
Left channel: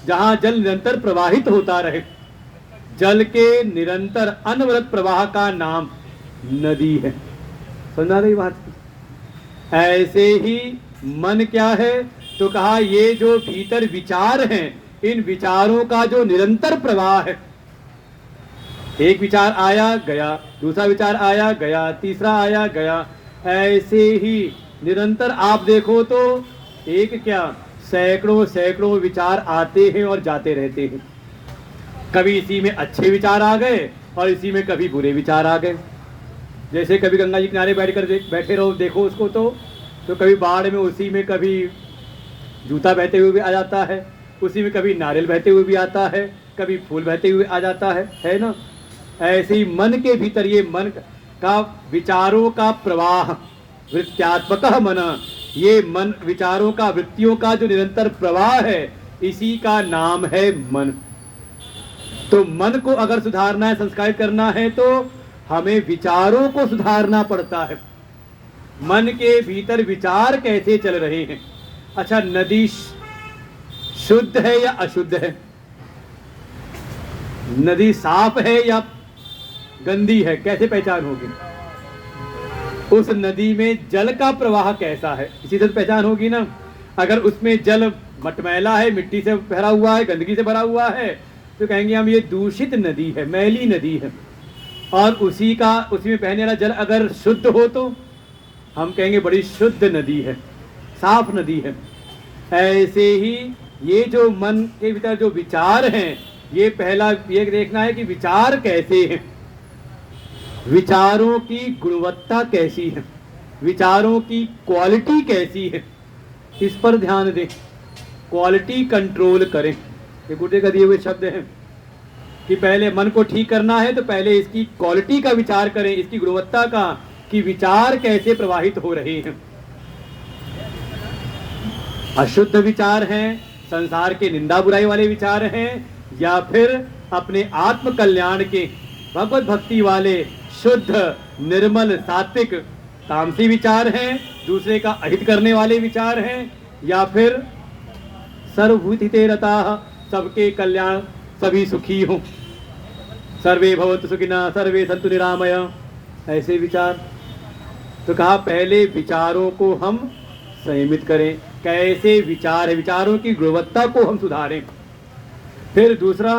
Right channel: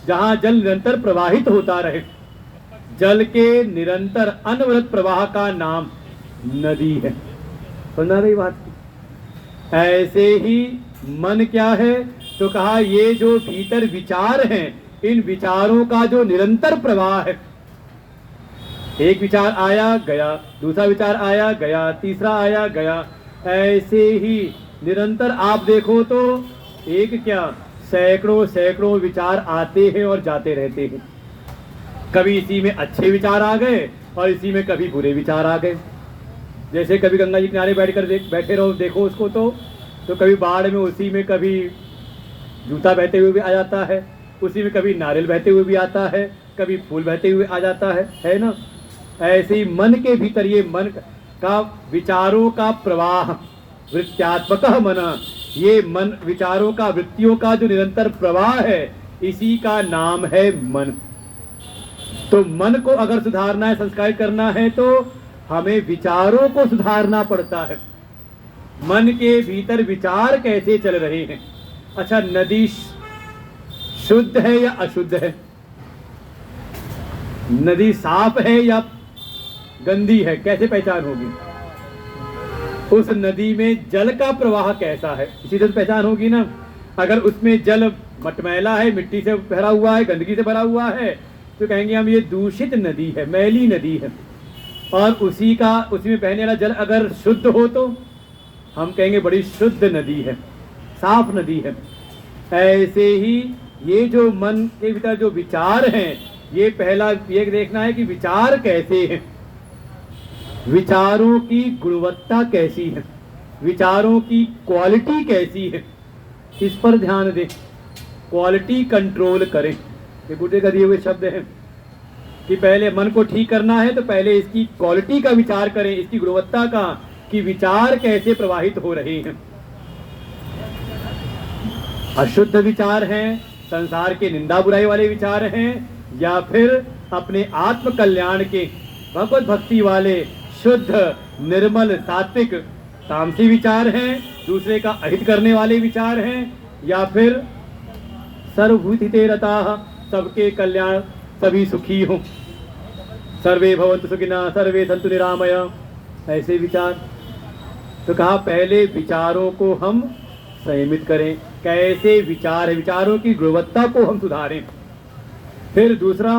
जहां जल निरंतर प्रवाहित होता रहे। जल के निरंतर अनवरत प्रवाह का नाम नदी है। समझा रही बात की? ऐसे ही मन क्या है? तो कहा ये जो भीतर विचार हैं, इन विचारों का जो निरंतर प्रवाह है। एक विचार आया गया, दूसरा विचार आया गया, तीसरा आया गया, ऐसे ही निरंतर आप देखो तो एक क्या सैकड़ों विचार आते हैं और जाते रहते हैं। कभी इसी में अच्छे विचार आ गए और इसी में कभी बुरे विचार आ गए। जैसे कभी गंगा जी किनारे बैठे रहो, देखो उसको तो कभी बाढ़ में उसी में कभी जूता बहते हुए भी आ जाता है, उसी में कभी नारियल बहते हुए भी आता है, कभी फूल बहते हुए आ जाता है ना। ऐसे ही मन के भीतर ये मन का विचारों का प्रवाह, वृत्त्यात्मक मन, ये मन विचारों का, वृत्तियों का जो निरंतर प्रवाह है, इसी का नाम है मन। तो मन को अगर सुधारना है, संस्कारित करना है, तो हमें विचारों को सुधारना पड़ता है। मन के भीतर विचार कैसे चल रहे हैं। अच्छा, नदी शुद्ध है या अशुद्ध है? नदी साफ है या गंदी है, कैसे पहचान होगी? उस नदी में जल का प्रवाह कैसा है, इसी तरह पहचान होगी ना। अगर उसमें जल मटमैला है, मिट्टी से भरा हुआ है, गंदगी से भरा हुआ है, तो कहेंगे हम ये दूषित नदी है, मैली नदी है। और उसी में बहने वाला जल अगर शुद्ध हो तो हम कहेंगे बड़ी शुद्ध नदी है, साफ नदी है। ऐसे ही ये जो मन के भीतर जो विचार हैं, ये पहला ये देखना है कि विचार कैसे हैं, विचारों की गुणवत्ता कैसी है, विचारों की क्वालिटी कैसी है, इस पर ध्यान दें, क्वालिटी कंट्रोल करें। ये बुद्ध का दिए हुए शब्द हैं कि पहले मन को ठीक करना है तो पहले इसकी क्वालिटी का विचार करें, इसकी गुणवत्ता का, कि विचार कैसे प्रवाहित हो रहे हैं। अशुद्ध विचार हैं, संसार के निंदा बुराई वाले विचार हैं, या फिर अपने आत्म कल्याण के भगवत भक्ति वाले शुद्ध निर्मल सात्विक तामसी विचार हैं, दूसरे का अहित करने वाले विचार हैं, या फिर सर्वभूतिते रताः, सबके कल्याण, सभी सुखी हों, सर्वे भवन्तु सुखिनः सर्वे सन्तु निरामय, ऐसे विचार। तो कहा पहले विचारों को हम संयमित करें, कैसे विचार है, विचारों की गुणवत्ता को हम सुधारें। फिर दूसरा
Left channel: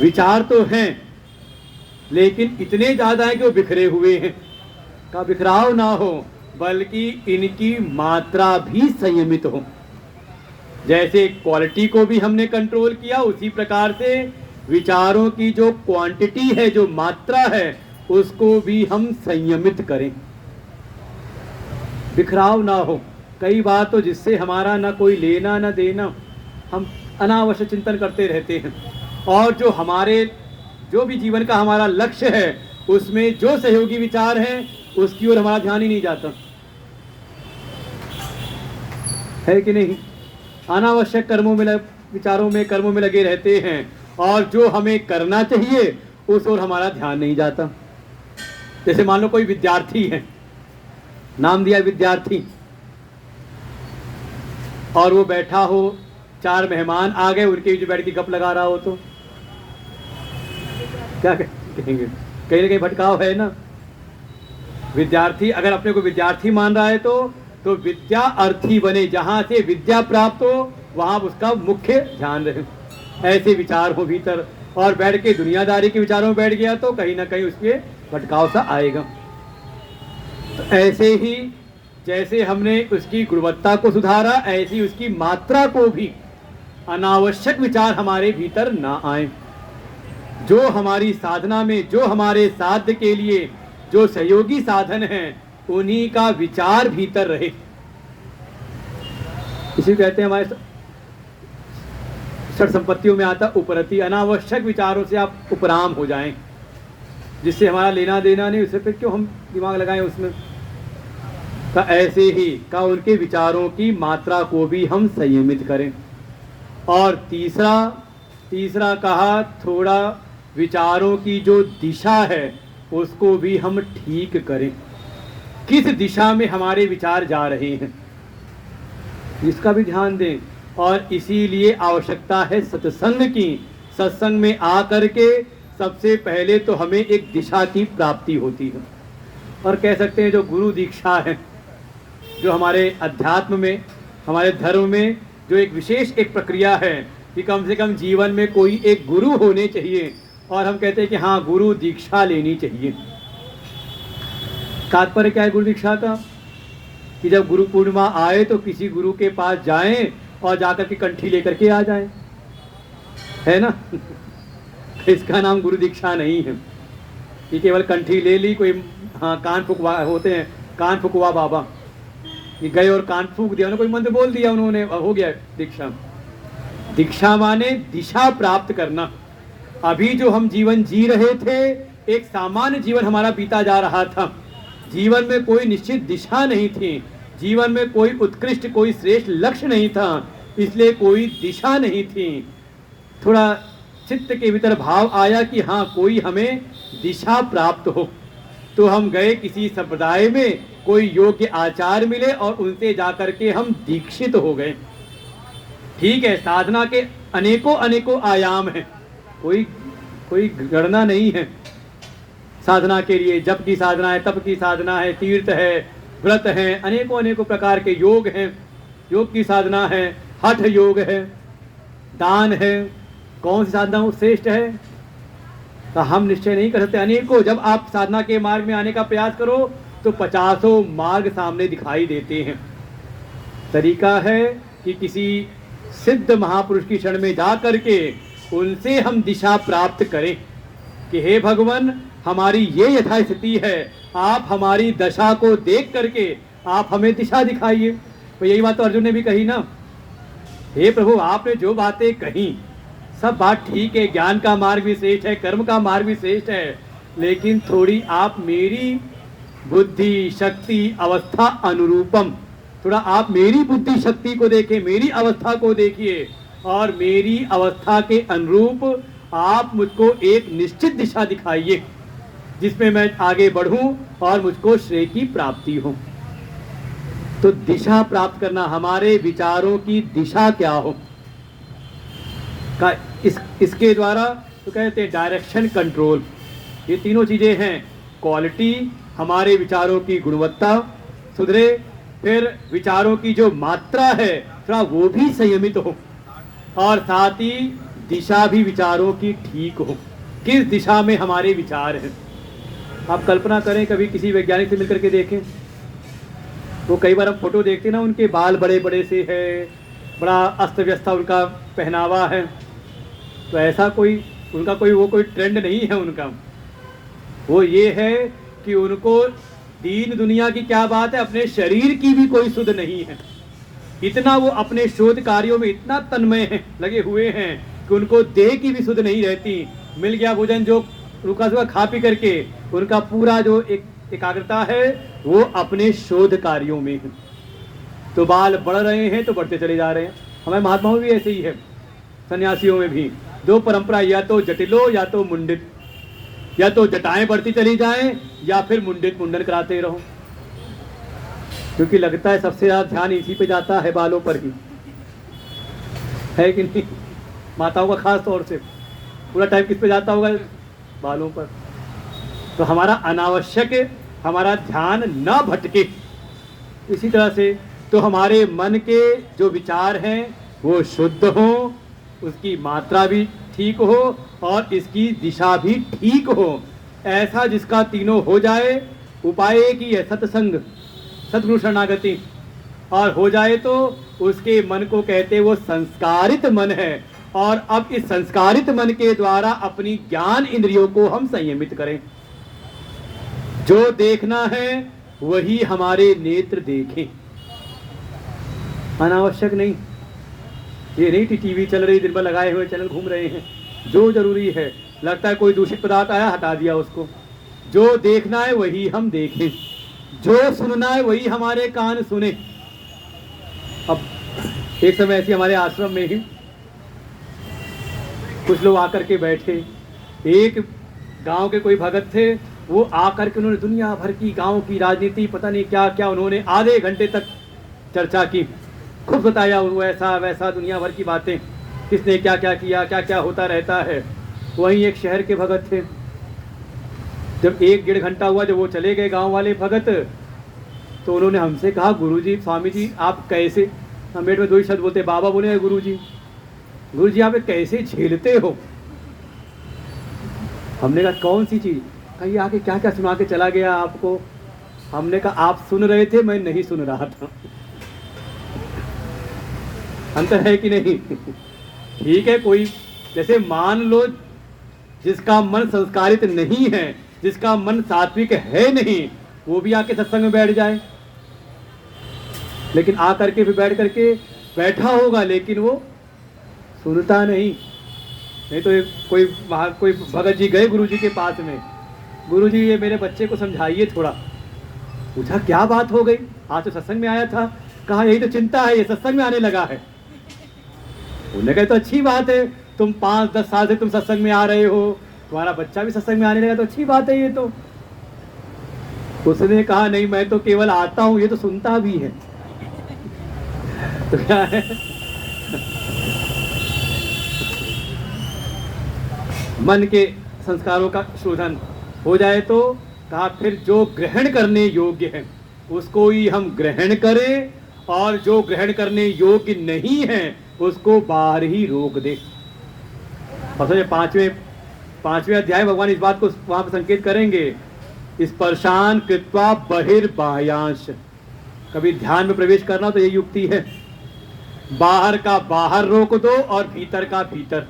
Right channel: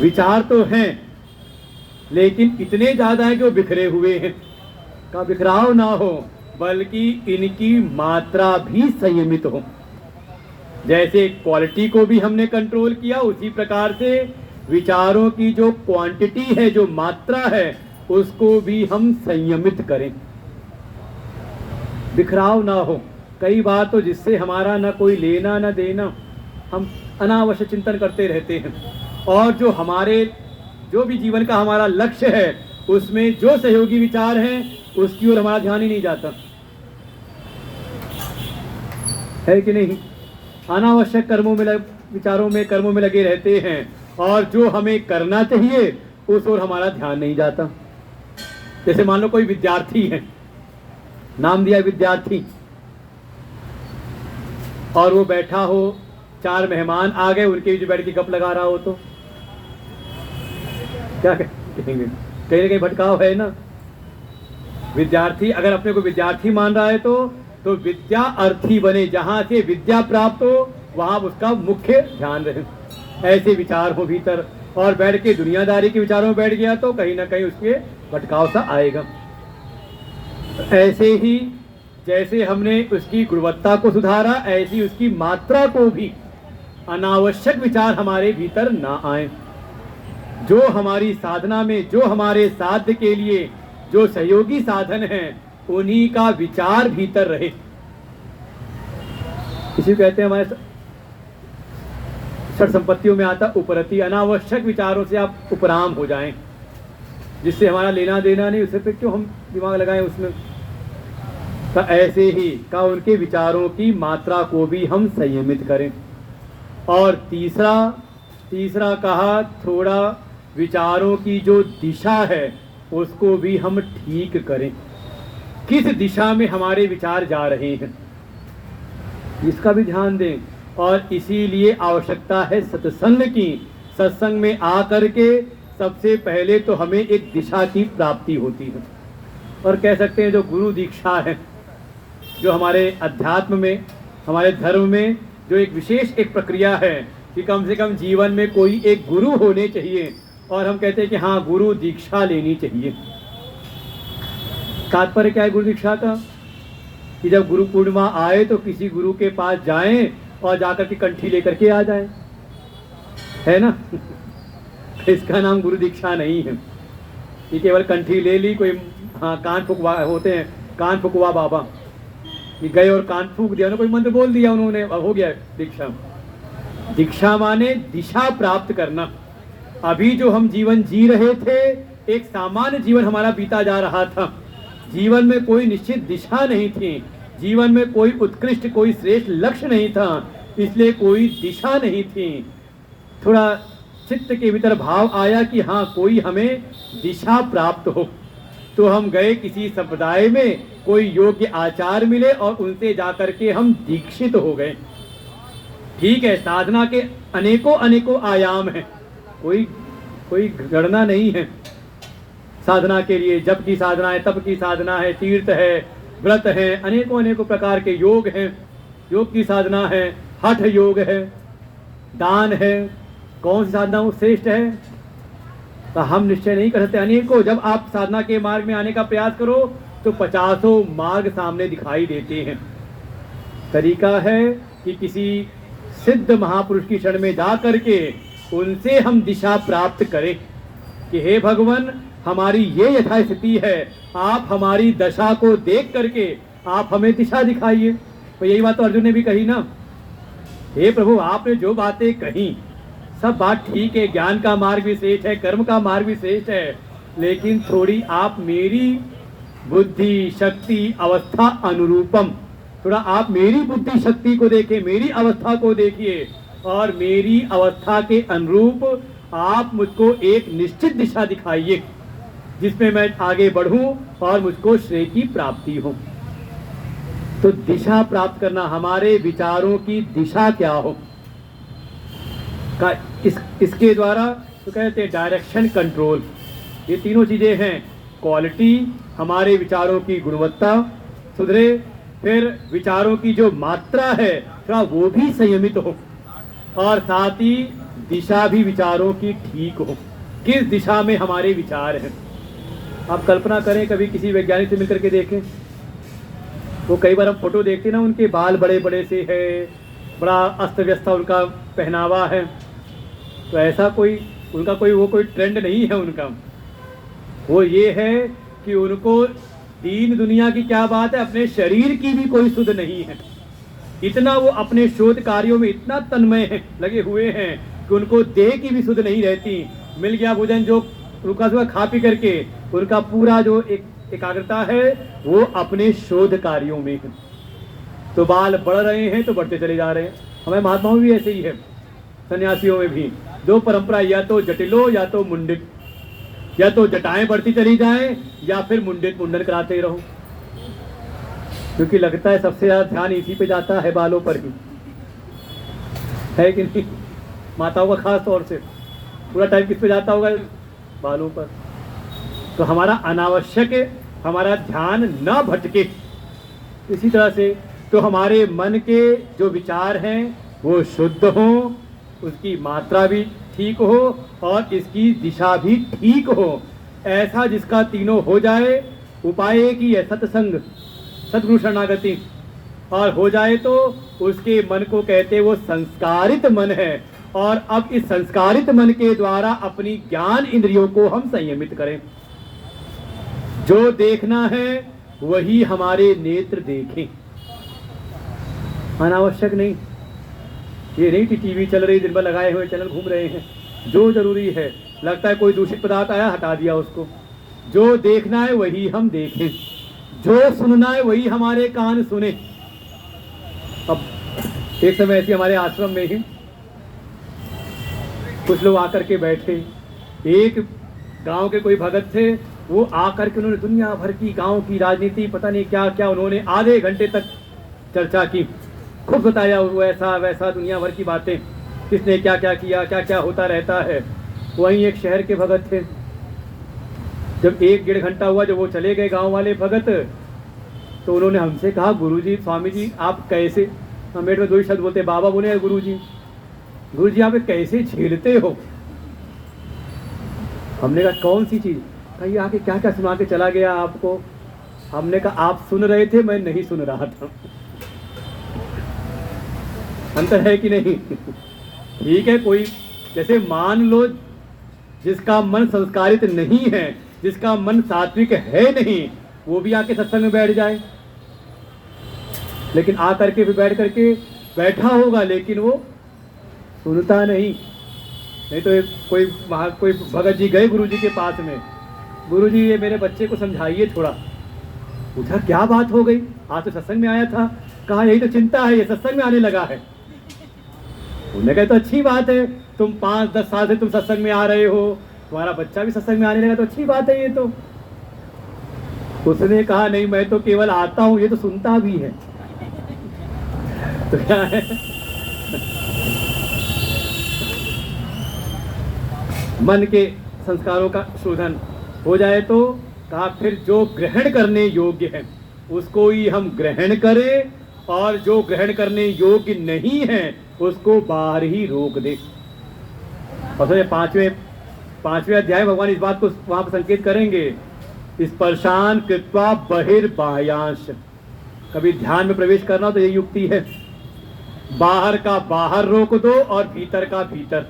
विचार तो हैं लेकिन इतने ज्यादा है कि वो बिखरे हुए हैं, का बिखराव ना हो बल्कि इनकी मात्रा भी संयमित हो। जैसे क्वालिटी को भी हमने कंट्रोल किया, उसी प्रकार से विचारों की जो क्वांटिटी है, जो मात्रा है, उसको भी हम संयमित करें, बिखराव ना हो। कई बार तो जिससे हमारा ना कोई लेना ना देना, हम अनावश्यक चिंतन करते रहते हैं, और जो भी जीवन का हमारा लक्ष्य है उसमें जो सहयोगी विचार हैं उसकी ओर हमारा ध्यान ही नहीं जाता है कि नहीं। अनावश्यक कर्मों में लगे रहते हैं, और जो हमें करना चाहिए उस ओर हमारा ध्यान नहीं जाता। जैसे मान लो कोई विद्यार्थी है, नाम दिया विद्यार्थी, और वो बैठा हो, 4 मेहमान आ गए, उनके बीच बैठ के गप लगा रहा हो, तो क्या कहेंगे? कहीं ना कहीं भटकाव है ना। विद्यार्थी अगर अपने को विद्यार्थी मान रहा है तो विद्या अर्थी बने, जहां से विद्या प्राप्त हो वहां उसका मुख्य ध्यान रहे, ऐसे विचार हो भीतर। और बैठ के दुनियादारी के विचारों में बैठ गया तो कहीं ना कहीं उसके भटकाव सा आएगा। तो ऐसे ही जैसे हमने उसकी गुणवत्ता को सुधारा, ऐसी उसकी मात्रा को भी, अनावश्यक विचार हमारे भीतर ना आए। जो हमारी साधना में, जो हमारे साध्य के लिए जो सहयोगी साधन हैं, उन्हीं का विचार भीतर रहे। इसी कहते हैं हमारे षट संपत्तियों में आता उपरति, अनावश्यक विचारों से आप उपराम हो जाएं, जिससे हमारा लेना देना नहीं, उससे फिर क्यों हम दिमाग लगाएं उसमें। तो ऐसे ही का उनके विचारों की मात्रा को भी हम संयमित करें। और तीसरा कहा, थोड़ा विचारों की जो दिशा है उसको भी हम ठीक करें, किस दिशा में हमारे विचार जा रहे हैं इसका भी ध्यान दें। और इसीलिए आवश्यकता है सत्संग की। सत्संग में आ करके सबसे पहले तो हमें एक दिशा की प्राप्ति होती है, और कह सकते हैं जो गुरु दीक्षा है, जो हमारे अध्यात्म में, हमारे धर्म में जो एक विशेष एक प्रक्रिया है कि कम से कम जीवन में कोई एक गुरु होने चाहिए, और हम कहते हैं कि हाँ गुरु दीक्षा लेनी चाहिए। तात्पर्य क्या है गुरु दीक्षा का? कि जब गुरु पूर्णिमा आए तो किसी गुरु के पास जाएं और जाकर के कंठी लेकर के आ जाएं, है ना। इसका नाम गुरु दीक्षा नहीं है कि केवल कंठी ले ली, कोई हाँ कान फुकवा होते हैं, कान फुकवा बाबा, कि गए और कान फूक दिया, कोई मंत्र बोल दिया उन्होंने और हो गया दीक्षा। दीक्षा माने दिशा प्राप्त करना। अभी जो हम जीवन जी रहे थे, एक सामान्य जीवन हमारा बीता जा रहा था, जीवन में कोई निश्चित दिशा नहीं थी, जीवन में कोई उत्कृष्ट, कोई श्रेष्ठ लक्ष्य नहीं था, इसलिए कोई दिशा नहीं थी। थोड़ा चित्त के भीतर भाव आया कि हाँ कोई हमें दिशा प्राप्त हो, तो हम गए किसी संप्रदाय में, कोई योग्य आचार्य मिले और उनसे जाकर के हम दीक्षित हो गए। ठीक है, साधना के अनेकों आयाम हैं, कोई गणना नहीं है साधना के लिए। जप की साधना है, तप की साधना है, तीर्थ है, व्रत है, अनेकों प्रकार के योग हैं, योग की साधना है, हठ योग है, दान है, कौन सी साधना श्रेष्ठ है तो हम निश्चय नहीं कर सकते। अनेकों, जब आप साधना के मार्ग में आने का प्रयास करो तो 50 मार्ग सामने दिखाई देते हैं। तरीका है कि किसी सिद्ध महापुरुष की शरण में जा करके उनसे हम दिशा प्राप्त करें कि हे भगवान, हमारी ये यथास्थिति है, आप हमारी दशा को देख करके आप हमें दिशा दिखाइए। तो यही बात तो अर्जुन ने भी कही ना हे प्रभु, आपने जो बातें कही सब बात ठीक है, ज्ञान का मार्ग भी श्रेष्ठ है, कर्म का मार्ग भी श्रेष्ठ है, लेकिन थोड़ी आप मेरी बुद्धि शक्ति अवस्था अनुरूपम, थोड़ा आप मेरी बुद्धि शक्ति को देखिए, मेरी अवस्था को देखिए, और मेरी अवस्था के अनुरूप आप मुझको एक निश्चित दिशा दिखाइए जिसमें मैं आगे बढ़ूं और मुझको श्रेय की प्राप्ति हो। तो दिशा प्राप्त करना, हमारे विचारों की दिशा क्या हो का इसके द्वारा तो कहते हैं डायरेक्शन कंट्रोल। ये तीनों चीजें हैं, क्वालिटी, हमारे विचारों की गुणवत्ता सुधरे, फिर विचारों की जो मात्रा है थोड़ा वो भी संयमित हो, और साथ ही दिशा भी विचारों की ठीक हो, किस दिशा में हमारे विचार हैं। आप कल्पना करें, कभी किसी वैज्ञानिक से मिलकर के देखें, वो कई बार हम फोटो देखते ना, उनके बाल बड़े बड़े से है, बड़ा अस्त व्यस्त उनका पहनावा है, तो ऐसा कोई उनका कोई ट्रेंड नहीं है उनका। वो ये है कि उनको दीन दुनिया की क्या बात है, अपने शरीर की भी कोई सुध नहीं है। इतना वो अपने शोध कार्यों में इतना तन्मय है, लगे हुए हैं कि उनको देह की भी सुध नहीं रहती। मिल गया भोजन जो रुका सुखा खा पी करके, उनका पूरा जो एकाग्रता है वो अपने शोध कार्यों में है। तो बाल बढ़ रहे हैं तो बढ़ते चले जा रहे हैं। हमारे महात्माओं में भी ऐसे ही है, सन्यासियों में भी दो परंपरा, या तो जटिलो या तो मुंडित, या तो जटाएं बढ़ती चली जाएं या फिर मुंडित मुंडन कराते रहो, क्योंकि लगता है सबसे ज्यादा ध्यान इसी पे जाता है, बालों पर ही, है कि नहीं? माताओं का खास तौर से पूरा टाइम किस पे जाता होगा? बालों पर। तो हमारा अनावश्यक हमारा ध्यान न भटके। इसी तरह से तो हमारे मन के जो विचार हैं वो शुद्ध हों, उसकी मात्रा भी ठीक हो और इसकी दिशा भी ठीक हो। ऐसा जिसका तीनों हो जाए, उपाय एक ही है, सत्संग, सद्गुरु शरणागति, और हो जाए तो उसके मन को कहते वो संस्कारित मन है। और अब इस संस्कारित मन के द्वारा अपनी ज्ञान इंद्रियों को हम संयमित करें। जो देखना है वही हमारे नेत्र देखें, अनावश्यक नहीं। ये नहीं कि टीवी चल रही, दिन भर लगाए हुए चैनल घूम रहे हैं। जो जरूरी है, लगता है कोई दूषित पदार्थ आया, हटा दिया उसको। जो देखना है वही हम देखें, जो सुनना है वही हमारे कान सुने। अब एक समय ऐसी हमारे आश्रम में ही कुछ लोग आकर के बैठे, एक गांव के कोई भगत थे, वो आकर के उन्होंने दुनिया भर की गांव की राजनीति, पता नहीं क्या क्या, उन्होंने आधे घंटे तक चर्चा की, खूब बताया वैसा वैसा दुनिया भर की बातें, किसने क्या क्या किया, क्या क्या होता रहता है। वहीं एक शहर के भगत थे, जब 1-1.5 घंटा हुआ, जब वो चले गए गांव वाले भगत, तो उन्होंने हमसे कहा, गुरुजी, स्वामी जी आप कैसे, हम बेट में 2 ही शब्द बोलते, बाबा बोले, गुरुजी आप कैसे झेलते हो? हमने कहा कौन सी चीज? कहीं आके क्या क्या सुना के चला गया आपको? हमने कहा आप सुन रहे थे, मैं नहीं सुन रहा था। अंतर है कि नहीं? ठीक है, कोई जैसे मान लो जिसका मन संस्कारित नहीं है, जिसका मन सात्विक है नहीं, वो भी आके सत्संग में बैठ जाए, लेकिन आकर के भी बैठा होगा, लेकिन वो सुनता नहीं तो कोई भगत जी गए गुरुजी के पास में, गुरुजी ये मेरे बच्चे को समझाइए थोड़ा। पूछा क्या बात हो गई? आज तो सत्संग में आया था। कहा यही तो चिंता है, ये सत्संग में आने लगा है। उन्होंने कहा तो अच्छी बात है, तुम 5-10 साल से तुम सत्संग में आ रहे हो, तुम्हारा बच्चा भी सत्संग में आने लगा, तो अच्छी बात है ये तो। उसने कहा नहीं, मैं तो केवल आता हूं, ये तो सुनता भी है। तो क्या है, मन के संस्कारों का शोधन हो जाए तो कहा फिर जो ग्रहण करने योग्य है उसको ही हम ग्रहण करें, और जो ग्रहण करने योग्य नहीं है उसको बाहर ही रोक दे। और 5वें अध्याय भगवान इस बात को वहां पर संकेत करेंगे, स्पर्शान कृत्वा बहिर्बाह्यांश। कभी ध्यान में प्रवेश करना तो ये युक्ति है, बाहर का बाहर रोक दो और भीतर का भीतर।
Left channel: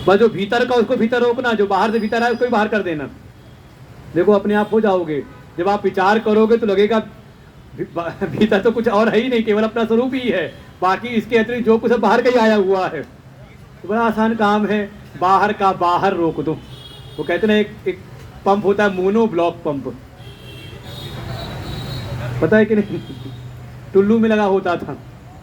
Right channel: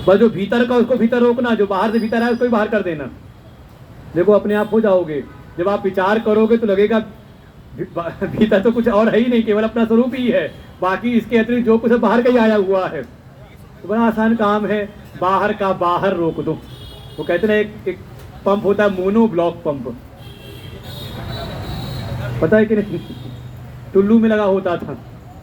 बस जो भीतर का उसको भीतर रोकना, जो बाहर से भीतर आए उसको भी बाहर कर देना। देखो अपने आप हो जाओगे। जब आप विचार करोगे तो लगेगा भीतर तो कुछ और है ही नहीं, केवल अपना स्वरूप ही है। बाकी इसके अतिरिक्त जो कुछ है बाहर का ही आया हुआ है। तो बड़ा आसान काम है, बाहर का बाहर रोक दो। वो कहते ना एक पंप होता है मोनो ब्लॉक पंप, पता है कि नहीं? टुल्लू में लगा होता था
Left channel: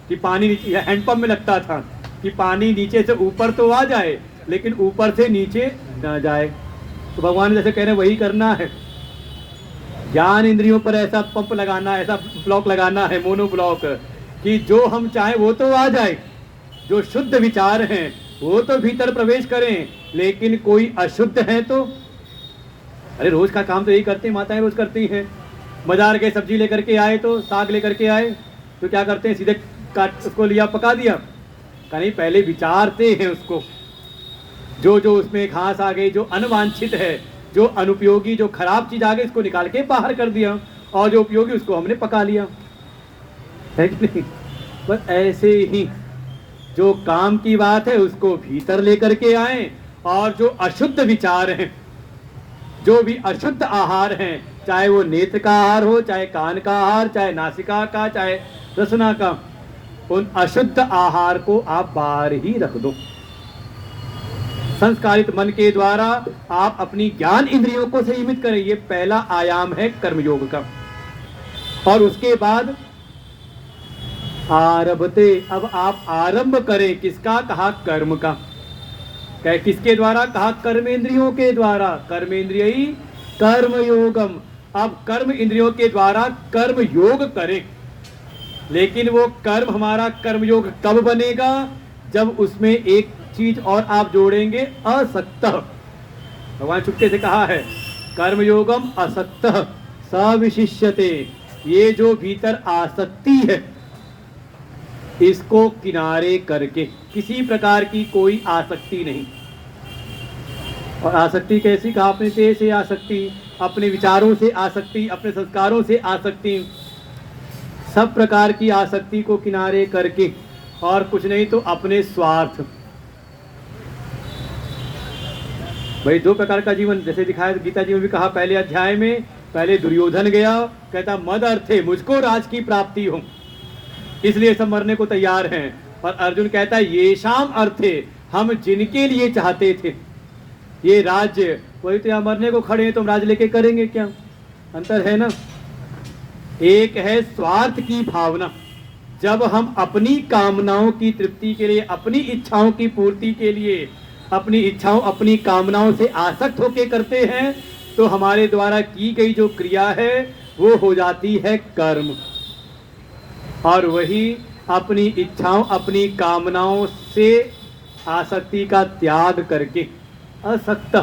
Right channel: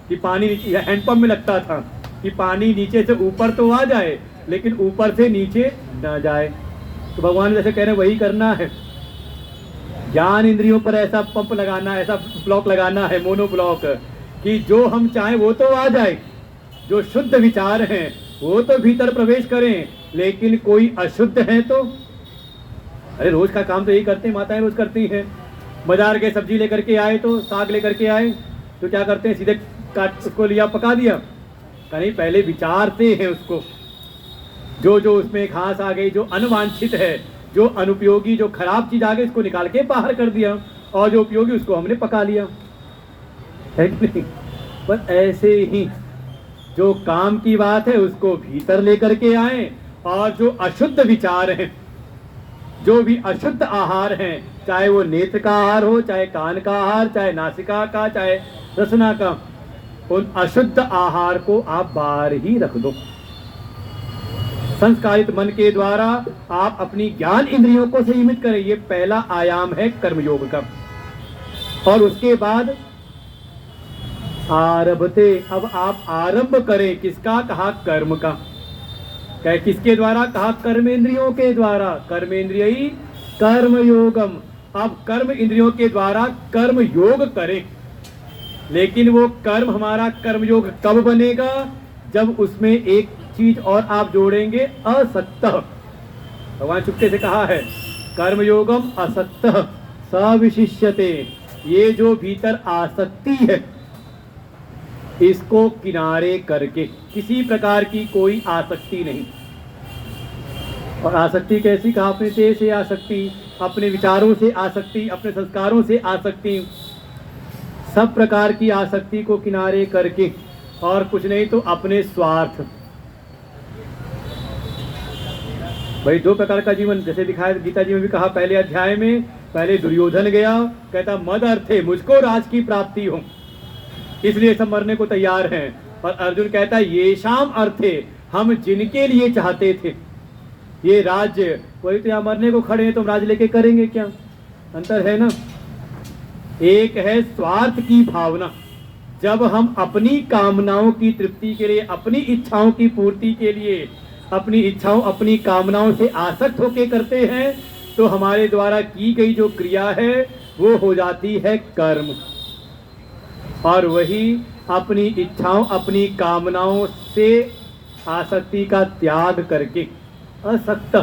कि पानी नीचे, या हैंडपंप में लगता था कि पानी नीचे से ऊपर तो आ जाए लेकिन ऊपर से नीचे ना जाए। तो भगवान जैसे कह रहे हैं वही करना है, ज्ञान इंद्रियों पर ऐसा पंप लगाना है, ऐसा ब्लॉक लगाना है, मोनो ब्लॉक, कि जो हम चाहें वो तो आ जाए, जो शुद्ध विचार हैं वो तो भीतर प्रवेश करें, लेकिन कोई अशुद्ध है तो, अरे रोज का काम तो यही करते हैं, माताएं रोज करती हैं। बाजार के सब्जी लेकर के आए तो साग लेकर के आए तो क्या करते हैं, सीधे काट उसको लिया पका दिया, कहीं पहले विचारते हैं उसको, जो जो उसमें घास आ गई, जो अनवांछित है, जो अनुपयोगी, जो खराब चीज आ गई, इसको निकाल के बाहर कर दिया, और जो उपयोगी उसको हमने पका लिया, है कि नहीं? पर ऐसे ही जो काम की बात है उसको भीतर लेकर के आए, और जो अशुद्ध विचार हैं, जो भी अशुद्ध आहार हैं, चाहे वो नेत्र का आहार हो, चाहे कान का आहार, चाहे नासिका का, चाहे रसना का, उन अशुद्ध आहार को आप बाहर ही रख दो। संस्कारित मन के द्वारा आप अपनी ज्ञान इंद्रियों को संयमित करें, ये पहला आयाम है कर्मयोग का। और उसके बाद आरभते, अब आप आरंभ करें, किसका? कहा कर्म का। कहे किसके द्वारा? कहा कर्मेंद्रियों के द्वारा। कर्मेंद्रिय कर्म योगम, अब कर्म इंद्रियों के द्वारा कर्म योग करें। लेकिन वो कर्म, हमारा कर्मयोग कब बनेगा? जब उसमें एक चीज और आप जोड़ेंगे, असक्त। भगवान चुपके से कहा है कर्मयोगम असक्त सविशिष्यते, ये जो भीतर आसक्ति है इसको किनारे करके, किसी प्रकार की कोई आसक्ति नहीं। और आसक्ति कैसी? कहा अपने देह से आसक्ति, अपने विचारों से आसक्ति, अपने संस्कारों से आसक्ति, सब प्रकार की आसक्ति को किनारे करके, और कुछ नहीं तो अपने स्वार्थ। भाई दो प्रकार का जीवन जैसे दिखाया गीता जी में भी कहा, पहले अध्याय में, पहले दुर्योधन गया, कहता मद अर्थे, मुझको राज की प्राप्ति हो, इसलिए सब मरने को तैयार हैं। और अर्जुन कहता है ये शाम अर्थे, हम जिनके लिए चाहते थे ये राज्य, वही तो यहाँ मरने को खड़े हैं, तुम राज लेके करेंगे क्या? अंतर है ना। एक है स्वार्थ की भावना, जब हम अपनी कामनाओं की तृप्ति के लिए, अपनी इच्छाओं की पूर्ति के लिए, अपनी इच्छाओं, अपनी कामनाओं से आसक्त होके करते हैं, तो हमारे द्वारा की गई जो क्रिया है वो हो जाती है कर्म। और वही अपनी इच्छाओं, अपनी कामनाओं से आसक्ति का त्याग करके, असक्त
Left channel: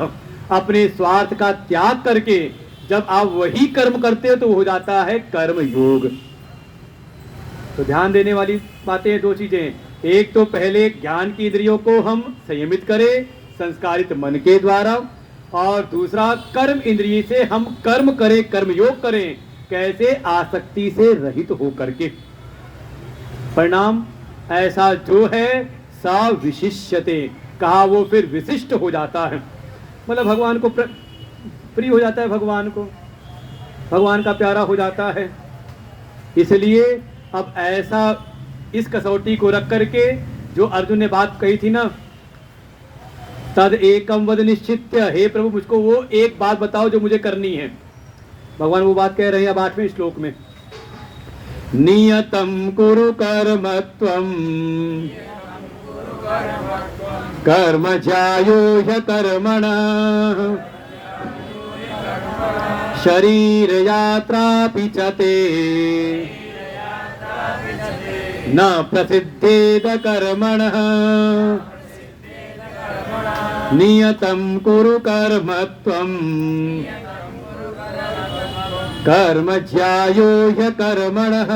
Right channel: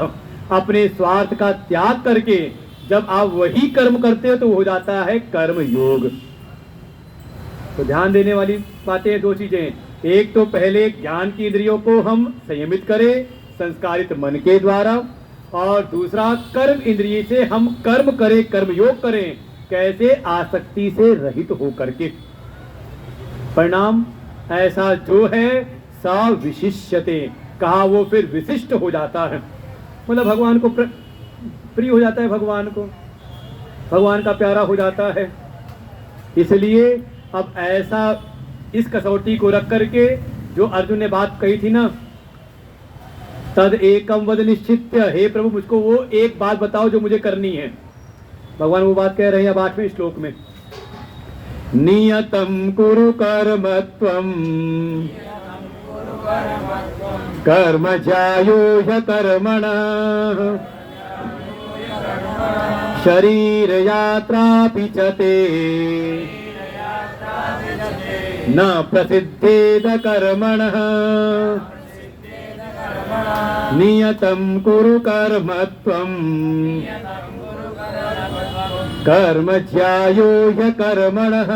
अपने स्वार्थ का त्याग करके जब आप वही कर्म करते हो तो हो जाता है कर्म योग। तो ध्यान देने वाली बातें दो चीजें, एक तो पहले ज्ञान की इंद्रियों को हम संयमित करें संस्कारित मन के द्वारा, और दूसरा कर्म इंद्रिय से हम कर्म करें, कर्म योग करें, कैसे? आसक्ति से रहित होकर के। परिणाम ऐसा जो है सा विशिष्यते, कहा वो फिर विशिष्ट हो जाता है, मतलब भगवान को प्रिय हो जाता है, भगवान को, भगवान का प्यारा हो जाता है। इसलिए अब ऐसा इस कसौटी को रख करके जो अर्जुन ने बात कही थी ना, तद एकम वद निश्चित्य, हे प्रभु मुझको वो एक बात बताओ जो मुझे करनी है। भगवान वो बात कह रहे हैं अब 8वें श्लोक में, नियतम कुरु कर्म त्वम कर्म ज्यायो ह्यकर्मणः शरीर यात्रापि च ते न प्रसिद्धेद कर्मणः नियतं कुरु कर्म त्वं कर्म ज्यायो ह्यकर्मणः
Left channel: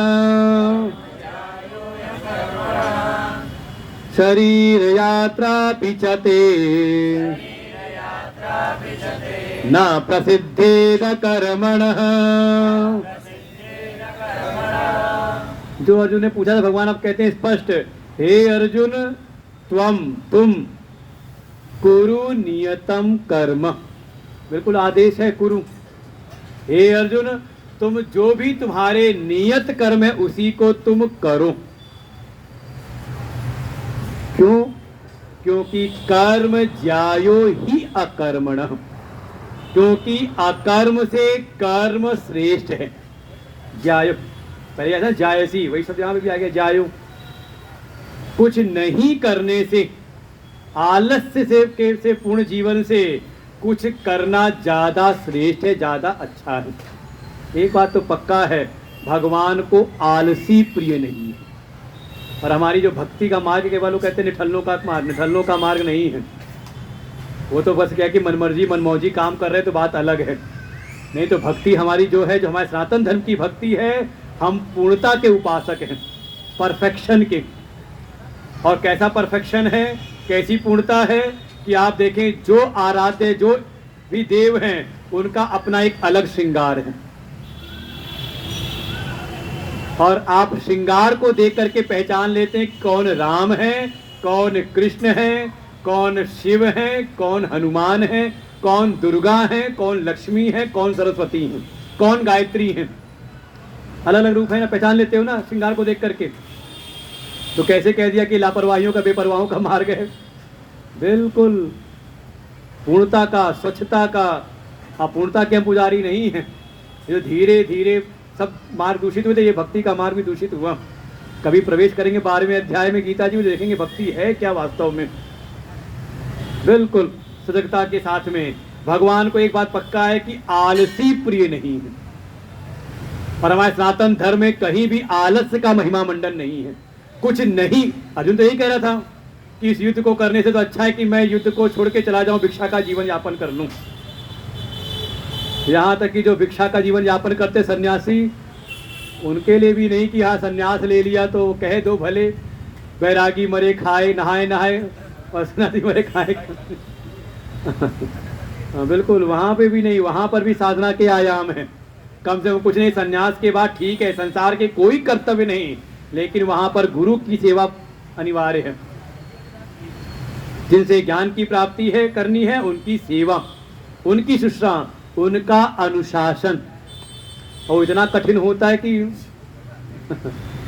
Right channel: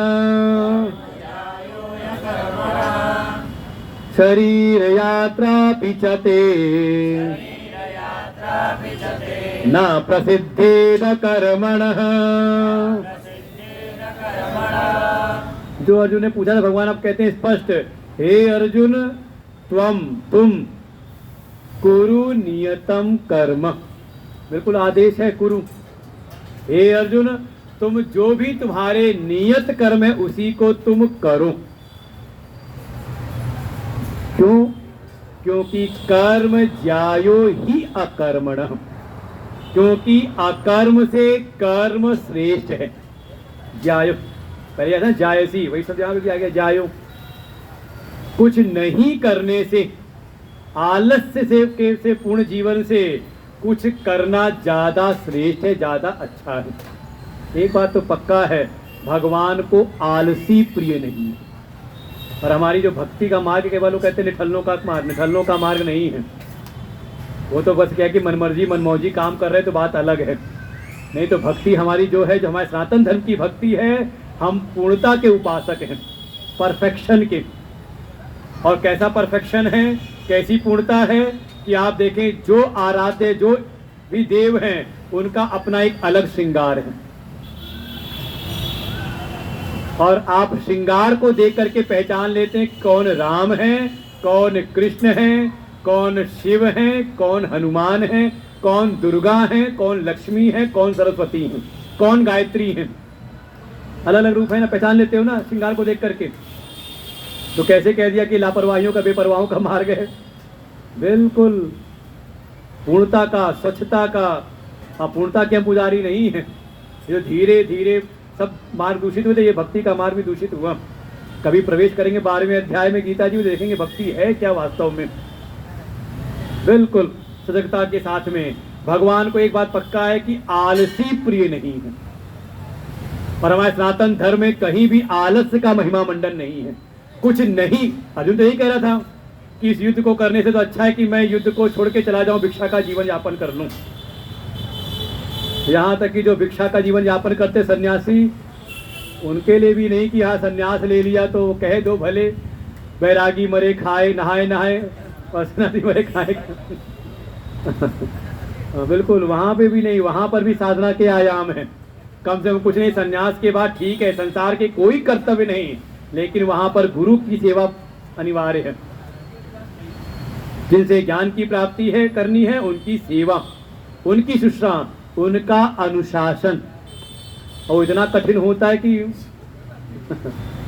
शरीर यात्रापि च ते न प्रसिद्धेद कर्मणः। जो अर्जुन ने पूछा था, भगवान अब कहते हैं स्पष्ट, हे अर्जुन तुम कुरु नियतम कर्म, बिल्कुल आदेश है कुरु। हे अर्जुन तुम जो भी तुम्हारे नियत कर्म है उसी को तुम करो। क्यों? क्योंकि कर्म ज्यायो ही अकर्मण, क्योंकि अकर्म से कर्म श्रेष्ठ है। ज्यायो, पहले ऐसा जायसी, वही सब यहां पे भी आ गया जायो। कुछ नहीं करने से, आलस्य से पूर्ण जीवन से कुछ करना ज्यादा श्रेष्ठ है, ज्यादा अच्छा है। एक बात तो पक्का है, भगवान को आलसी प्रिय नहीं है। और हमारी जो भक्ति का मार्ग केवल वो कहते हैं निठल्लों का मार्ग नहीं है। वो तो बस क्या कि मनमर्जी मनमौजी काम कर रहे तो बात अलग है। नहीं तो भक्ति हमारी जो है, जो हमारे सनातन धर्म की भक्ति है, हम पूर्णता के उपासक हैं, परफेक्शन के। और कैसा परफेक्शन है, कैसी पूर्णता है कि आप देखें जो आराध्य जो भी देव हैं उनका अपना एक अलग श्रृंगार है। और आप श्रृंगार को देख करके पहचान लेते हैं कौन राम है, कौन कृष्ण है, कौन शिव है, कौन हनुमान है, कौन दुर्गा है, कौन लक्ष्मी है, कौन सरस्वती है, कौन गायत्री है। अलग अलग रूप है ना, पहचान लेते हो ना श्रृंगार को देख करके। तो कैसे कह दिया कि लापरवाहियों का बेपरवाहों का मार्ग है? बिल्कुल पूर्णता का, स्वच्छता का। अपूर्णता के हम पुजारी नहीं है। जो धीरे धीरे सब मार्ग दूषित हुए थे, ये भक्ति का मार्ग भी दूषित हुआ। कभी प्रवेश करेंगे 12वें अध्याय में गीता जी में, देखेंगे भक्ति है क्या वास्तव में। बिल्कुल सजगता के साथ में। भगवान को एक बात पक्का है कि आलसी प्रिय नहीं है। और हमारे सनातन धर्म में कहीं भी आलस्य का महिमा मंडन नहीं है। कुछ नहीं, अर्जुन तो यही कह रहा था कि इस युद्ध को करने से तो अच्छा है कि मैं युद्ध को छोड़ के चला जाऊं, भिक्षा का जीवन यापन कर लूं। यहाँ तक कि जो भिक्षा का जीवन यापन करते सन्यासी, उनके लिए भी नहीं कि हाँ सन्यास ले लिया तो वो कहे दो भले, बैरागी मरे खाए नहाए नहाए और सन्यासी मरे खाए। बिल्कुल वहाँ पे भी नहीं, वहाँ पर भी साधना के आयाम है। कम से कम कुछ नहीं, सन्यास के बाद ठीक है संसार के कोई कर्तव्य नहीं, लेकिन वहाँ पर गुरु की सेवा अनिवार्य है। जिनसे ज्ञान की प्राप्ति है करनी है, उनकी सेवा, उनकी शुश्रा, उनका अनुशासन। और इतना कठिन होता है कि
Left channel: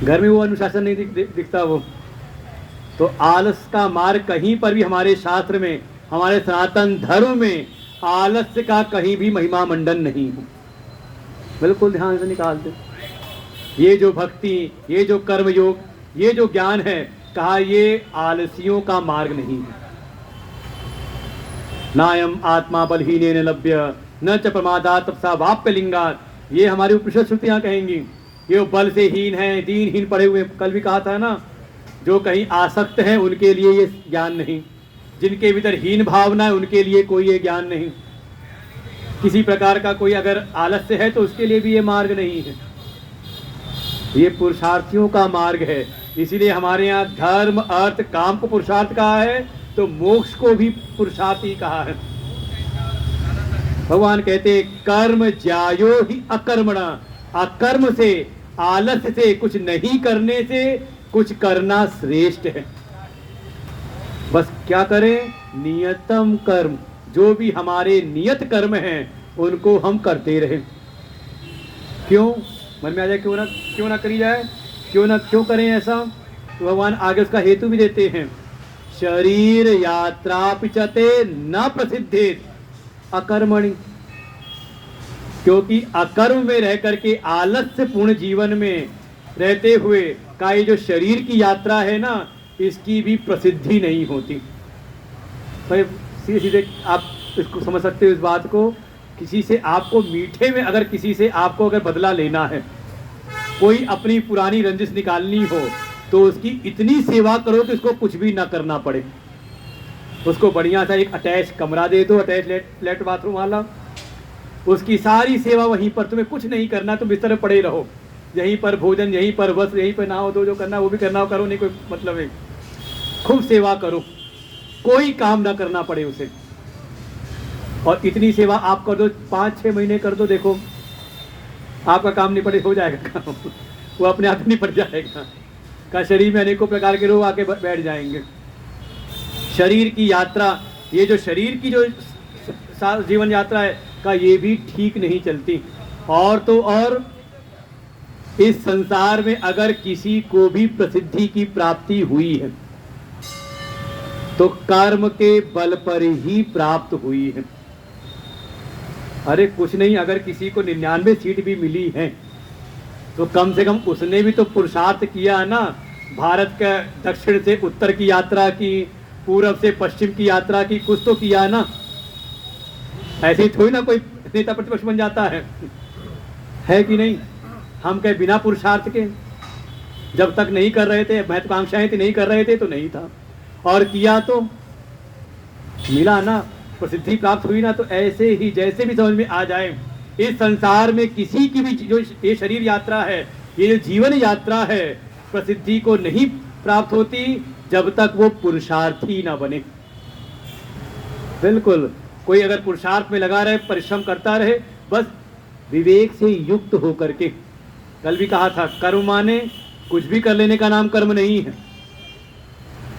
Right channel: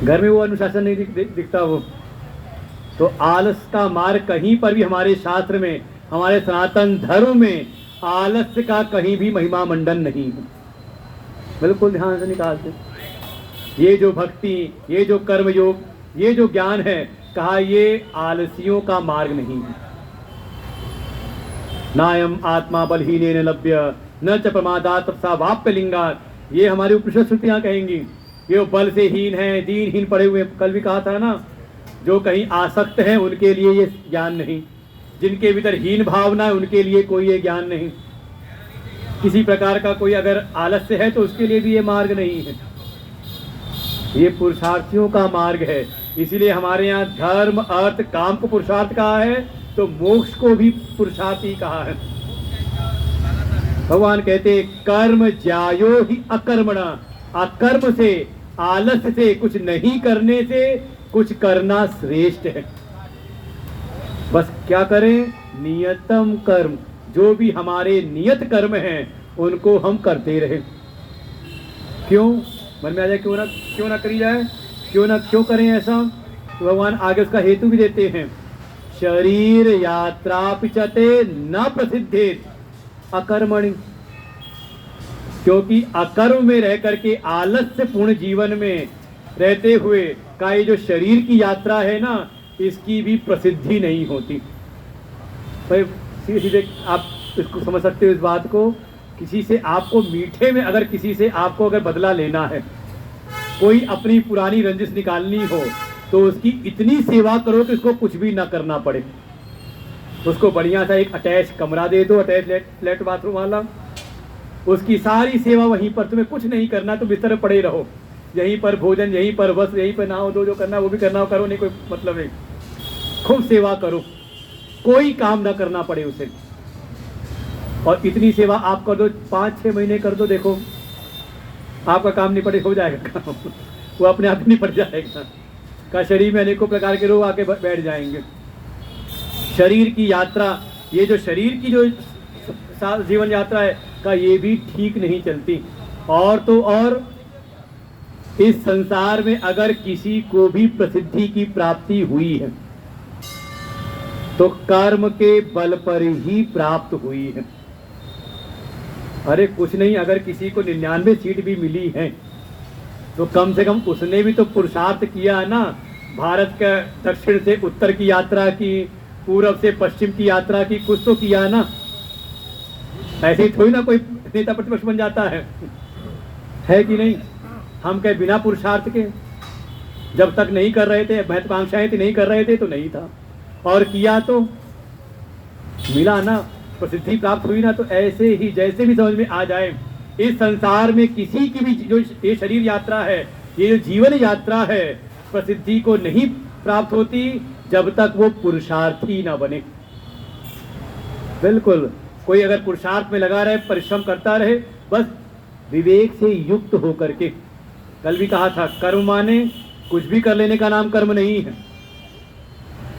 घर में वो अनुशासन नहीं दिखता वो। तो आलस का मार्ग कहीं पर भी हमारे शास्त्र में, हमारे सनातन धर्म में आलस्य का कहीं भी महिमा मंडन नहीं है। बिल्कुल ध्यान से निकालते। ये जो भक्ति, ये जो कर्म योग, ये जो ज्ञान है, कहा ये आलसियों का मार्ग नहीं है। नायम आत्मा बलहीनेन लभ्य न च प्रमादात् तपसा वाप्य लिंगात्। ये हमारी उपनिषद श्रुतियां कहेंगी। ये बल से हीन है, दीनहीन पड़े हुए, कल भी कहा था ना, जो कहीं आसक्त हैं उनके लिए ये ज्ञान नहीं। जिनके भीतर हीन भावना है उनके लिए कोई ये ज्ञान नहीं। किसी प्रकार का कोई अगर आलस्य है तो उसके लिए भी ये मार्ग नहीं है। ये पुरुषार्थियों का मार्ग है। इसीलिए हमारे यहाँ धर्म अर्थ काम को पुरुषार्थ कहा है, तो मोक्ष को भी पुरुषार्थ ही कहा है। भगवान कहते कर्म ज्यायो ही अकर्मणा। अकर्म से, आलस्य से, कुछ नहीं करने से कुछ करना श्रेष्ठ है। बस क्या करें? नियतम कर्म, जो भी हमारे नियत कर्म हैं उनको हम करते रहें। क्यों? मन में आ जाए क्यों ना करी जाए, क्यों करें ऐसा? तो भगवान आगे उसका हेतु भी देते हैं। शरीर यात्रा पिचते न प्रसिद्धेत अकर्मणि। क्योंकि अकर्म में रह करके आलस्य पूर्ण जीवन में रहते हुए का ये जो शरीर की यात्रा है ना, इसकी भी प्रसिद्धि नहीं होती। तो सीधे सीधे आप इसको समझ सकते हो इस बात को। किसी से आपको मीठे में, अगर किसी से आपको अगर बदला लेना है, कोई अपनी पुरानी रंजिश निकालनी हो, तो उसकी इतनी सेवा करो कि उसको कुछ भी ना करना पड़े। उसको बढ़िया सा एक अटैच कमरा दे दो, अटैच लेट बाथरूम वाला, उसकी सारी सेवा वहीं पर, तुम्हें कुछ नहीं करना, तुम बिस्तर में पड़े रहो, यहीं पर भोजन, यहीं पर बस, यहीं पर नहाओ धो, जो करना वो भी करना, करो नहीं कोई मतलब है। खूब सेवा करो, कोई काम ना करना पड़े उसे। और इतनी सेवा आप कर दो, 5-6 महीने कर दो, देखो आपका काम निपटे हो जाएगा काम। वो अपने आप निपट जाएगा। का शरीर में अनेकों प्रकार के रोग आके बैठ जाएंगे। शरीर की यात्रा, ये जो शरीर की जो जीवन यात्रा है का, ये भी ठीक नहीं चलती। और तो और इस संसार में अगर किसी को भी प्रसिद्धि की प्राप्ति हुई है तो कर्म के बल पर ही प्राप्त हुई है। अरे कुछ नहीं, अगर किसी को 99 सीट भी मिली है तो कम से कम उसने भी तो पुरुषार्थ किया है ना। भारत का दक्षिण से उत्तर की यात्रा की, पूरब से पश्चिम की यात्रा की, कुछ तो किया है ना। ऐसे ही थोड़ी ना कोई नेता प्रतिपक्ष बन जाता है कि नहीं। हम कहे बिना पुरुषार्थ के, जब तक नहीं कर रहे थे, महत्वाकांक्षाएं थी, नहीं कर रहे थे तो नहीं था, और किया तो मिला ना, प्रसिद्धि प्राप्त हुई ना। तो ऐसे ही जैसे भी समझ में आ जाए, इस संसार में किसी की भी जो ये शरीर यात्रा है, ये जो जीवन यात्रा है, प्रसिद्धि को नहीं प्राप्त होती जब तक वो पुरुषार्थी ना बने। बिल्कुल, कोई अगर पुरुषार्थ में लगा रहे, परिश्रम करता रहे, बस विवेक से युक्त होकर के। कल भी कहा था, कर्म माने कुछ भी कर लेने का नाम कर्म नहीं है।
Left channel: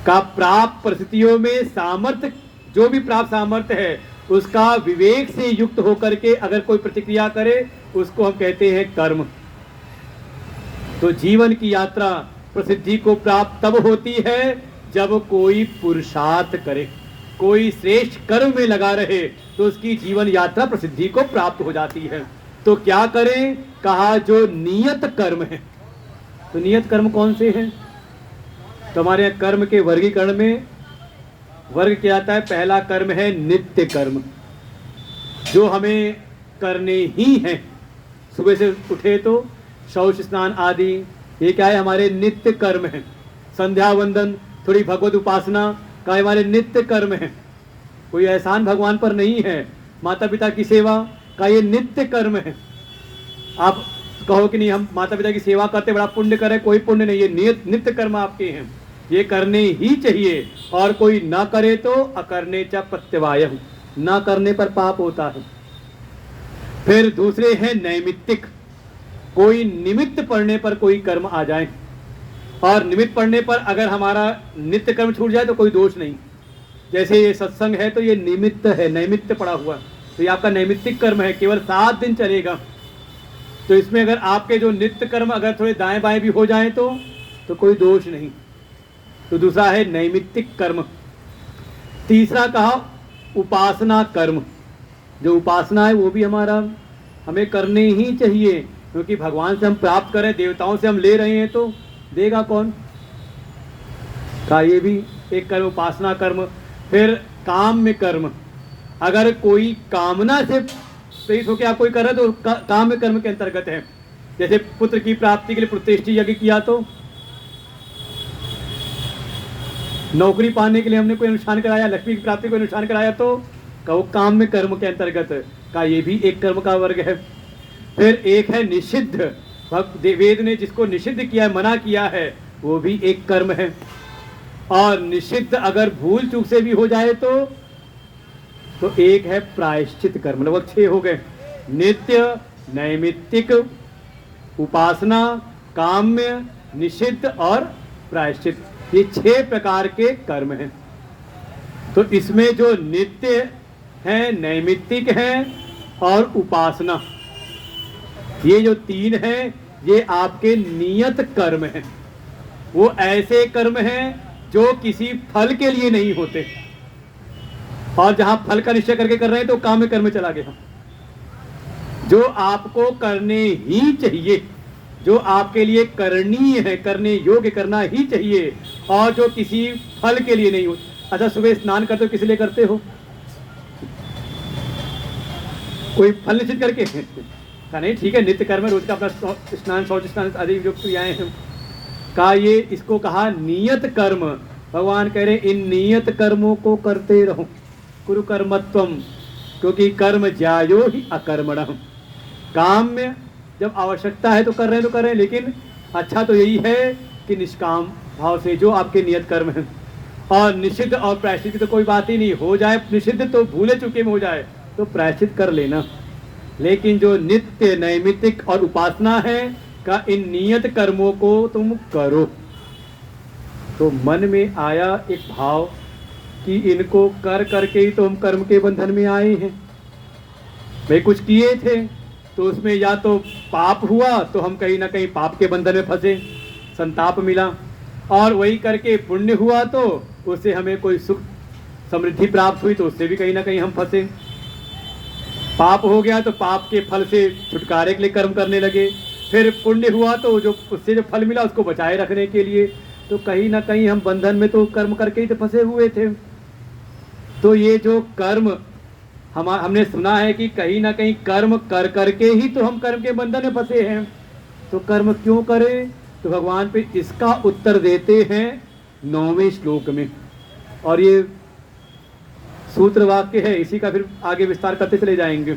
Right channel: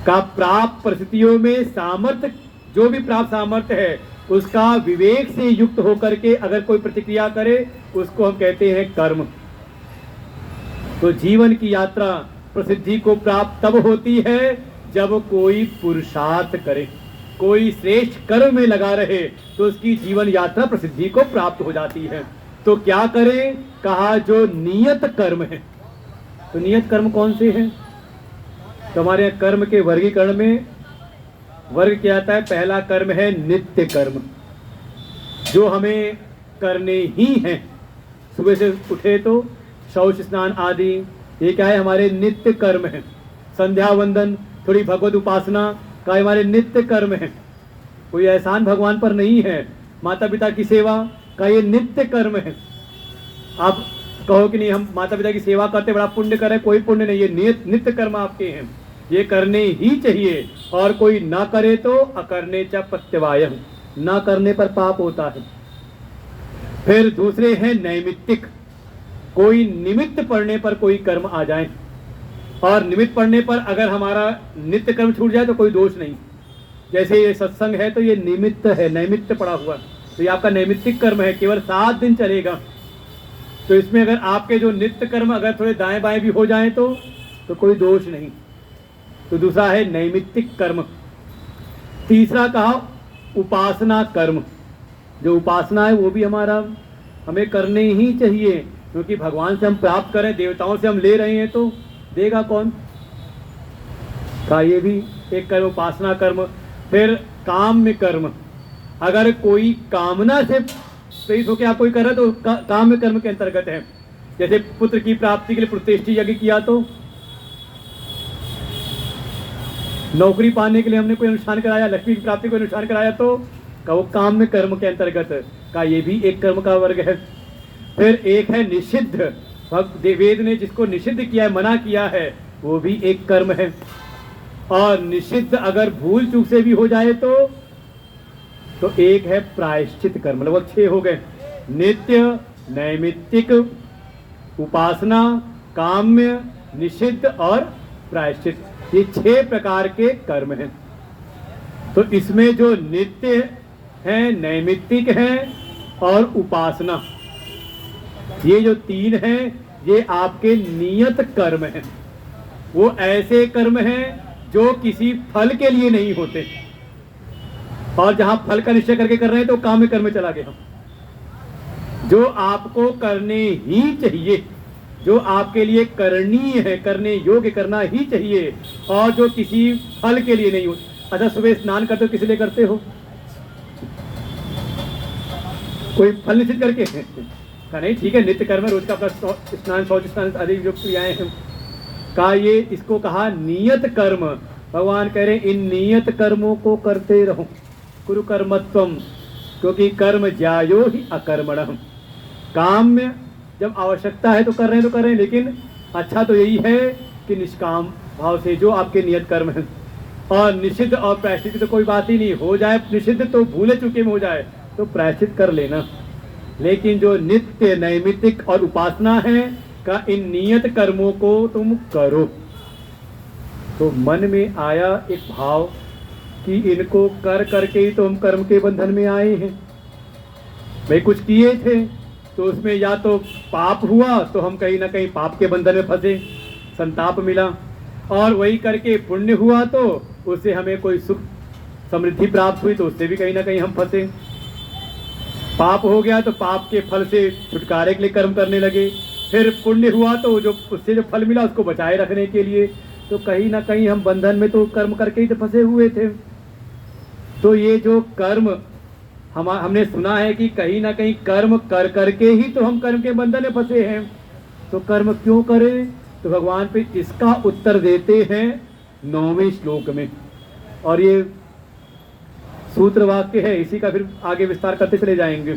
का प्राप्त परिस्थितियों में सामर्थ्य, जो भी प्राप्त सामर्थ्य है, उसका विवेक से युक्त होकर के अगर कोई प्रतिक्रिया करे, उसको हम कहते हैं कर्म। तो जीवन की यात्रा प्रसिद्धि को प्राप्त तब होती है जब कोई पुरुषार्थ करे, कोई श्रेष्ठ कर्म में लगा रहे, तो उसकी जीवन यात्रा प्रसिद्धि को प्राप्त हो जाती है। तो क्या करें? कहा जो नियत कर्म है। तो नियत कर्म कौन से हैं? तो हमारे यहाँ कर्म के वर्गीकरण में वर्ग क्या आता है? पहला कर्म है नित्य कर्म, जो हमें करने ही हैं। सुबह से उठे तो शौच स्नान आदि, ये क्या है? हमारे नित्य कर्म है। संध्या वंदन, थोड़ी भगवत उपासना का हमारे नित्य कर्म है। कोई एहसान भगवान पर नहीं है। माता पिता की सेवा का ये नित्य कर्म है। आप कहो कि नहीं हम माता पिता की सेवा करते बड़ा पुण्य करें, कोई पुण्य नहीं, ये नित्य कर्म आपके हैं, ये करने ही चाहिए। और कोई ना करे तो अकरने च प्रत्यवायः, ना करने पर पाप होता है। फिर दूसरे हैं नैमित्तिक, कोई निमित्त पड़ने पर कोई कर्म आ जाए, और निमित्त पड़ने पर अगर हमारा नित्य कर्म छूट जाए तो कोई दोष नहीं। जैसे ये सत्संग है तो ये निमित्त है, नैमित्त पड़ा हुआ, तो ये आपका नैमित्तिक कर्म है, केवल 7 दिन चलेगा। तो इसमें अगर आपके जो नित्य कर्म अगर थोड़े दाएं बाएं भी हो जाए तो कोई दोष नहीं। तो दूसरा है नैमित्तिक कर्म। तीसरा कहा उपासना कर्म। जो उपासना है वो भी हमें करने ही चाहिए, क्योंकि भगवान से हम प्राप्त करें, देवताओं से हम ले रहे हैं, तो देगा कौन? का ये भी एक कर्म, उपासना कर्म। फिर काम में कर्म, अगर कोई कामना से प्रेरित होकर आप कोई कर रहा है तो काम में कर्म के अंतर्गत है। जैसे पुत्र की प्राप्ति के लिए पुत्रेष्टि यज्ञ किया, तो नौकरी पाने के लिए हमने कोई अनुष्ठान कराया, लक्ष्मी की प्राप्ति को अनुष्ठान कराया, तो वो काम में कर्म के अंतर्गत का ये भी एक कर्म का वर्ग है। फिर एक है निषिद्ध, वेद ने जिसको निषिद्ध किया है, मना किया है, वो भी एक कर्म है। और निषिद्ध अगर भूल चूक से भी हो जाए तो एक है प्रायश्चित कर्म। लगभग 6 हो गए, नित्य, नैमित्तिक, उपासना, काम्य, निषिद्ध और प्रायश्चित। ये 6 प्रकार के कर्म हैं। तो इसमें जो नित्य है, नैमित्तिक है और उपासना, ये जो 3 हैं, ये आपके नियत कर्म हैं। वो ऐसे कर्म हैं जो किसी फल के लिए नहीं होते, और जहां फल का निश्चय करके कर रहे हैं तो काम में कर्म में चला गया। जो आपको करने ही चाहिए, जो आपके लिए करणीय है, करने योग्य करना ही चाहिए, और जो किसी फल के लिए नहीं हो। अच्छा, सुबह स्नान करते हो किस लिए करते हो? कोई फल निश्चित करके? कहा नहीं, ठीक है, नित्य कर्म, रोज का अपना स्नान, शौच स्नान आदि जो क्रियाएं हैं। कहा ये, इसको कहा नियत कर्म। भगवान कह रहे इन नियत कर्मों को करते रहो, कुरु कर्मत्वम, क्योंकि कर्म ज्यायो ही अकर्मणः। काम में जब आवश्यकता है तो कर रहे हैं, लेकिन अच्छा तो यही है कि निष्काम भाव से जो आपके नियत कर्म है। और निषिद्ध और प्रायश्चित तो कोई बात ही नहीं, हो जाए निषिद्ध तो भूले चुके में हो जाए तो प्रायश्चित कर लेना। लेकिन जो नित्य, नैमित्तिक और उपासना है, का इन नियत कर्मों को तुम करो। तो मन में आया एक भाव कि इनको कर करके ही तो हम कर्म के बंधन में आए हैं। भाई कुछ किए थे, तो उसमें या तो पाप हुआ तो हम कहीं ना कहीं पाप के बंधन में फंसे, संताप मिला, और वही करके पुण्य हुआ तो उससे हमें कोई सुख समृद्धि प्राप्त हुई तो उससे भी कहीं ना कहीं हम फंसे। पाप हो गया तो पाप के फल से छुटकारे के लिए कर्म करने लगे, फिर पुण्य हुआ तो जो उससे जो फल मिला उसको बचाए रखने के लिए, तो कहीं ना कहीं हम बंधन में तो कर्म करके ही तो फंसे हुए थे। तो ये जो कर्म हमने सुना है कि कहीं ना कहीं कर्म कर करके ही तो हम कर्म के बंधन में फंसे हैं, तो कर्म क्यों करें? तो भगवान पे इसका उत्तर देते हैं 9वें श्लोक में, और ये सूत्र वाक्य है, इसी का फिर आगे विस्तार करते चले जाएंगे।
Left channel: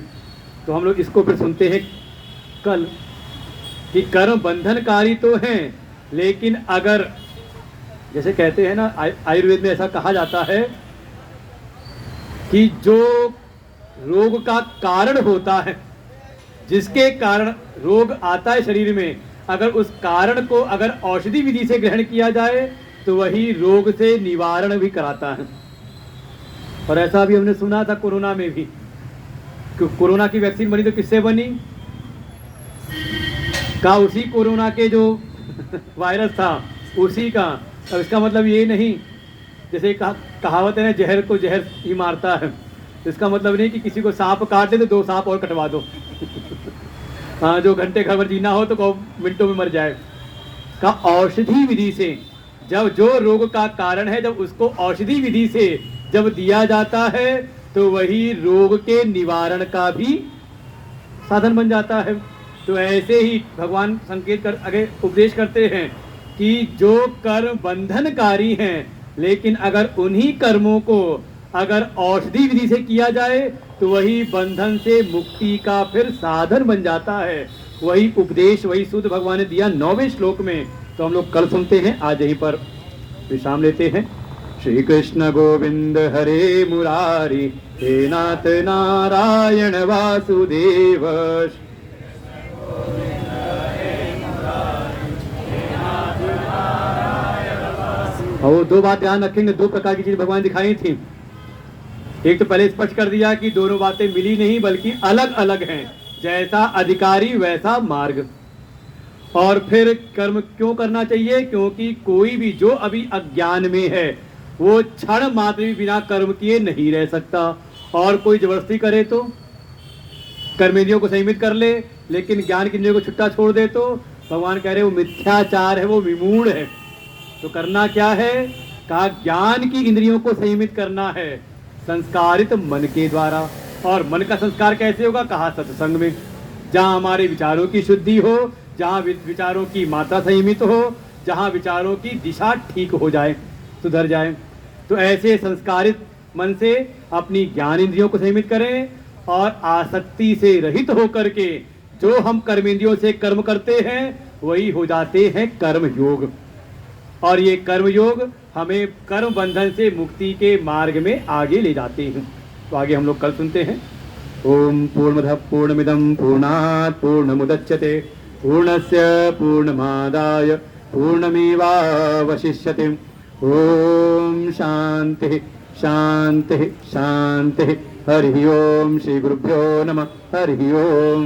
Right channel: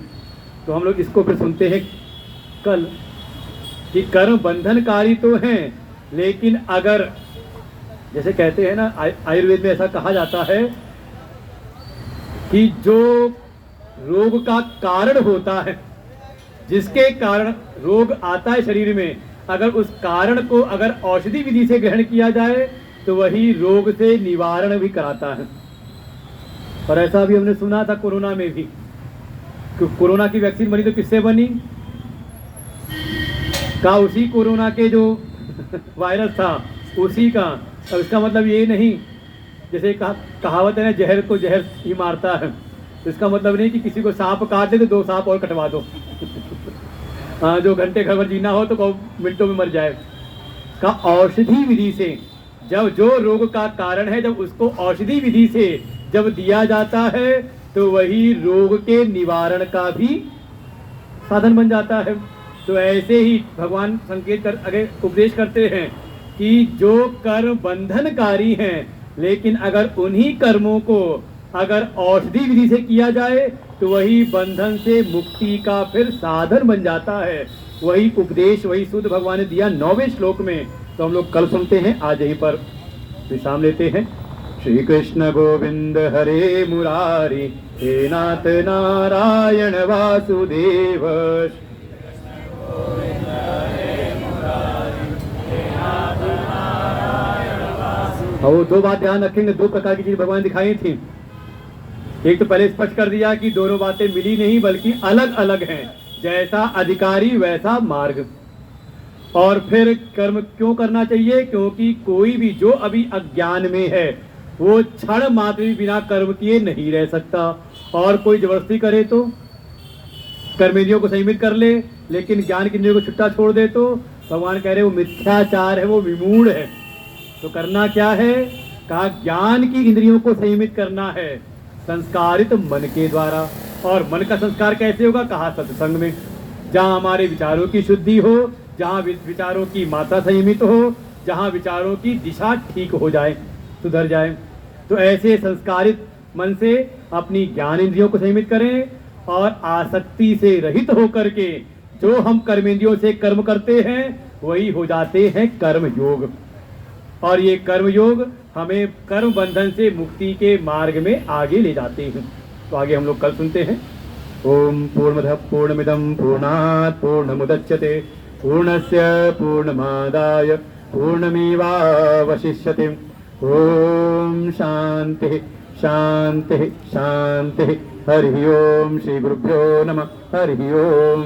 तो हम लोग इसको फिर सुनते हैं कल कि कर्म बंधनकारी तो हैं, लेकिन अगर जैसे कहते हैं ना, आयुर्वेद में ऐसा कहा जाता है कि जो रोग का कारण होता है, जिसके कारण रोग आता है शरीर में, अगर उस कारण को अगर औषधि विधि से ग्रहण किया जाए तो वही रोग से निवारण भी कराता है। और ऐसा भी हमने सुना था कोरोना में भी, कि कोरोना की वैक्सीन बनी तो किससे बनी? का उसी कोरोना के जो वायरस था उसी का। और इसका मतलब ये नहीं, जैसे कहावत है ना, जहर को जहर ही मारता है, तो इसका मतलब नहीं कि किसी को सांप काट दे तो 2 सांप और कटवा दो हाँ, जो घंटे घर में जीना हो तो 2 मिनटों में मर जाए। का औषधि विधि से, जब जो रोग का कारण है जब उसको औषधि विधि से जब दिया जाता है तो वही रोग के निवारण का भी साधन बन जाता है। तो ऐसे ही भगवान संकेत कर आगे उपदेश करते हैं कि जो कर्म बंधनकारी हैं, लेकिन अगर उन्हीं कर्मों को अगर औषधि विधि से किया जाए तो वही बंधन से मुक्ति का फिर साधन बन जाता है। वही उपदेश, वही शुद्ध भगवान ने दिया 9वें श्लोक में। तो हम लोग कल सुनते हैं, आज यहीं पर विश्राम लेते हैं। श्री कृष्ण गोविंद हरे मुरारी, हे नाथ नारायण वासुदेव। और 2 बात ध्यान रखेंगे, 2 प्रकार की चीज भगवान दिखाई थी। एक तो पहले स्पष्ट कर दिया कि दोनों बातें मिली नहीं बल्कि अलग अलग हैं, जैसा अधिकारी वैसा मार्ग। और फिर कर्म क्यों करना चाहिए? क्योंकि कोई भी जो अभी अज्ञान में है वो क्षण मात्र भी बिना कर्म किए नहीं रह सकता, और कोई जबरदस्ती करे तो कर्मेंद्रियों को संयमित कर ले, लेकिन ज्ञान की इंद्रियों को छुट्टा छोड़ दे तो भगवान कह रहे वो मिथ्याचार है, वो विमूढ़ है। तो करना क्या है? कहा ज्ञान की इंद्रियों को संयमित करना है संस्कारित मन के द्वारा। और मन का संस्कार कैसे होगा? कहा सत्संग में, जहाँ हमारे विचारों की शुद्धि हो, जहाँ विचारों की मात्रा संयमित हो, जहाँ विचारों की दिशा ठीक हो जाए, सुधर जाए। तो ऐसे संस्कारित मन से अपनी ज्ञान इंद्रियों को संयमित करें, और आसक्ति से रहित होकर के जो हम कर्मेंद्रियों से कर्म करते हैं वही हो जाते हैं कर्म योग। और ये कर्म योग हमें कर्म बंधन से मुक्ति के मार्ग में आगे ले जाते हैं। तो आगे हम लोग कल सुनते हैं। ओम पूर्णमदः पूर्णमिदं पूर्णात् पूर्णमुदच्यते पूर्णस्य पूर्णमादाय पूर्णमेवावशिष्यते। ओम शांति शांति शांति। हरि ओम। श्री गुरुभ्यो नमः। हरि ओम।